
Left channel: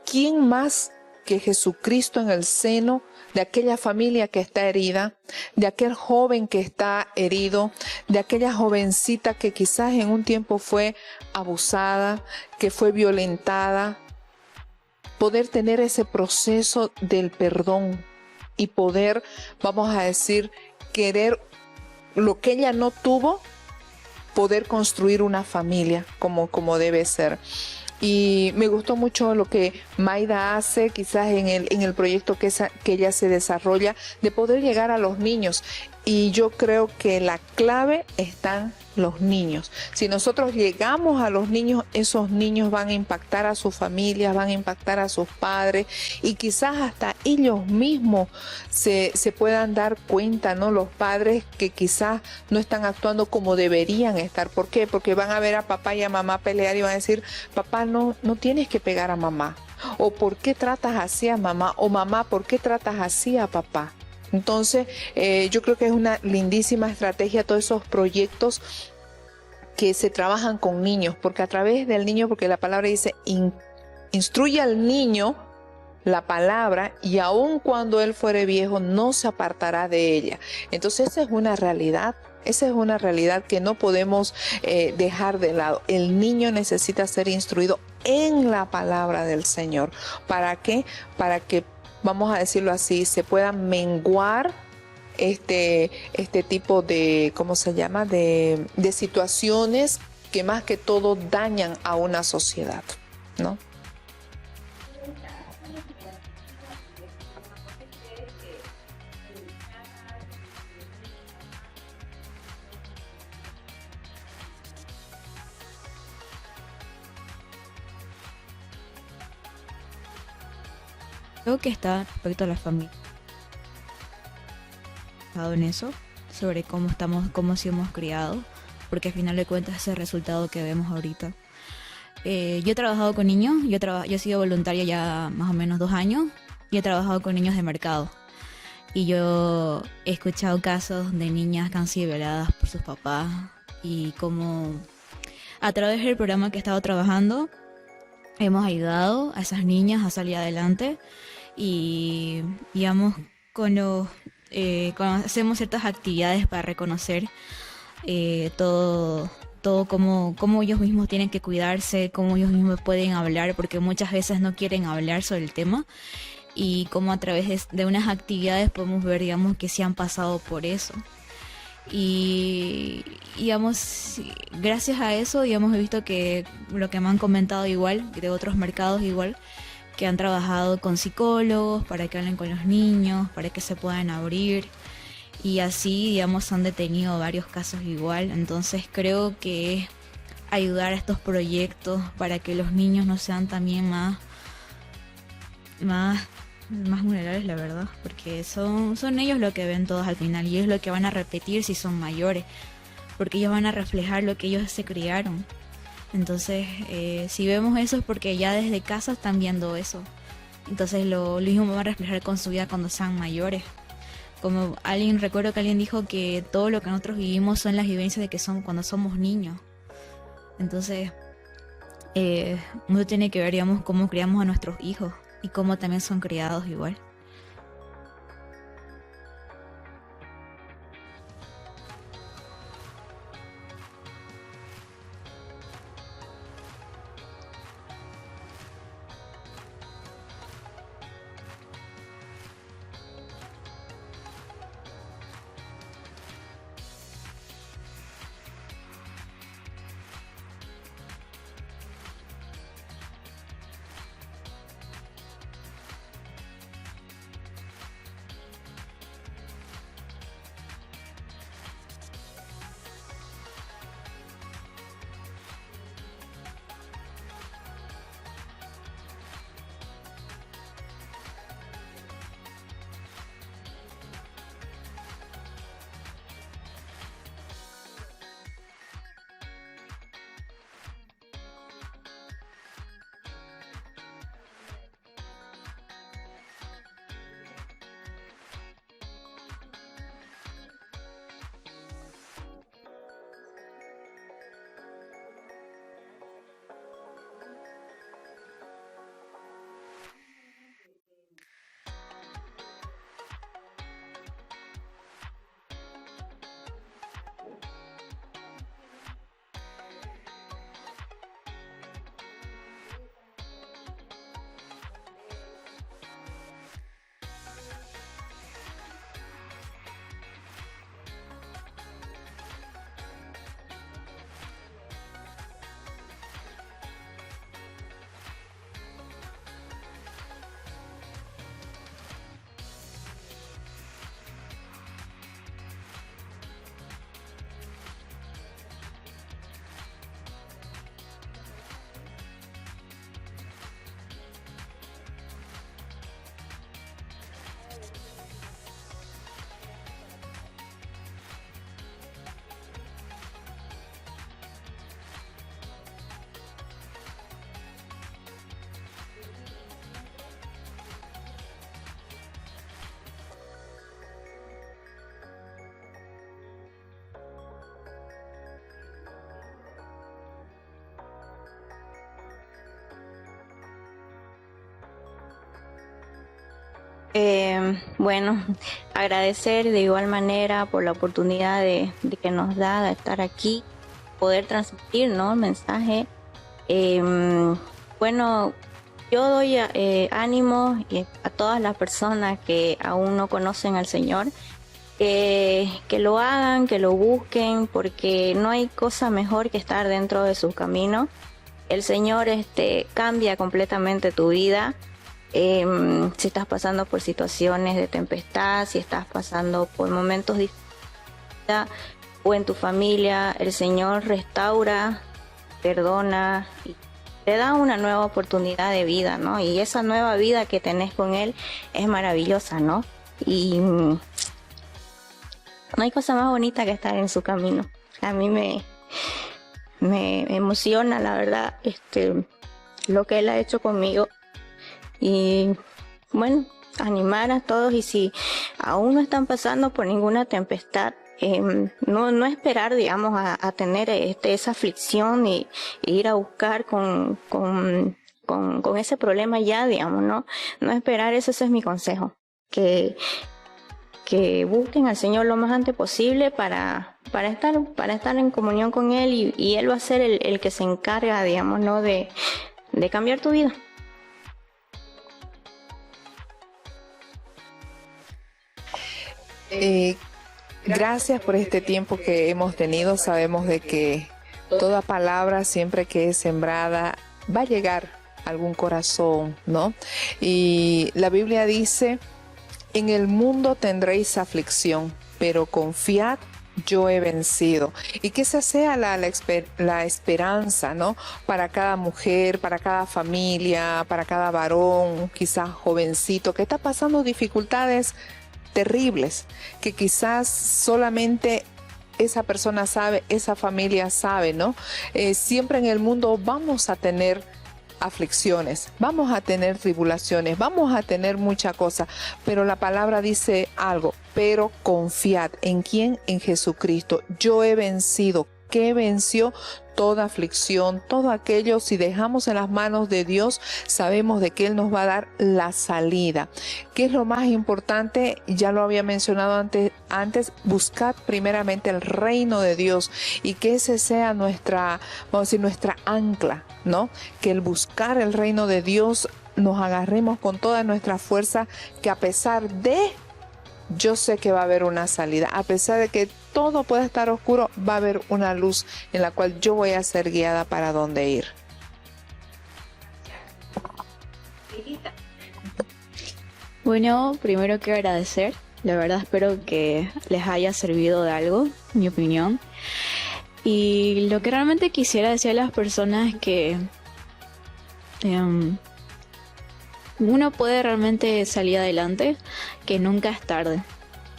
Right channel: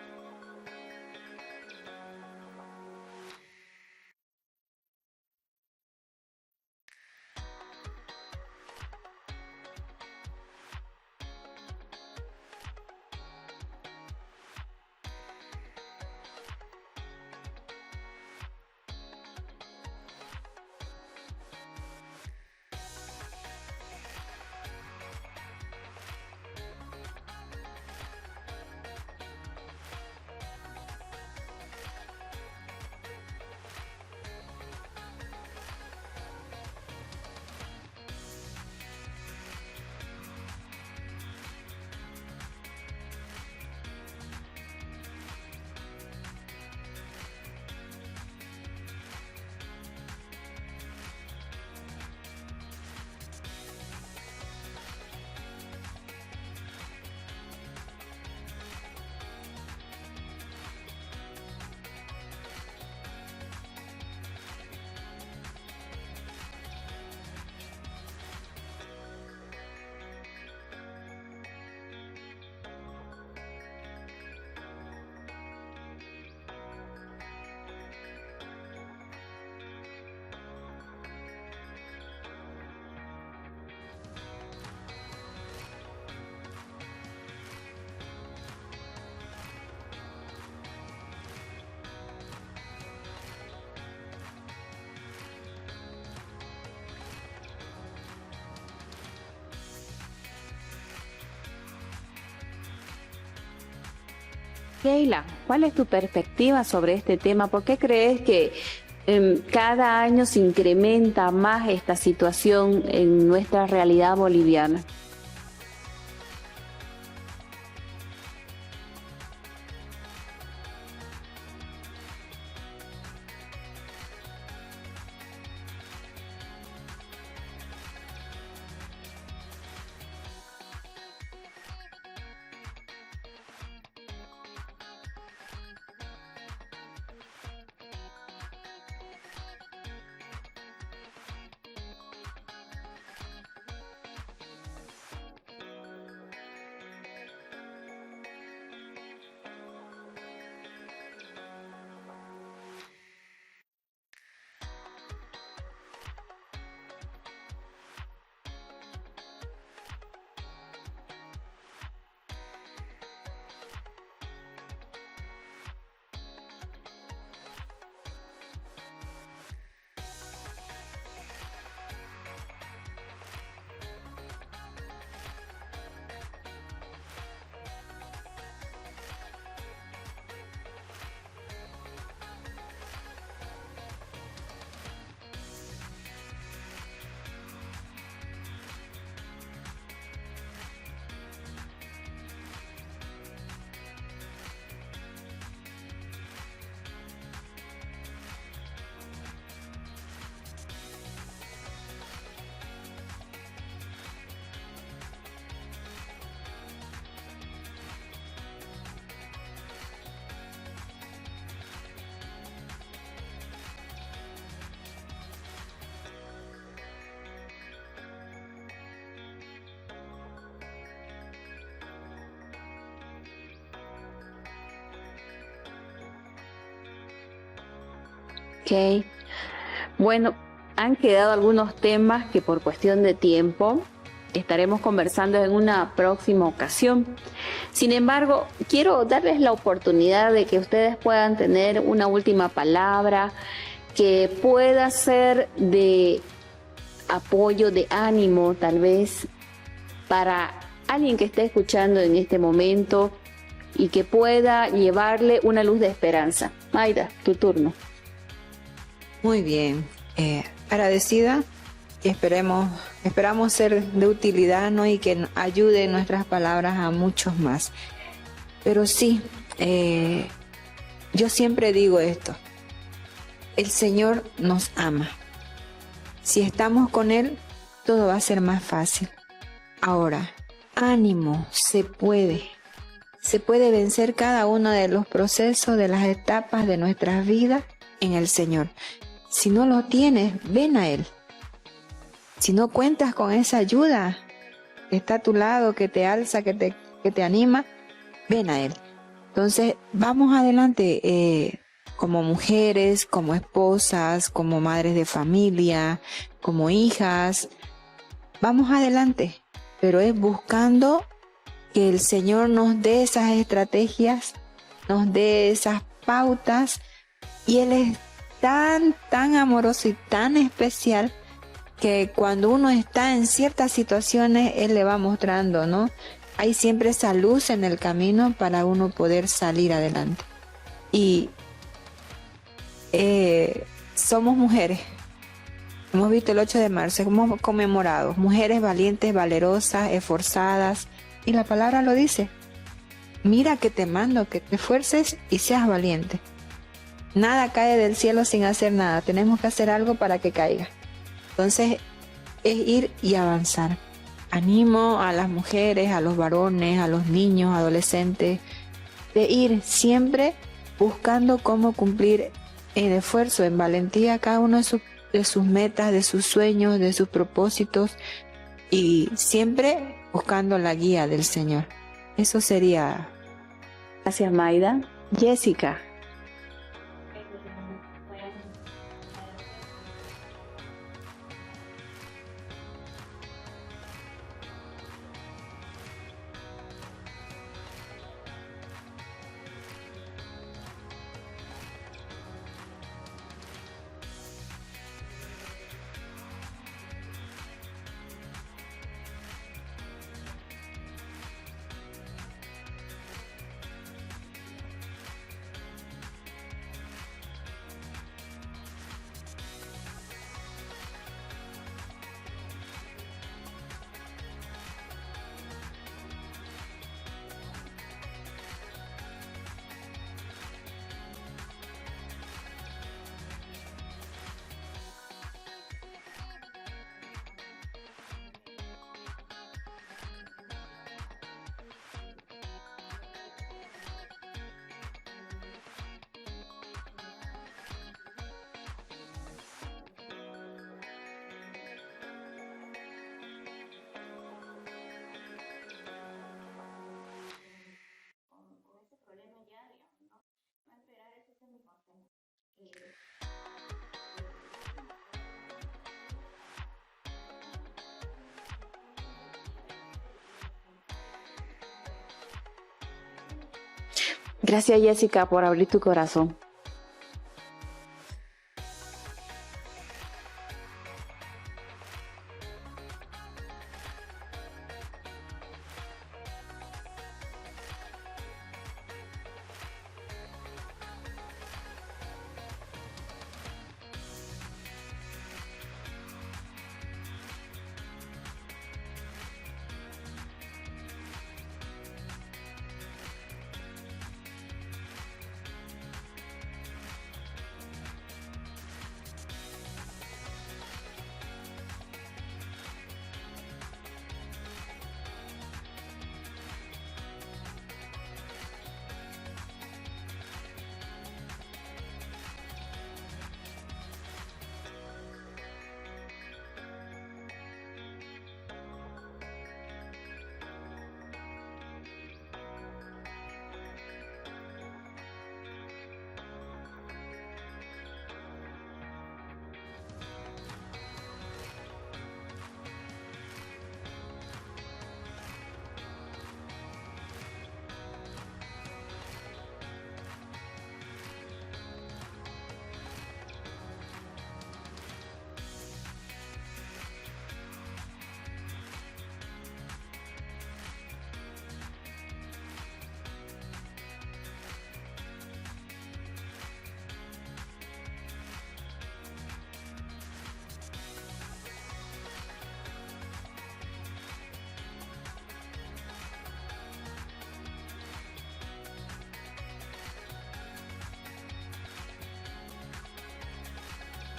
¿quién más que Jesucristo en el seno de aquella familia que está herida, de aquel joven que está herido, de aquella jovencita que quizás en un tiempo fue abusada, que fue violentada? Poder tener ese proceso del perdón y poder, vamos a decir, querer lo que ella no tuvo, poder construir una familia como debe ser. Y me gustó mucho lo que Maida hace, quizás en el proyecto que ella se desarrolla, de poder llegar a los niños. Y yo creo que la clave están los niños. Si nosotros llegamos a los niños, esos niños van a impactar a sus familias, van a impactar a sus padres, y quizás hasta ellos mismos se puedan dar cuenta, ¿no? Los padres que quizás no están actuando como deberían estar. ¿Por qué? Porque van a ver a papá y a mamá pelear y van a decir, papá, no tienes que pegar a mamá. O ¿por qué tratas así a mamá? O mamá, ¿por qué tratas así a papá? Entonces, yo creo que es una lindísima estrategia todos esos proyectos que se trabajan con niños, porque a través del niño, porque la palabra dice, instruye al niño la palabra, y aun cuando él fuere viejo no se apartará de ella. Entonces esa es una realidad que no podemos dejar de lado. El niño necesita ser instruido en la palabra del Señor. ¿Para qué? Para que, vamos a decirlo así, se pueda menguar este tipo de, ¿cómo se llama?, de situaciones que más que todo dañan a una sociedad, ¿no? Keila, ¿cuál es tu perspectiva sobre este tema? ¿Por qué crees que cada año se incrementa más esta situación en nuestra realidad boliviana? Creo que está respecto a la familia. En eso, sobre cómo sí hemos criado, porque al final de cuentas ese resultado que vemos ahorita. Yo he trabajado con niños, yo he sido voluntaria ya más o menos 2 años, y he trabajado con niños de mercado. Y yo he escuchado casos de niñas que han sido violadas por sus papás, y como a través del programa que he estado trabajando hemos ayudado a esas niñas a salir adelante, y digamos, con los cuando hacemos ciertas actividades para reconocer todo cómo ellos mismos tienen que cuidarse, cómo ellos mismos pueden hablar, porque muchas veces no quieren hablar sobre el tema, y cómo a través de unas actividades podemos ver, digamos, que sí han pasado por eso. Y digamos, gracias a eso, digamos, he visto que lo que me han comentado igual, de otros mercados igual, que han trabajado con psicólogos para que hablen con los niños, para que se puedan abrir, y así, digamos, han detenido varios casos igual. Entonces creo que ayudar a estos proyectos para que los niños no sean también más vulnerables, la verdad, porque son ellos lo que ven todos al final, y ellos lo que van a repetir si son mayores, porque ellos van a reflejar lo que ellos se criaron. Entonces, si vemos eso es porque ya desde casa están viendo eso. Entonces lo mismo van a reflejar con su vida cuando sean mayores. Como recuerdo que alguien dijo que todo lo que nosotros vivimos son las vivencias de que son cuando somos niños. Entonces, uno tiene que ver, digamos, cómo criamos a nuestros hijos y cómo también son criados igual. Ok. Bueno, han quedado algunos temas que por cuestión de tiempo estaremos conversando en una próxima ocasión. Sin embargo, quiero darles la oportunidad de que ustedes puedan tener una última palabra que pueda ser de apoyo, de ánimo, tal vez, para alguien que esté escuchando en este momento y que pueda llevarle una luz de esperanza. Mayda, tu turno. Muy bien, agradecida, y esperamos ser de utilidad, ¿no? Y que ayude nuestras palabras a muchos más. Pero sí, yo siempre digo esto: el Señor nos ama. Si estamos con Él, todo va a ser más fácil. Ahora, ánimo, se puede. Se puede vencer cada uno de los procesos, de las etapas de nuestras vidas en el Señor. Si no lo tienes, ven a Él. Si no cuentas con esa ayuda que está a tu lado, que te alza, que te anima, ven a Él. Entonces, vamos adelante. Como mujeres, como esposas, como madres de familia, como hijas, vamos adelante, pero es buscando que el Señor nos dé esas estrategias, nos dé esas pautas, y Él es tan amoroso y tan especial que cuando uno está en ciertas situaciones, Él le va mostrando, ¿no? Hay siempre esa luz en el camino para uno poder salir adelante. Y somos mujeres. Hemos visto el 8 de marzo, hemos conmemorado mujeres valientes, valerosas, esforzadas, y la palabra lo dice: mira que te mando que te esfuerces y seas valiente. Nada cae del cielo sin hacer nada, tenemos que hacer algo para que caiga. Entonces es ir y avanzar. Animo a las mujeres, a los varones, a los niños, adolescentes, de ir siempre buscando cómo cumplir en esfuerzo, en valentía, cada uno de sus metas, de sus sueños, de sus propósitos, y siempre buscando la guía del Señor. Eso sería. Gracias, Mayda. Jessica. Bueno, agradecer de igual manera por la oportunidad de que nos da de estar aquí, poder transmitir, ¿no?, mensaje. Bueno, yo doy ánimo a todas las personas que aún no conocen al Señor, que lo hagan, que lo busquen, porque no hay cosa mejor que estar dentro de sus caminos. El Señor cambia completamente tu vida. Si estás pasando por situaciones de tempestad, si estás pasando por momentos difíciles o en tu familia, el Señor restaura, perdona, te da una nueva oportunidad de vida, ¿no? Y esa nueva vida que tenés con Él es maravillosa, ¿no? Y no hay cosa más bonita que estar en su camino. A mí me emociona, la verdad, lo que Él ha hecho conmigo. Y bueno, animar a todos, y si aún no están pasando por ninguna tempestad, no esperar, digamos, a tener esa aflicción y ir a buscar con ese problema ya, digamos, no esperar. Ese es mi consejo, que que busquen al Señor lo más antes posible para estar en comunión con Él y Él va a ser el que se encarga, digamos, ¿no? de cambiar tu vida. Gracias, Jessica, por abrir tu corazón. Gracias por este tiempo que hemos tenido. Sabemos de que toda palabra siempre que es sembrada va a llegar a algún corazón, ¿no? Y la Biblia dice: en el mundo tendréis aflicción, pero confiad, yo he vencido. Y que esa sea la esperanza, ¿no? Para cada mujer, para cada familia, para cada varón, quizás jovencito, que está pasando dificultades terribles, que quizás solamente esa persona sabe, esa familia sabe, ¿no? Siempre en el mundo vamos a tener aflicciones, vamos a tener tribulaciones, vamos a tener mucha cosa, pero la palabra dice algo: pero confiad. ¿En quién? En Jesucristo. Yo he vencido. ¿Qué venció? Toda aflicción, todo aquello. Si dejamos en las manos de Dios, sabemos de que Él nos va a dar la salida. ¿Qué es lo más importante? Ya lo había mencionado antes, buscad primeramente el reino de Dios y que ese sea nuestra, vamos a decir, nuestra ancla, ¿no? Que el buscar el reino de Dios nos agarremos con toda nuestra fuerza, que a pesar de... yo sé que va a haber una salida. A pesar de que todo pueda estar oscuro, va a haber una luz en la cual yo voy a ser guiada para dónde ir. Bueno, primero quiero agradecer. La verdad espero que les haya servido de algo, mi opinión. Y lo que realmente quisiera decir a las personas es que uno puede realmente salir adelante, que nunca es tarde.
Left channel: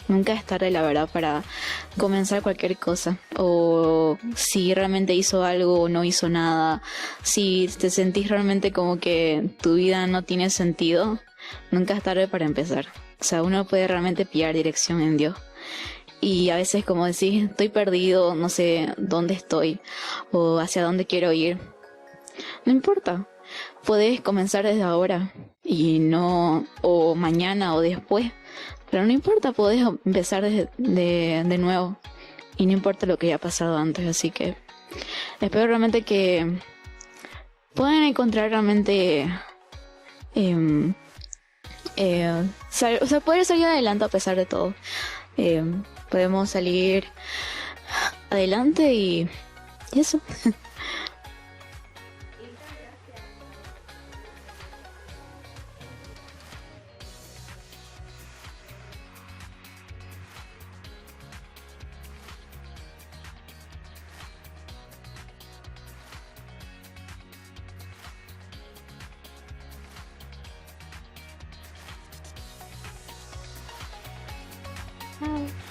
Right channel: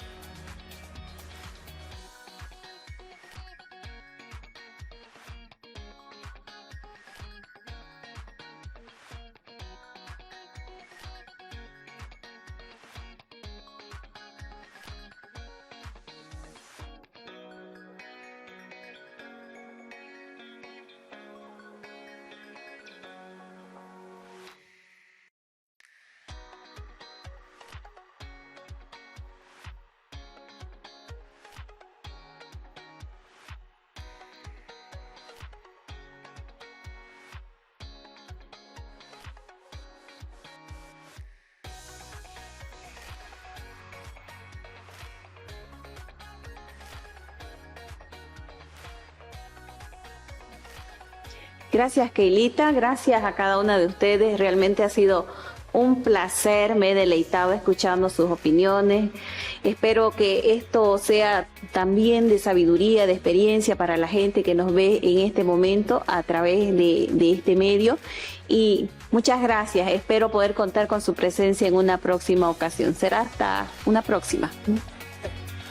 Nunca es tarde, la verdad, para comenzar cualquier cosa. O si realmente hizo algo o no hizo nada. Si te sentís realmente como que tu vida no tiene sentido, nunca es tarde para empezar. O sea, uno puede realmente pillar dirección en Dios. Y a veces, como decís, estoy perdido, no sé dónde estoy o hacia dónde quiero ir. No importa. Podés comenzar desde ahora y no, o mañana o después. Pero no importa, podés empezar de nuevo. Y no importa lo que haya pasado antes. Así que espero realmente que puedan encontrar realmente... poder salir adelante a pesar de todo. Podemos salir adelante y eso. Gracias, Keilita. Gracias a cada una de ustedes. Realmente ha sido un placer. Me he deleitado escuchando sus opiniones. Espero que esto sea también de sabiduría, de experiencia para la gente que nos ve en este momento a través de este medio. Y muchas gracias. Espero poder contar con su presencia en una próxima ocasión. Será hasta una próxima. Bye.